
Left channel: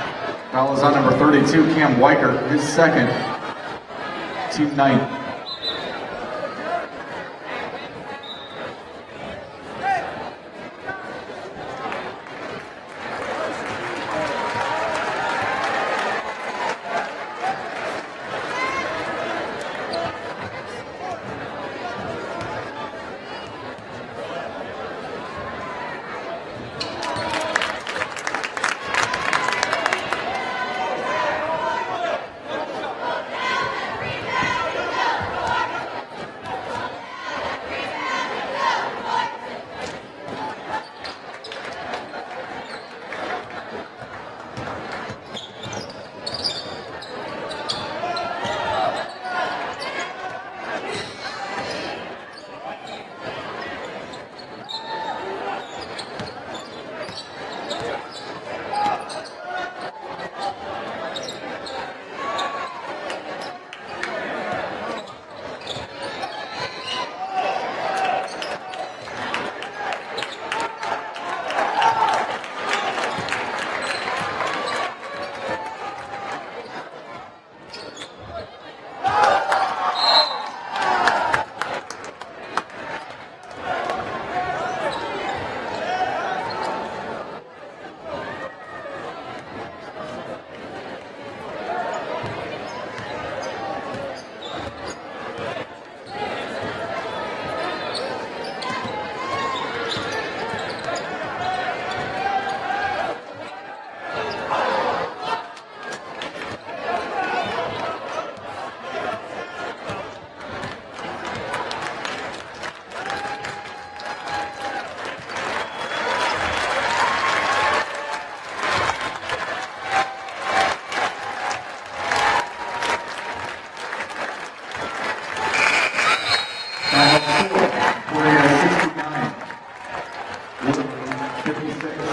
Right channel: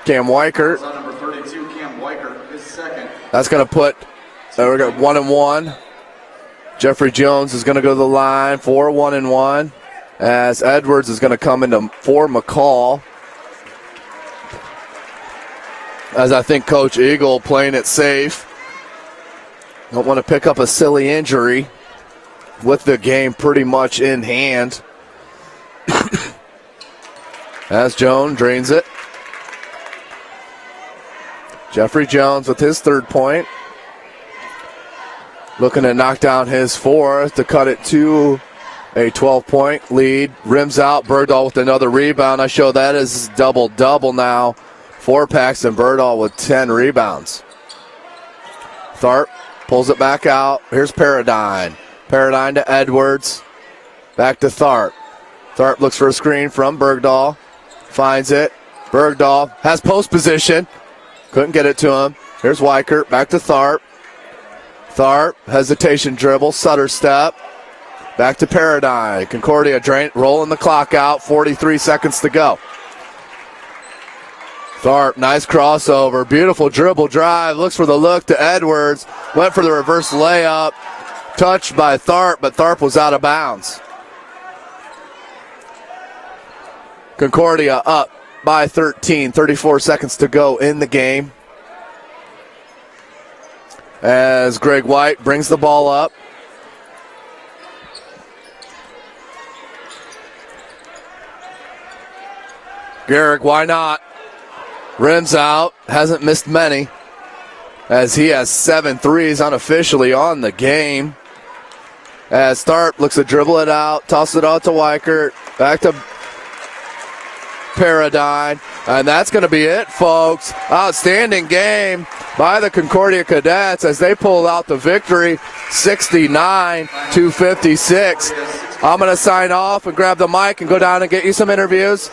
Cam Weichert. On number 32, Cam Weichert, his 2nd. That's going to put 1-1. Jeffrey Jones is going to go to the line for 1-1. As Edwards is going to come into for McCall. As I think Coach Eagle playing it safe. Don't want to pick up a silly injury with the game pretty much in hand. As Jones drains it. Jeffrey Jones with his 3rd point. Looking to knock down his 4th to cut it to a 12-point lead. Rims out. Bergdahl with another rebound. I show that as double-double now for Paxton Bergdahl with 10 rebounds. Tharp pulls it back out. Here's Paradine. Paradine to Edwards. Back to Tharp. Tharp looks for a screen from Bergdahl. Finds it. Bergdahl has post position. Couldn't get it to him. Here's Weichert. Back to Tharp. Tharp, hesitation dribble, Sutter step. Back to Paradine. Concordia rolling the clock out. 43 seconds to go. Tharp, nice crossover. Beautiful dribble drive. Looks for the look to Edwards. Went for the reverse layup. Touched by Tharp, but Tharp was out of bounds. Concordia up by 13. 34 seconds to go in the game. As Greg White brings the ball up. Garrick, why not? Rims out, hasn't missed many, as he has 7 threes unofficially on the game. As Tharp looks to dribble it out, toss it out to Weichert, back to Paradine, and that's going to be it, folks. Outstanding game by the Concordia Cadets as they pull out the victory, 69-56. I'm going to sign off and grab the mic and go down and get you some interviews.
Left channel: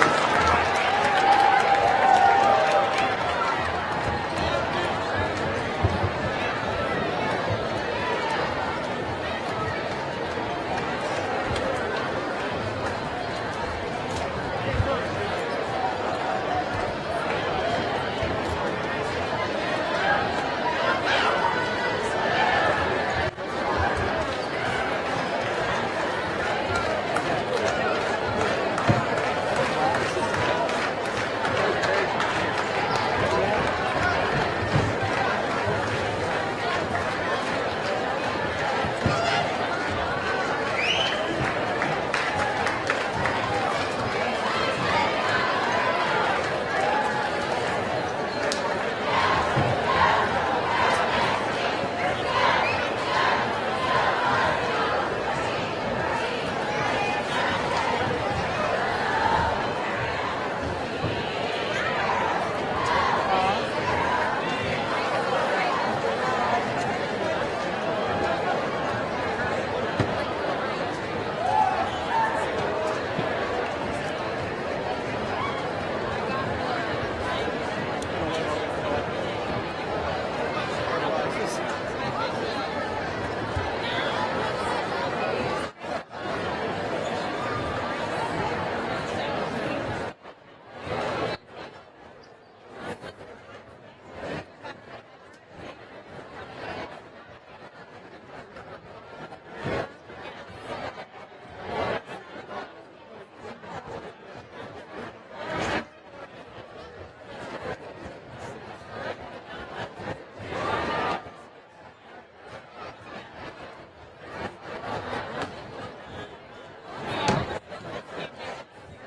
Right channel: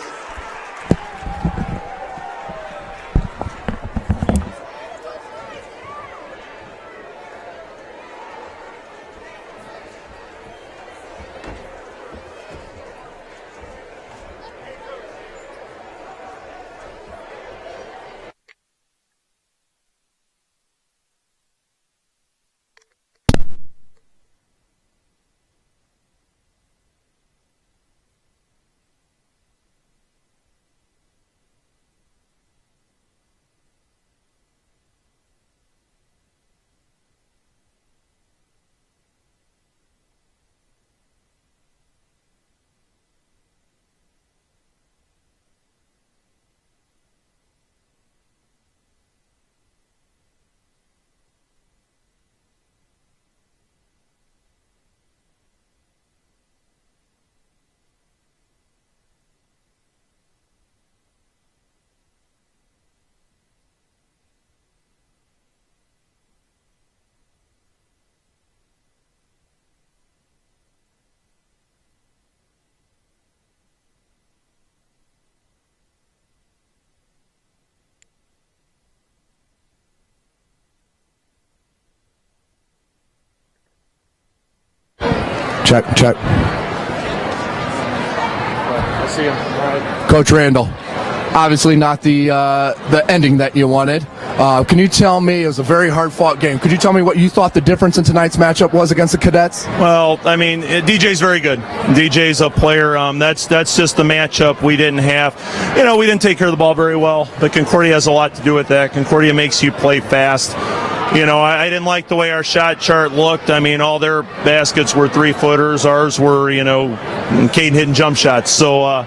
Check. I see him. Coach Randall, obviously not the ending that you wanted. Can you tell me, it was a very hard-fought game. Could you tell me what you thought the difference in tonight's matchup was against the Cadets? Well, I mean, DJ's very good. DJ's a player. That's just the matchup we didn't have. You know, we didn't take care of the ball very well, but Concordia has a lot to do with that. Concordia makes you play fast. You know, I didn't like the way our shot chart looked. I mean, all their baskets were 3-footers. Ours were, you know, Caden hitting jump shots. So,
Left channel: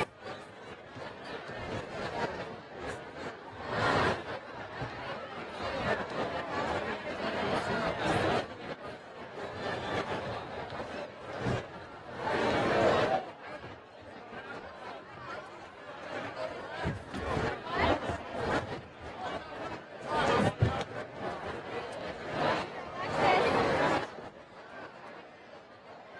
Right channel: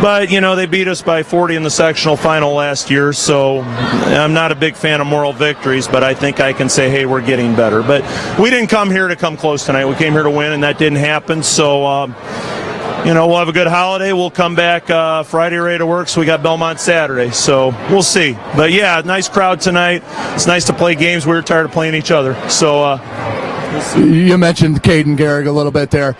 but, you know, they beat us by 40 in the sectional final last year. So I'm not a big fan of moral victories, but I think I can say, hey, we're getting better. But we didn't come here to come close tonight. We came here to win, and that didn't happen. So, you know, we'll have a good holiday. We'll come back Friday ready to work, so we got Belmont Saturday. So we'll see. But, yeah, nice crowd tonight. It's nice to play games. We were tired of playing each other. So we'll see. You mentioned Caden Garrick a little bit there.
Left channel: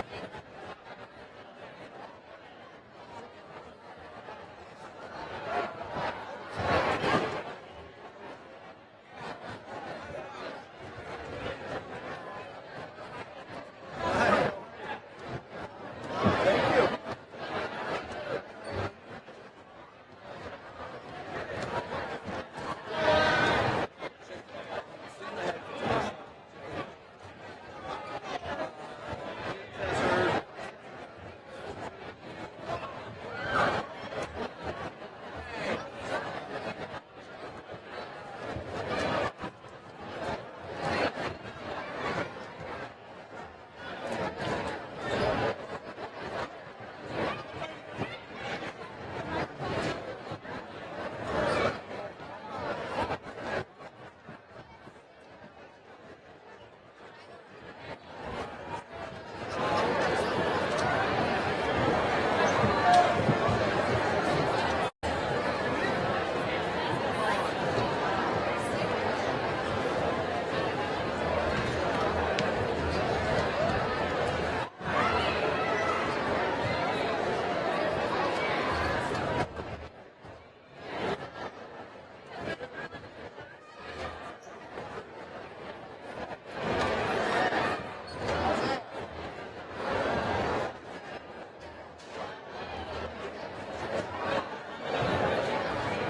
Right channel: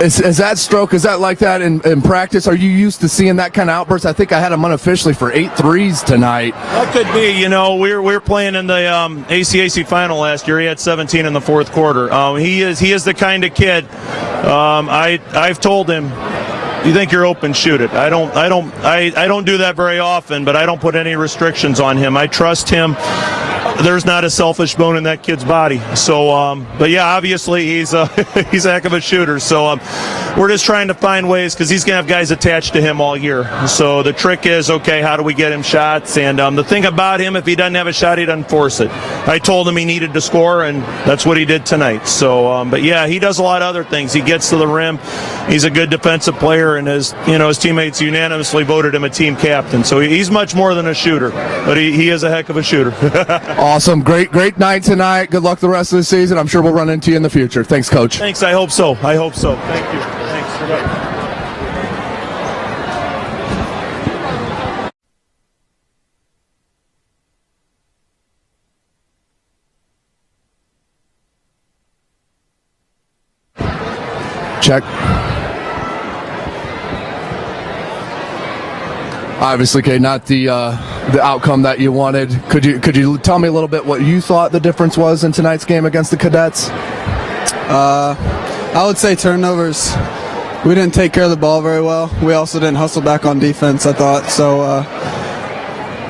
Is that stroke, is that like that in practice? Are you used to seeing that kind of outburst? I think I had him unofficially for 8 threes tonight. That could be. You know, we're playing in the ACAC final last year. He had 17 in the fourth quarter. He is the kind of kid. I've told him, you think you're open, shoot it. I don't do that very often, but I don't put any restrictions on him. I trust him. there's not a selfish bone in that kid's body. So, but yeah, obviously he's a he's a heck of a shooter. So we're just trying to find ways, because he's gonna have guys attached to him all year. So the trick is, okay, how do we get him shots? And the thing about him, if he doesn't have a shot, he doesn't force it. I told him he needed to score, and that's what he did tonight. So, but yeah, he does a lot of other things. He gets to the rim. He's a good defensive player, and his teammates unanimously voted him a team captain. So he's much more than a shooter, but he is a heck of a shooter. Awesome. Great night tonight. Good luck the rest of the season. I'm sure we'll run into you in the future. Thanks, Coach. Thanks. I hope so. Thank you. Thanks. Goodbye. Check. Obviously, Kate, not the outcome that you wanted. Could you tell me a little bit what you thought the difference was in tonight's game against the Cadets? I would say turnovers. We didn't take care of the ball very well. We also didn't hustle back on defense, I thought. So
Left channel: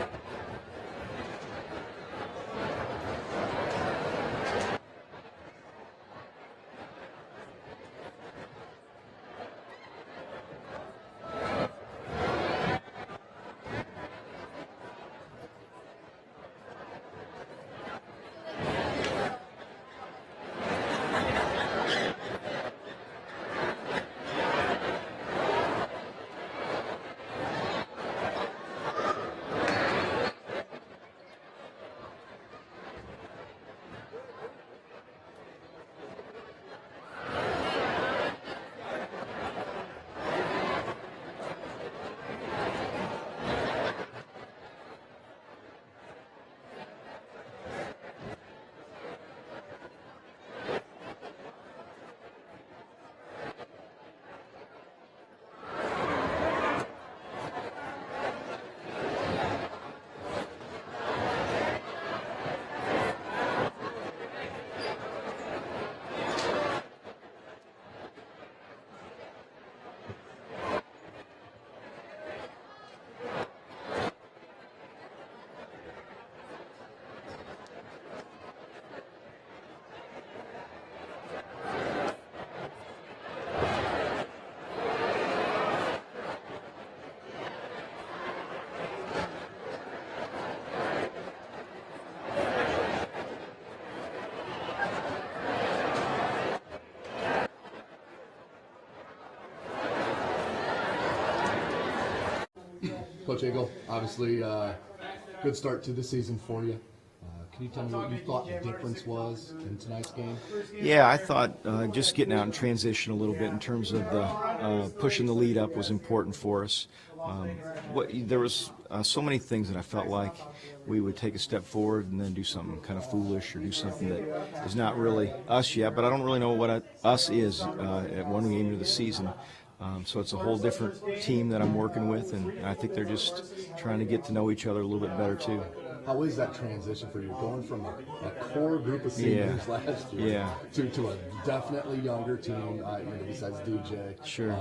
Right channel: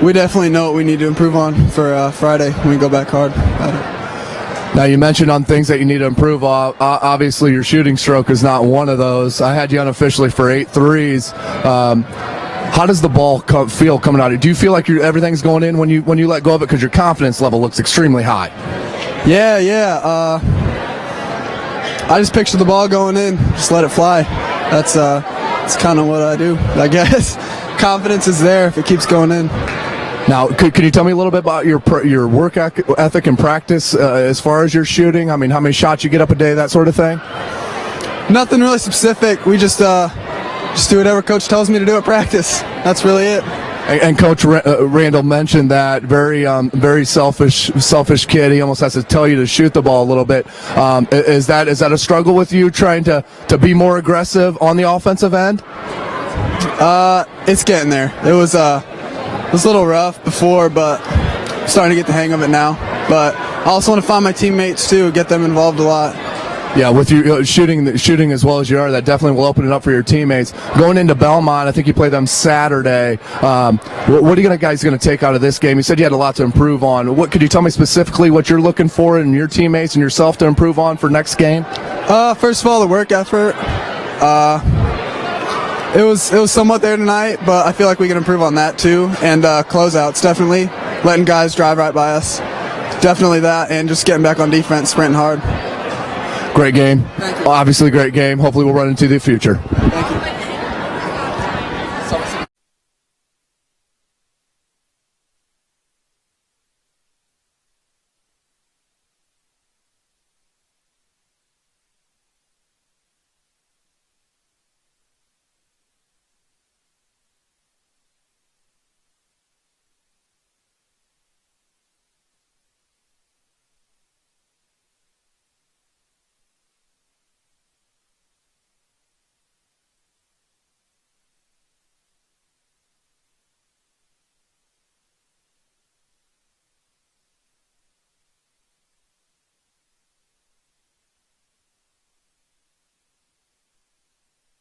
we definitely know what we need to improve on for Friday when we go back hard at it. Now, you mentioned on things that you need to improve on. Obviously, your shooting stroke is not one of those. I had you unofficially for 8 threes. How does the ball feel coming out? Do you feel like everything's going in when you let go of it? Because your confidence level looks extremely high. Yeah. I just picture the ball going in, just let it fly. That's kind of what I do, I guess. Confidence is there if it keeps going in. Now, could you tell me a little bit about your work ethic and practice as far as your shooting? I mean, how many shots you get up a day, that sort of thing? Nothing really specific. We just do whatever coach tells me to do at practice. That's really it. And Coach Randall mentioned that very selfish kid. He almost has to tell you to shoot the ball a little bit. Is that a struggle with you trying to be more aggressive on the offensive end? It's getting there. It was a little rough before, but I'm starting to get the hang of it now. But I also want to find my teammates too, get them involved a lot. Yeah, with you shooting as well as you are, that definitely will open it up for your teammates. Going into Belmont, I think you play them Saturday. What are you guys going to take out of this game? You said you had a lot to improve on. Could you tell me specifically what you're looking for in your teammates and yourself to improve on for next game? First of all, the work effort. It was somewhat there tonight, but I feel like we can improve on that too. And closeouts, definitely letting guys drive right by us. Definitely that, and just getting back on defense, sprinting hard. Great game. Obviously, great game. Hopefully, we'll run into the future. Thank you. Coach Eagle, obviously, good start to the season for you. Can you tell me what you thought the difference was in tonight's game? Yeah, I thought just getting out and transition a little bit in terms of the pushing the lead up was important for us. There was so many things that I felt like we would take a step forward and then do something kind of foolish or do something that is not really us yet, but I don't really know what us is at one game into the season. So it's a whole different team that I'm working with, and I think they're just trying to get to know each other a little bit better too. How is that transition for you, going from a core group of seniors last year to a definitely younger team, besides DJ? Sure.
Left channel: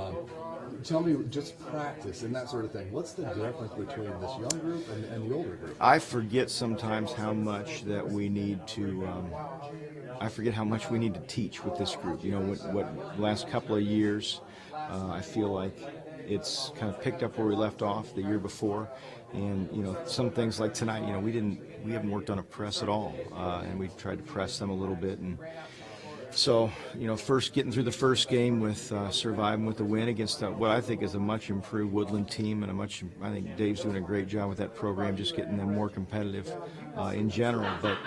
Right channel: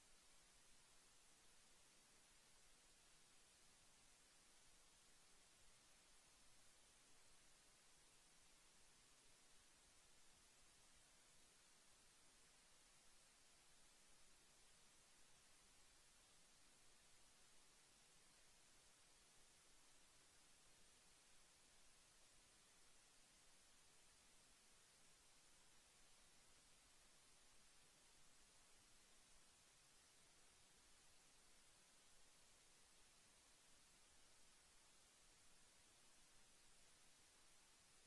Tell me, just practice and that sort of thing. What's the difference between this young group and the older group? I forget sometimes how much that we need to. I forget how much we need to teach with this group. You know, what last couple of years, I feel like it's kind of picked up where we left off the year before. And some things like tonight, we haven't worked on a press at all, and we tried to press them a little bit. And so, first getting through the first game with surviving with a win against what I think is a much improved Woodlan team, and I think Dave's doing a great job with that program, just getting them more competitive in general. But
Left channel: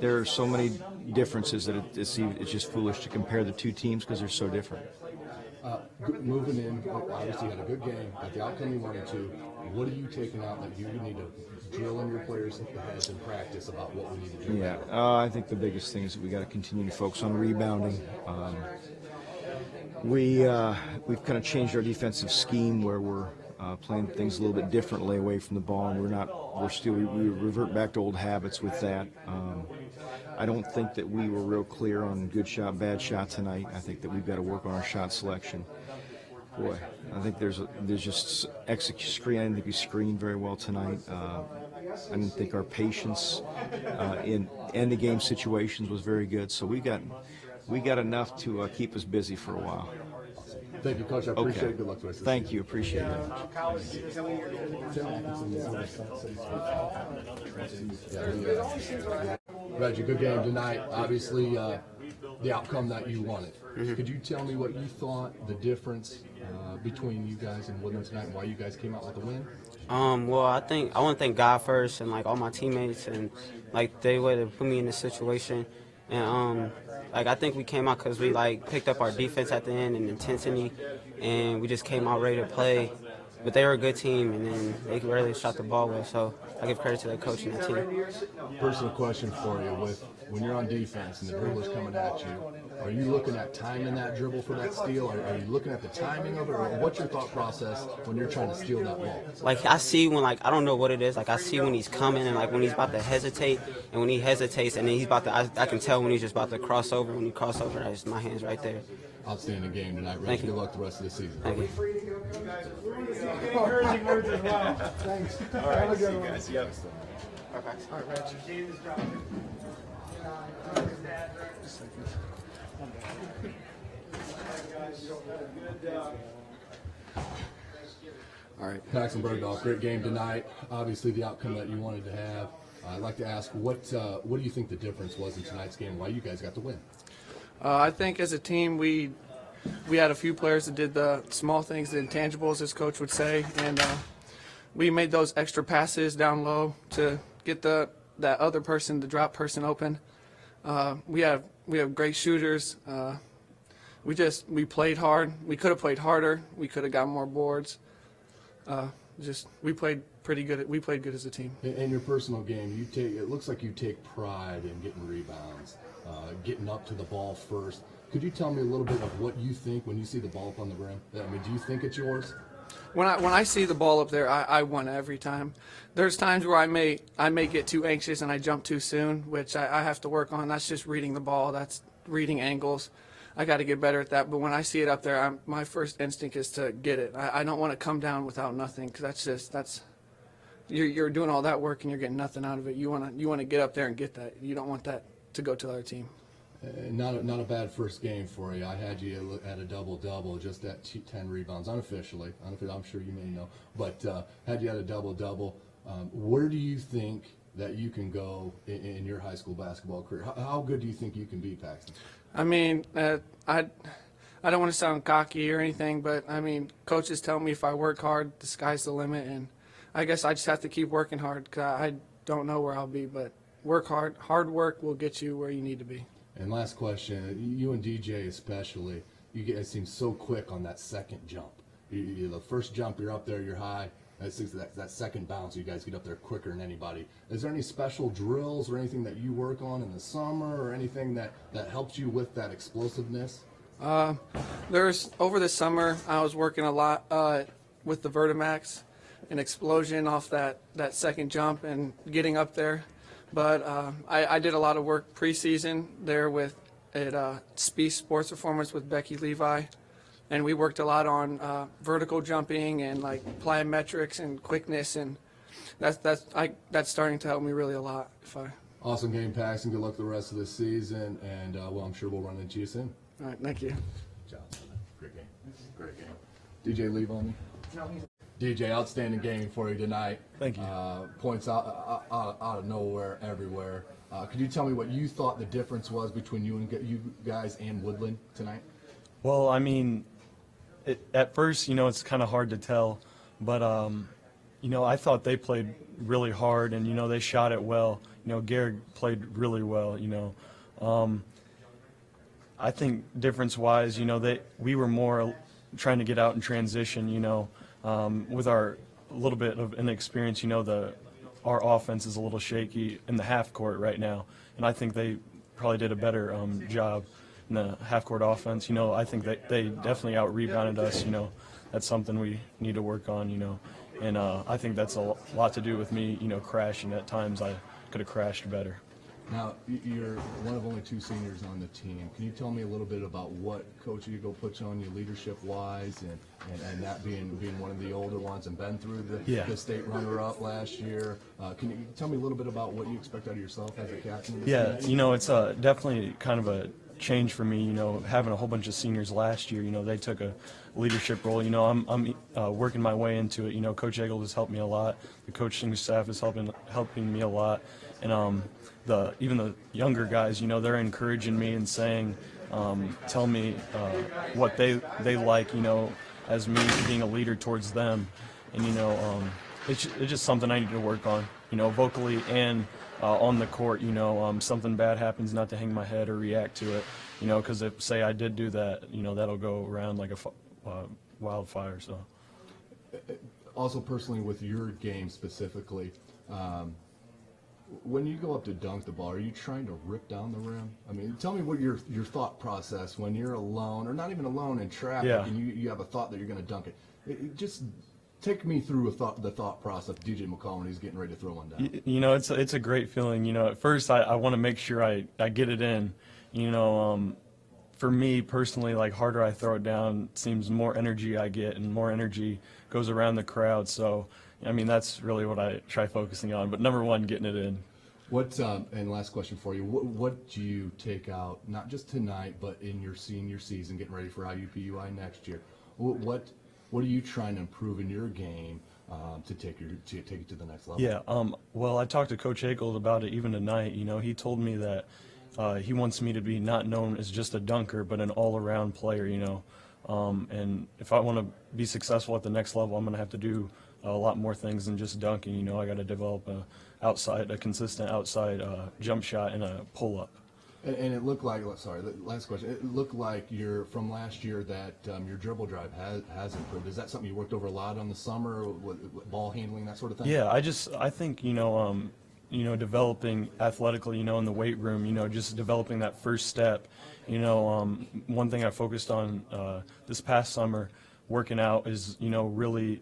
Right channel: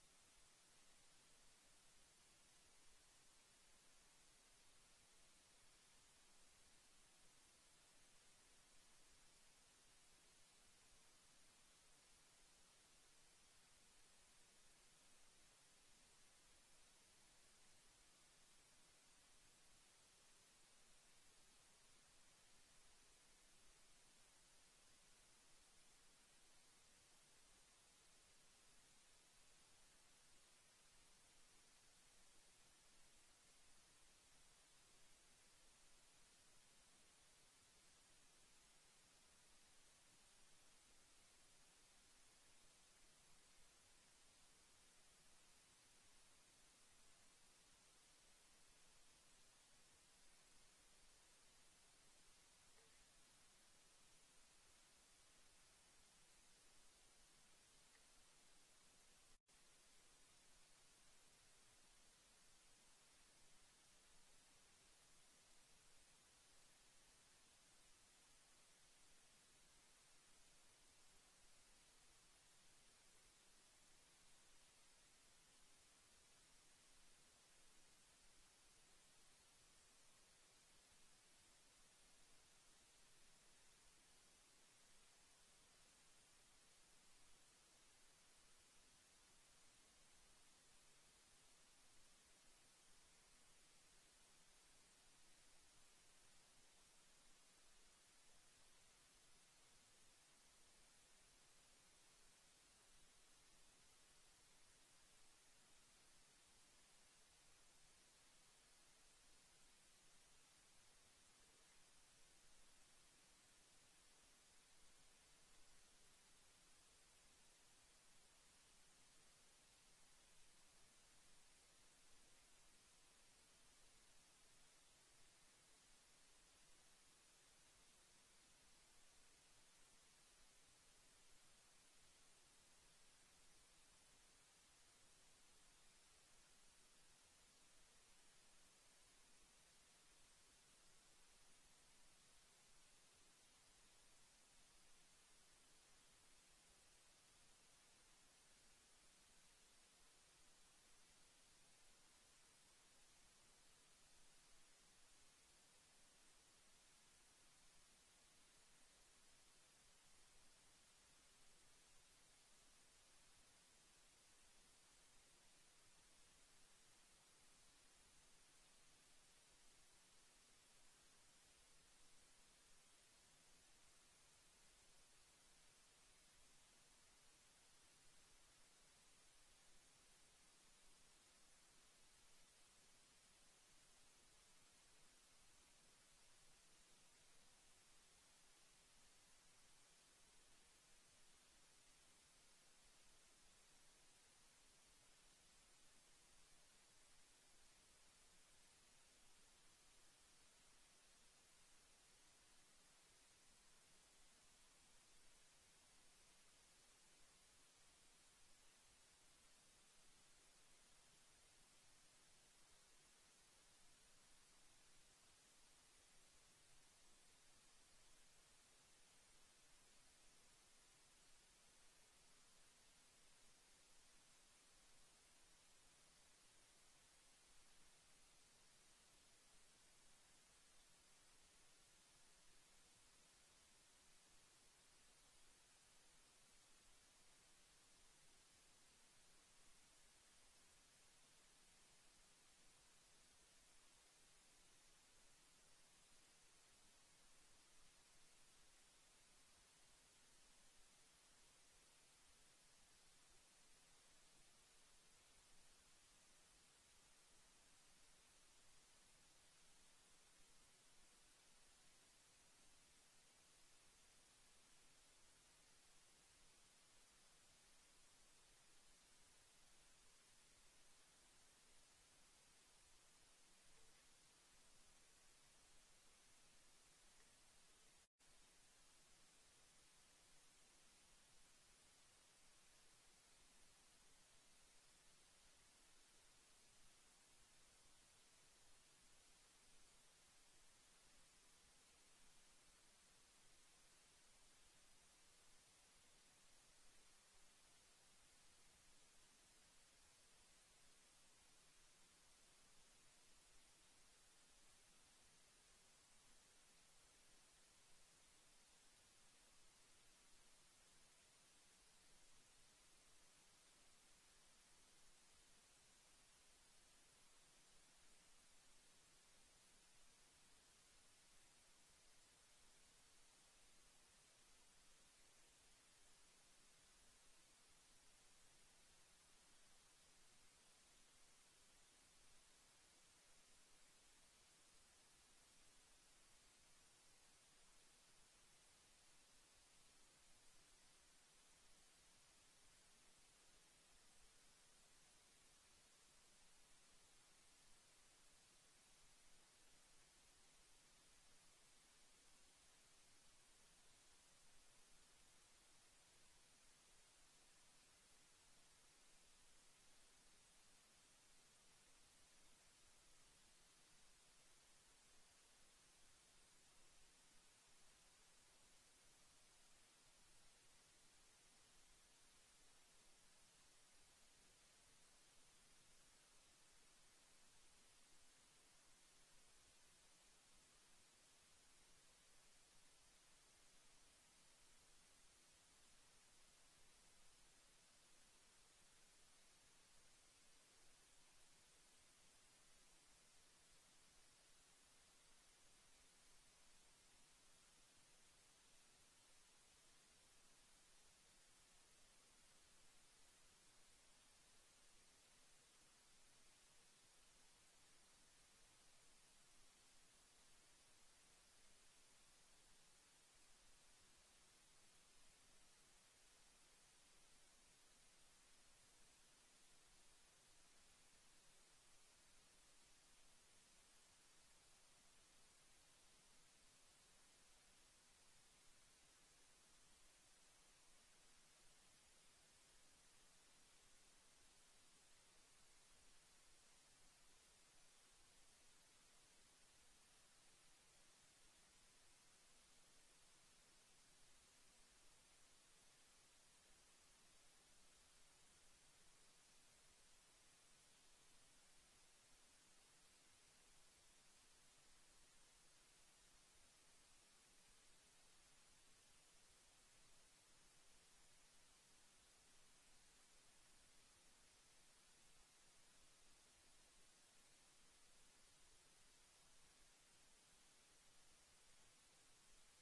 there are so many differences that it's just foolish to compare the two teams because they're so different. Moving in, obviously you had a good game, got the outcome you wanted to. What are you taking out that you need to drill in your players' heads in practice about what we need to do? Yeah, I think the biggest thing is that we got to continue to focus on rebounding. We've kind of changed our defensive scheme where we're playing things a little bit differently away from the ball, and we revert back to old habits with that. I don't think that we were real clear on good shot, bad shot tonight. I think that we've got to work on our shot selection. Boy, I think there's just screen. I didn't think we screened very well tonight. I didn't think our patience in end of game situations was very good. So we got enough to keep us busy for a while. Thank you, Coach. I appreciate it. Good luck to us. Thank you. Appreciate it. Reggie, good game tonight. Obviously, the outcome that you wanted. Could you tell me what you thought the difference between you guys and Woodlan tonight, and why you guys came out with the win? Well, I want to thank God first, and like all my teammates, and like they would have put me in this situation, and like I think we came out because we like picked up our defense at the end and intensity, and we just came out ready to play. But they were a good team, and then they really shot the ball well. So I give credit to the coach and the team. Personal question for you: when you're on defense and the dribbler's coming at you, are you looking at timing that dribble for that steal? Are you looking at the timing of it, or what's your thought process when you're trying to steal that ball? Like I see when I don't know what it is. Like I see when he's coming and like when he's about to hesitate, and when he hesitates and then he's about to. I can tell when he's just about to cross over. When he cross over, my hand's right there. Outstanding game tonight, Reggie. Thank you. Good luck the rest of the season. Thank you. Thanks. All right, see you guys. Yep. All right, Reggie. All right, Paxton Bergdorf, great game tonight. Obviously, the outcome that you wanted to have. I'd like to ask, what do you think the difference was in tonight's game? Why you guys got the win? I think as a team, we had a few players that did the small things, the intangibles, as coach would say, and we made those extra passes down low to get that other person, the drop person, open. We have great shooters. We played hard. We could have played harder. We could have got more boards. We played pretty good. We played good as a team. In your personal game, it looks like you take pride in getting rebounds, getting up to the ball first. Could you tell me a little bit of what you think when you see the ball up on the rim? I mean, do you think it's yours? When I see the ball up there, I won every time. There's times where I may get too anxious and I jump too soon, which I have to work on. That's just reading the ball. That's reading angles. I got to get better at that. But when I see it up there, my first instinct is to get it. I don't want to come down without nothing, because you're doing all that work and you're getting nothing out of it. You want to get up there and get that. You don't want that to go to the other team. Not a bad first game for you. I had you at a double-double, just at 10 rebounds, unofficially. I'm sure you may know, but had you at a double-double. Where do you think that you can go in your high school basketball career? How good do you think you can be, Paxton? I mean, I don't want to sound cocky or anything, but I mean, coaches tell me if I work hard, the sky's the limit, and I guess I just have to keep working hard, because I don't know where I'll be, but work hard. Hard work will get you where you need to be. And last question, you and DJ especially, you guys seem so quick on that second jump. The first jump, you're up there, you're high. That second bounce, you guys get up there quicker than anybody. Is there any special drills or anything that you work on in the summer, or anything that helps you with that explosiveness? Over the summer, I was working a lot with the Vertimax, an explosion off that second jump and getting up there. But I did a lot of work preseason there at Speed Sports Performance with Becky Levi, and we worked a lot on vertical jumping and like plyometrics and quickness, and that's starting to help me really a lot. Awesome game, Paxton. Good luck the rest of the season, and I'm sure we'll run into you soon. All right, thank you. Good job. Great game. Great game. DJ, leave on me. DJ, outstanding game for you tonight. Thank you. Points out of nowhere, everywhere. Could you tell me what you thought the difference was between you guys and Woodlan tonight? Well, I mean, at first, it's kind of hard to tell, but I thought they played really hard, and they shot it well. Garrett played really well. I think difference-wise, we were more trying to get out in transition. With our little bit of inexperience, our offense is a little shaky in the half court right now, and I think they probably did a better job in the half court offense. I think they definitely out-rebounded us. That's something we need to work on. And I think that's a lot to do with me. Crashing at times. I could have crashed better. Now, you're one of only 2 seniors on the team. Can you tell me a little bit about what Coach Eagle puts on you leadership-wise, and that being one of the older ones and been through the state runner-up last year? Can you tell me a little bit about what you expect out of yourself as a captain of this Yeah, team? you know, it's definitely kind of a change for me, you know, having a whole bunch of seniors last year. You know, they took a leadership role. You know, I'm working my way into it. You know, Coach Eggle has helped me a lot. The coaching staff is helping me a lot. And even the younger guys, you know, they're encouraging me and saying, tell me what they like, you know, as me being a leader towards them. And, you know, it's just something I need to work on, you know, vocally and on the court. You know, something bad happens, not to hang my head or react to it, you know, because if, say, I did do that, you know, that'll go around like a wildfire. So. Also, personally, with your game specifically, when you go up to dunk the ball, are you trying to rip down the rim? I mean, tell me what your thought process when you're alone, or not even alone in traffic, and you have a thought that you're going to dunk it. Just take me through the thought process of DJ McCall when he's getting ready to throw one down. You know, it's a great feeling. You know, at first I want to make sure I get it in. You know, for me personally, like, harder I throw it down, seems more energy I get, and more energy goes around the crowd. So, I mean, that's really what I try focusing on. But number one, getting it in. What and last question for you: what do you take out, not just tonight, but in your senior season, getting ready for IUPUI next year? What are you trying to improve in your game to take it to the next level? Yeah. Well, I talked to Coach Akel about it even tonight. You know, he told me that he wants me to be not known as just a dunker, but an all-around player. You know, and if I want to be successful at the next level, I'm going to have to do a lot more things than just dunking. You know, I got to develop a consistent outside jump shot and a pull-up. And it looked like, sorry, last question. It looked like from last year that your dribble drive has improved. Is that something you worked over a lot on the summer, with ball handling, that sort of thing? Yeah, I think, you know, developing athletically, you know, in the weight room, you know, just developing that first step. You know, one thing I focused on this past summer, working out, is, you know, really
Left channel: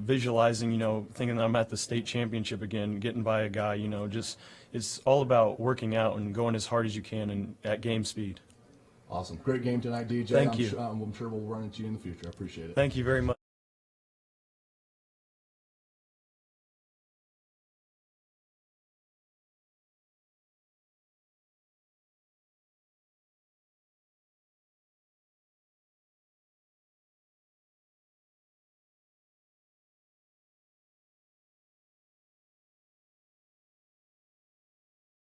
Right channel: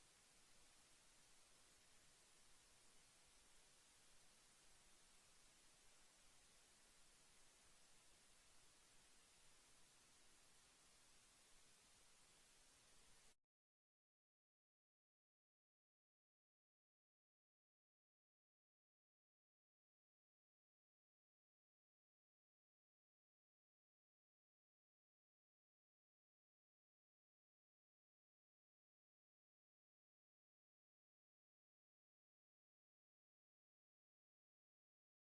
visualizing, you know, thinking that I'm at the state championship again, getting by a guy, you know, just it's all about working out and going as hard as you can and at game speed. Awesome. Great game tonight, DJ. Thank you. I'm sure we'll run into you in the future. I appreciate it. Thank you very much.